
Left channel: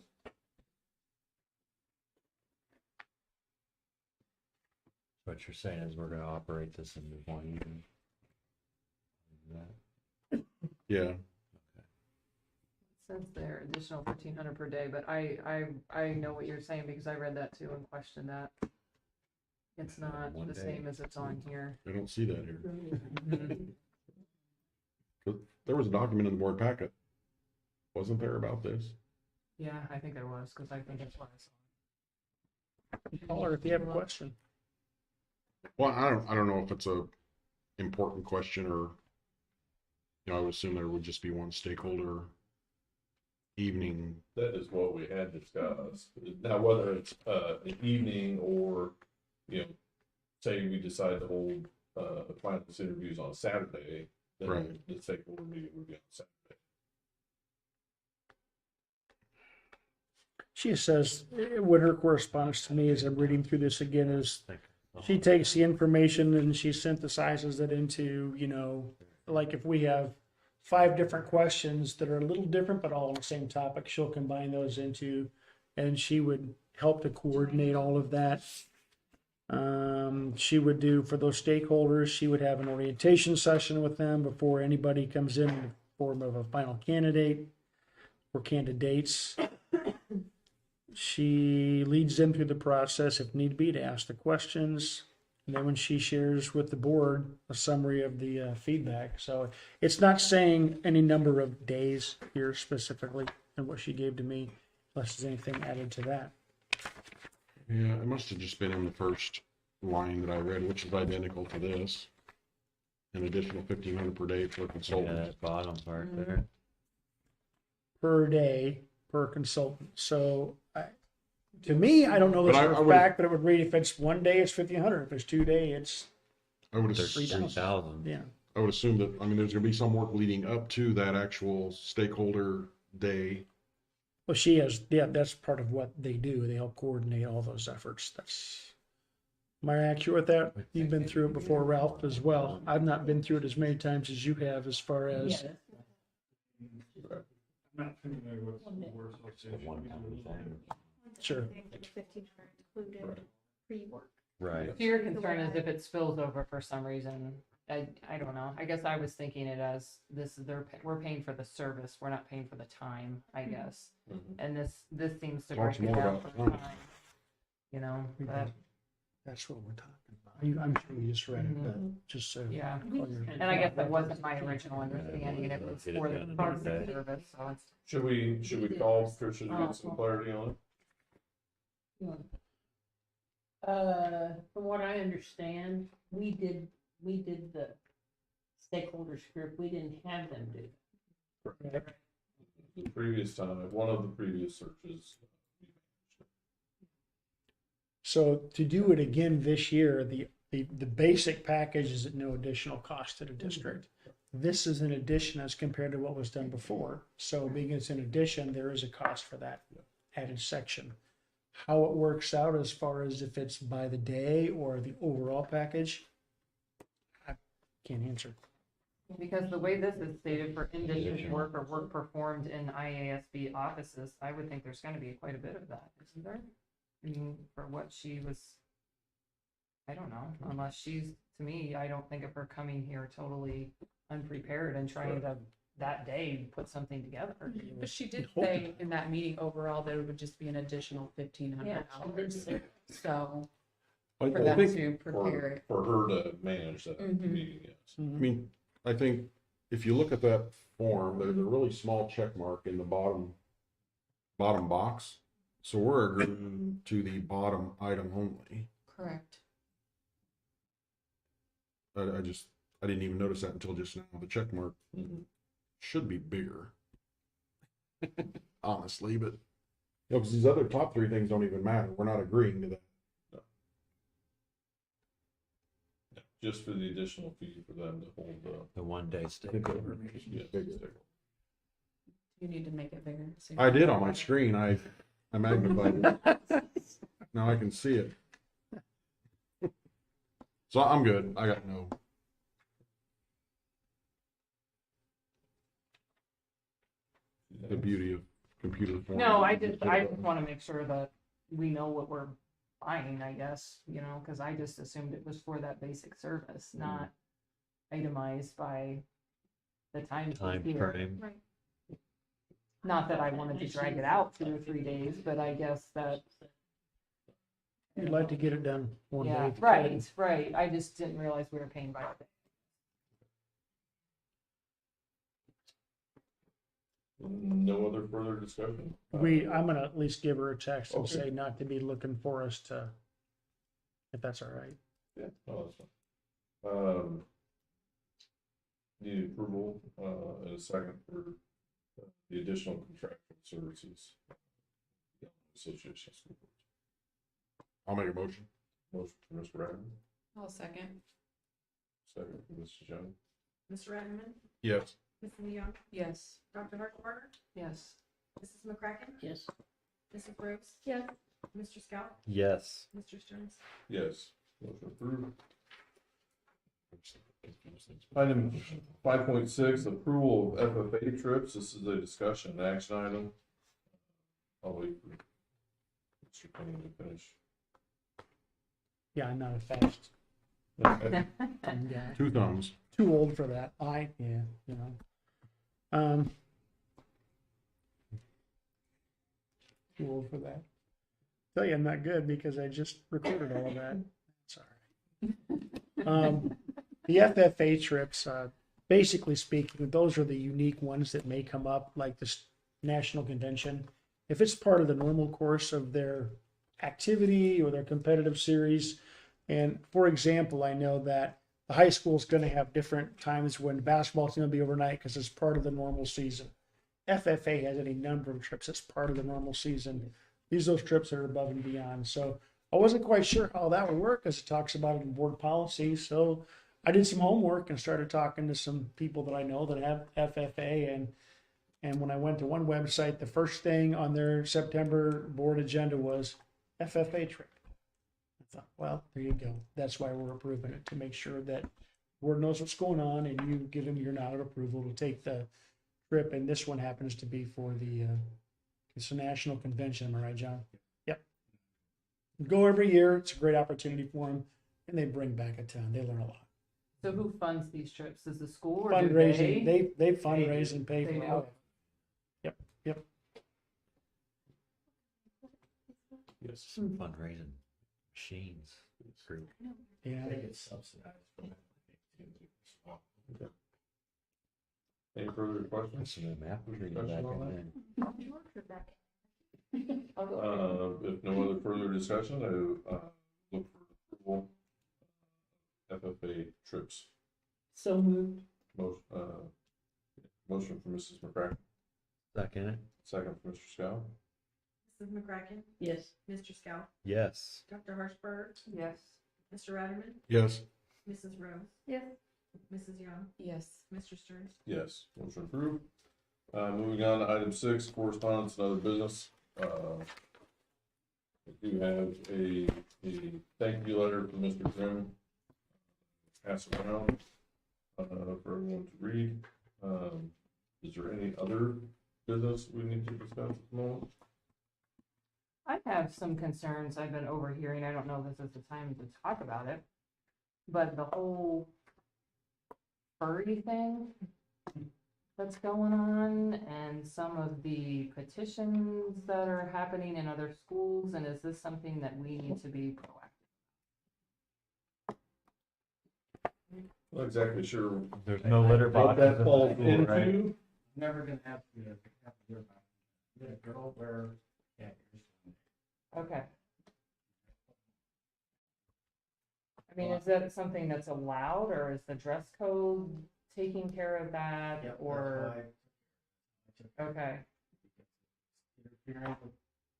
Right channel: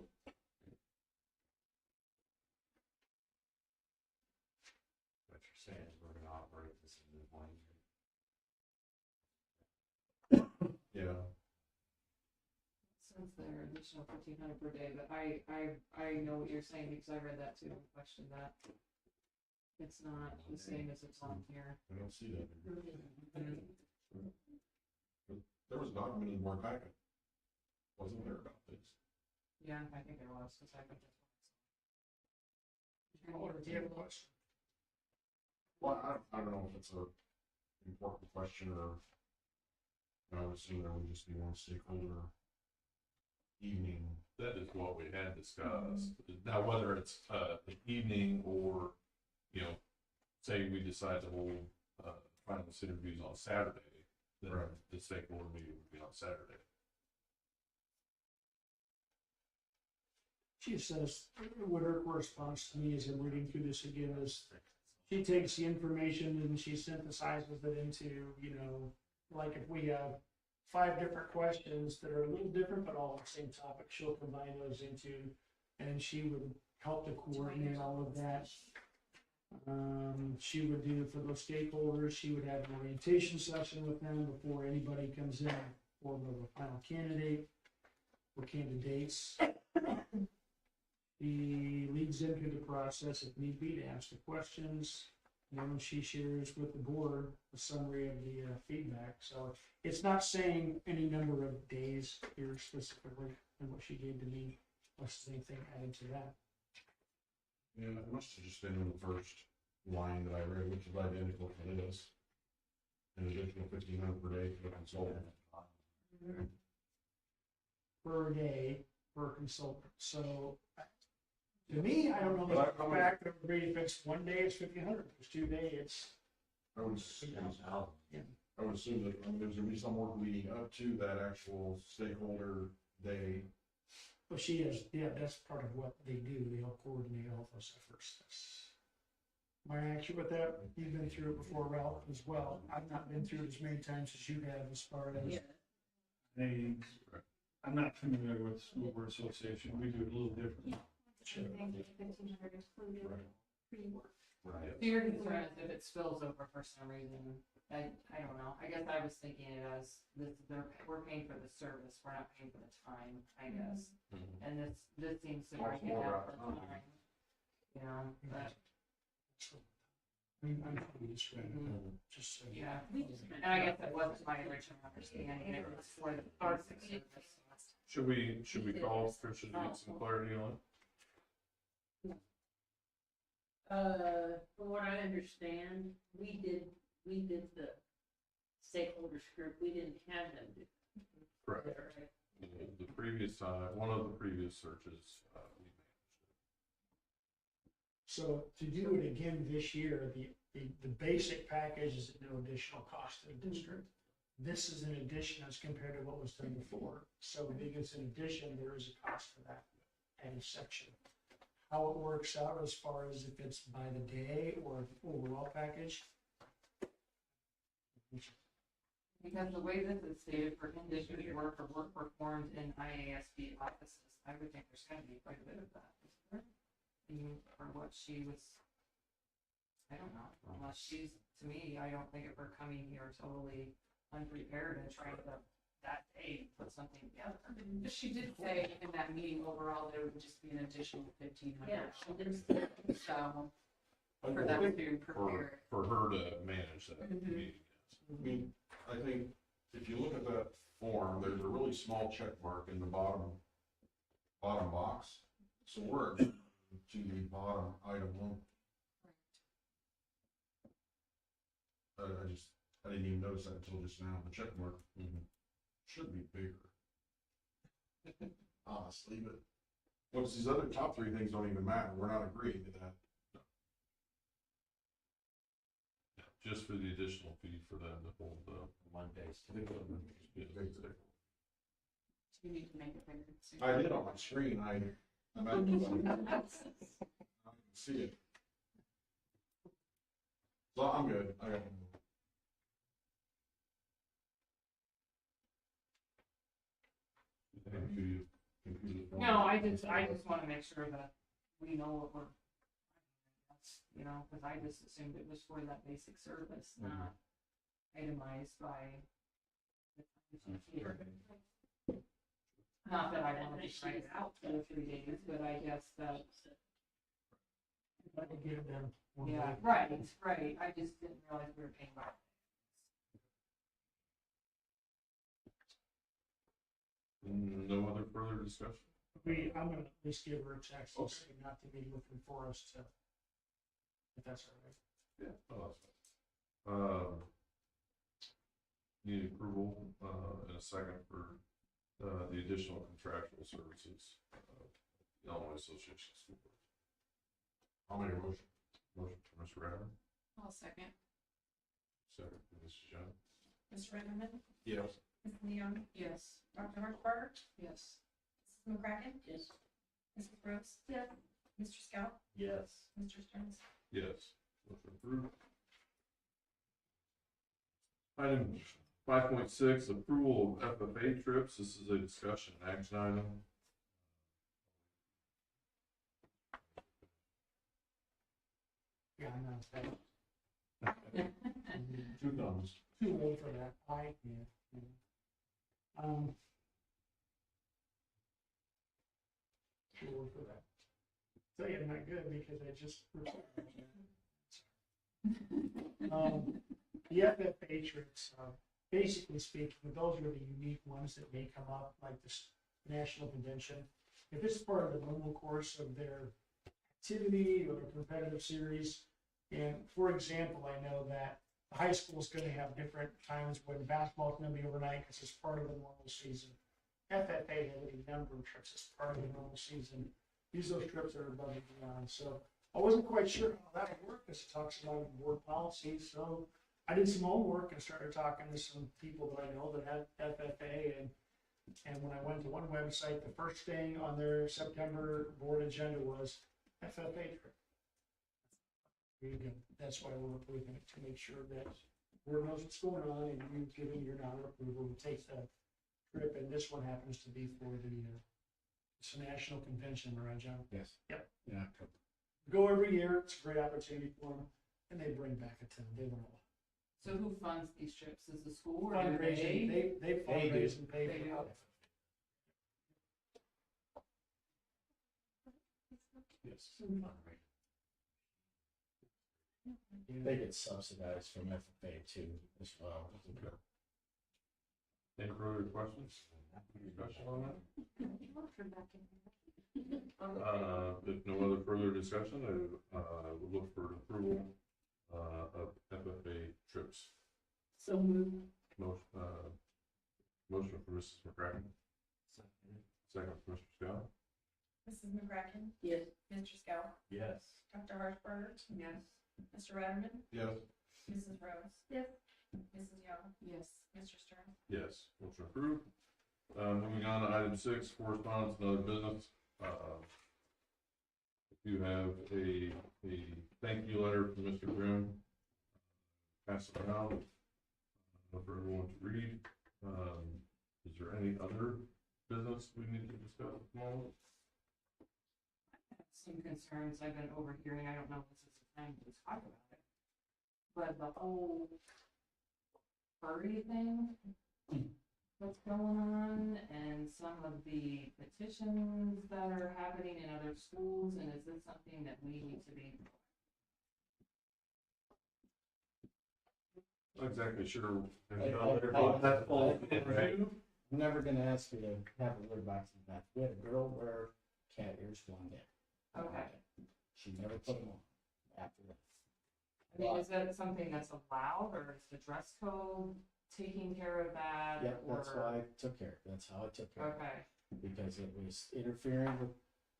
What you're saying is we're gonna operate this in one evening? Yeah. Since they're additional 1,500 per day, but I know what you're saying because I read that too and questioned that. It's not One the day. same as it's on here. I don't see that here. Mhm. There was a document in the board packet. Wasn't there about this? Yeah, I think there was, because I think that's what I saw. Call her if you have a question. Well, I don't know if it's a important question or, I would assume there would just be one stakeholder evening. That is what we had discussed. Now, whether it's an evening or, say we decide to hold finance interviews on Saturday, then Right. the stakeholder meeting would be on Saturday. She says, what her correspondence to me as I'm reading through this again is, she takes the information and she synthesizes it into, like if we have 5 different questions that are a little different, but all on the same topic, she'll combine those into, and she would help to coordinate all of that. She would do for those stakeholders, she would have an orientation session with them before anybody comes in the form of a final candidate or candidates. She leads them through the process if need be to ask the questions. And then when she shares with the board a summary of the feedback. So it's not saying any number of days here specifically in what she gave to me, unless there's anything added to that. Yeah, it must have just been in the first line that I read, which is identical to this. An additional 1,500 per day for a Yeah, consultant. that bottom part there. Per day, per consultant. So to me, I don't know this But for I a would- fact, but it would read if it's 1 day, it's 1,500. If it's 2 day, it's I would There's assume, 3,000. yeah. I would assume that, I mean, there's gonna be some work leading up to that actual stakeholder day. Well, she has, yeah, that's part of what they do. They help coordinate all those efforts. Am I accurate with that? You've been through it before, Ralph, as well. I've not been through it as many times as you have as far as, I'm not familiar with the school board association, we do it a little different. sure. 1,500 included pre-work. Right. So your concern is if it spills over for some reason, I don't know, I guess I was thinking it as this, we're paying for the service, we're not paying for the time, I guess. And this seems to break Talks it more down about for time. time. You know, but, That's what we're talking about. I'm sure you just read it, but just so. yeah, and I guess that wasn't my original understanding, it was for the basic service, so it's. Should we call Tricia to get some clarity on it? From what I understand, we did the stakeholders group, we didn't have them do. Correct. The previous time, one of the previous searches, So to do it again this year, the basic package is at no additional cost to the district. This is an addition as compared to what was done before. So being it's an addition, there is a cost for that added section. How it works out as far as if it's by the day or the overall package, I can't answer. Because the way this is stated for in-district work or work performed in IASB offices, I would think there's gonna be quite a bit of that, isn't there? I mean, for what she was, I don't know, unless she's, to me, I don't think of her coming here totally unprepared and trying to, that day, put something together. But she did say in that meeting overall that it would just be an additional $1,500. So I for them think to prepare it. for her to manage that meeting, yes. Mhm. I mean, I think if you look at that form, there's a really small check mark in the bottom box. So we're agreeing to the bottom item only. Correct. I didn't even notice that until just now. The check mark should be bigger. Honestly, but, you know, because these other top three things don't even matter. We're not agreeing to that. Just for the additional fee for them to hold The 1 day stay. yeah, You need to make it bigger. so- I did on my screen. I magnified it. Now I can see it. So I'm good. I got no. The beauty of computer form. No, I just wanna make sure that we know what we're buying, I guess, you know, cause I just assumed it was for that basic service, not itemized by the time. Time here. frame. Right. Not that I wanted to drag it out 2 or 3 days, but I guess that. You'd like to get it done one day. Yeah, right, I just didn't realize we were paying by the day. No other further discussion? I'm gonna at least give her a text and Okay. say not to be looking for us to, if that's all right. Yeah, no, that's fine. Need approval, in a second for, the additional contractual services. The Illinois Association of School Boards. I'll make a motion. Motion for Mr. Ratterman, I'll second. second for Mrs. Jones. Mr. Retterman, Yes. Mrs. Leon, Yes. Dr. Hartsbarger, Yes. Mrs. McCracken, Yes. Mrs. Rose, Yes. Mr. Scout, Yes. Mr. Stearns. Yes. Motion approved. Item 5.6, approval of FFA trips. This is a discussion and action item. I'll wait for Mr. Penny to finish. Yeah, I'm not a fast Okay. thumb guy. Two thumbs. Too old for that. You know. Too old for that. Tell you I'm not good because I just recorded all of that. Sorry. The FFA trips, basically speaking, those are the unique ones that may come up, like this national convention. If it's part of the normal course of their activity or their competitive series, and for example, I know that the high school is going to have different times when basketball's going to be overnight because it's part of the normal season. FFA has any number of trips as part of the normal season. These are those trips that are above and beyond. So I wasn't quite sure how that would work because it talks about it in board policy. So I did some homework and started talking to some people that I know that have FFA, and when I went to one website, the first thing on their September board agenda was FFA trip. I thought, well, there you go. That's why we're approving it, to make sure that board knows what's going on and you give them your nod of approval to take the trip. And this one happens to be for the it's a national convention, am I right, John? Yes. Yep. Yeah. Go every year. It's a great opportunity for them, and they bring back a ton. They learn a lot. So who funds these trips? Is the school or do Fundraising, they? they fundraise and pay They for do. all. Yep, yep. Yes. Fundraising machines. Group. Yeah. They get subsidized from FFA too as well. Okay. Any further questions? Some of the math reading back Discussion on in. If no other further discussion, I would look for approval of FFA trips. So moved. Motion from Mrs. McCracken, Second. second from Mr. Scow. Mrs. McCracken? Yes. Mr. Scout? Yes. Dr. Harshberg? Yes. Mr. Ratterman? Yes. Mrs. Rose? Yes. Mrs. Young? Yes. Mr. Stearns? Yes, motion approved. Moving on to item 6, correspondence and other business. We do have a thank you letter from Mr. Grimm. Pass it around for everyone to read. Is there any other business we need to discuss at the moment? I have some concerns I've been overhearing. I don't know if this is the time to talk about it, but the whole furry thing that's going on and some of the petitions that are happening in other schools, and is this something that we need to be proactive? Not exactly sure. There's no litter boxes that at the falls school, into. right? I'm never gonna ask you to have a litter box in that. We had a girl wear cat ears one day. Okay. She never put them on after that. I mean, is that something that's allowed, or is the dress code taking care of that? Yep, or that's why I took care of it. That's how I took care of it. Okay. Because it was interfering with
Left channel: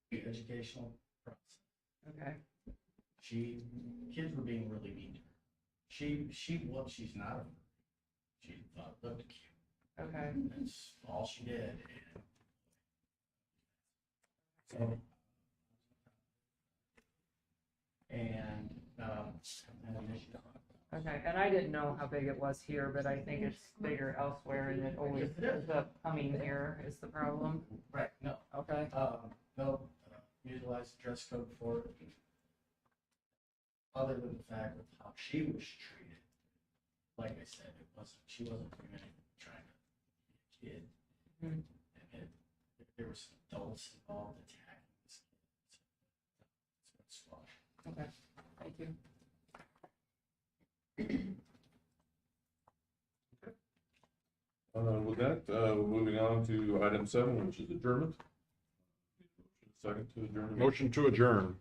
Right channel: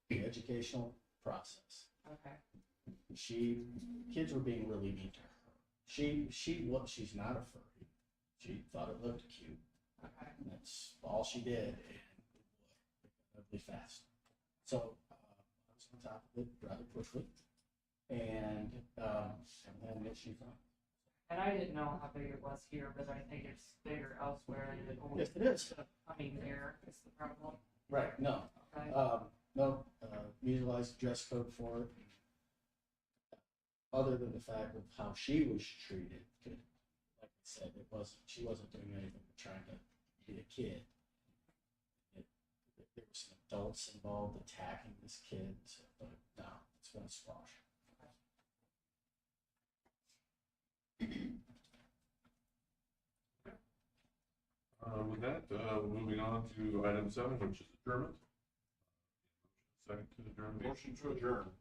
the educational process. Okay. Kids were being really mean to her. She's not a furry. She thought it looked cute. Okay. That's all she did, and ugly fast. So I was on top of it rather quickly, and had an issue on it. Okay, and I didn't know how big it was here, but I think it's bigger elsewhere, and it always Yes, it is. ends up coming here is the problem. Right, no. Okay. No, utilize the dress code for it. Other than the fact of how she was treated, like I said, she wasn't doing anything but trying to be a kid. Hmm. And there were some adults involved attacking this kid, so, but no, it's been a squash. Okay, thank you. With that, moving on to item 7, which is adjournment. Second to adjourn. Motion to adjourn.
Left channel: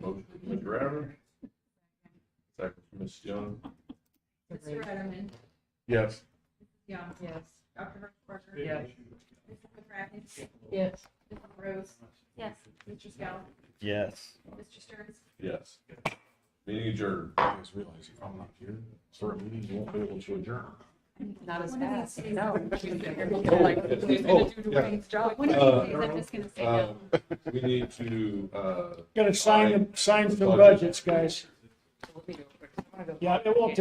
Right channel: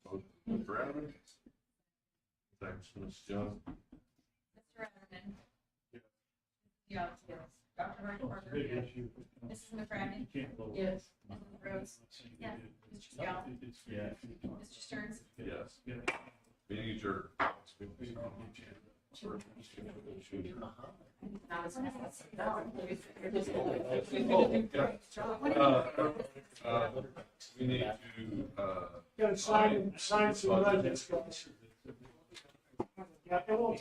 Motion from Mr. Ratterman. Second from Ms. Young. Mr. Ratterman? Yes. Young? Yes. Dr. Harshberg? Yes. Mrs. McCracken? Yes. Mrs. Rose? Yes. Mr. Scout? Yes. Mr. Stearns? Yes. Meeting adjourned. I just realized I'm not here. Certain meetings won't be able to adjourn. Not as When does it fast, say no. that? She's like, who's gonna do yeah. Dwayne's job? When does it say that? I'm just gonna say that. We need to, Gotta sign some budgets, guys. Yeah, it won't take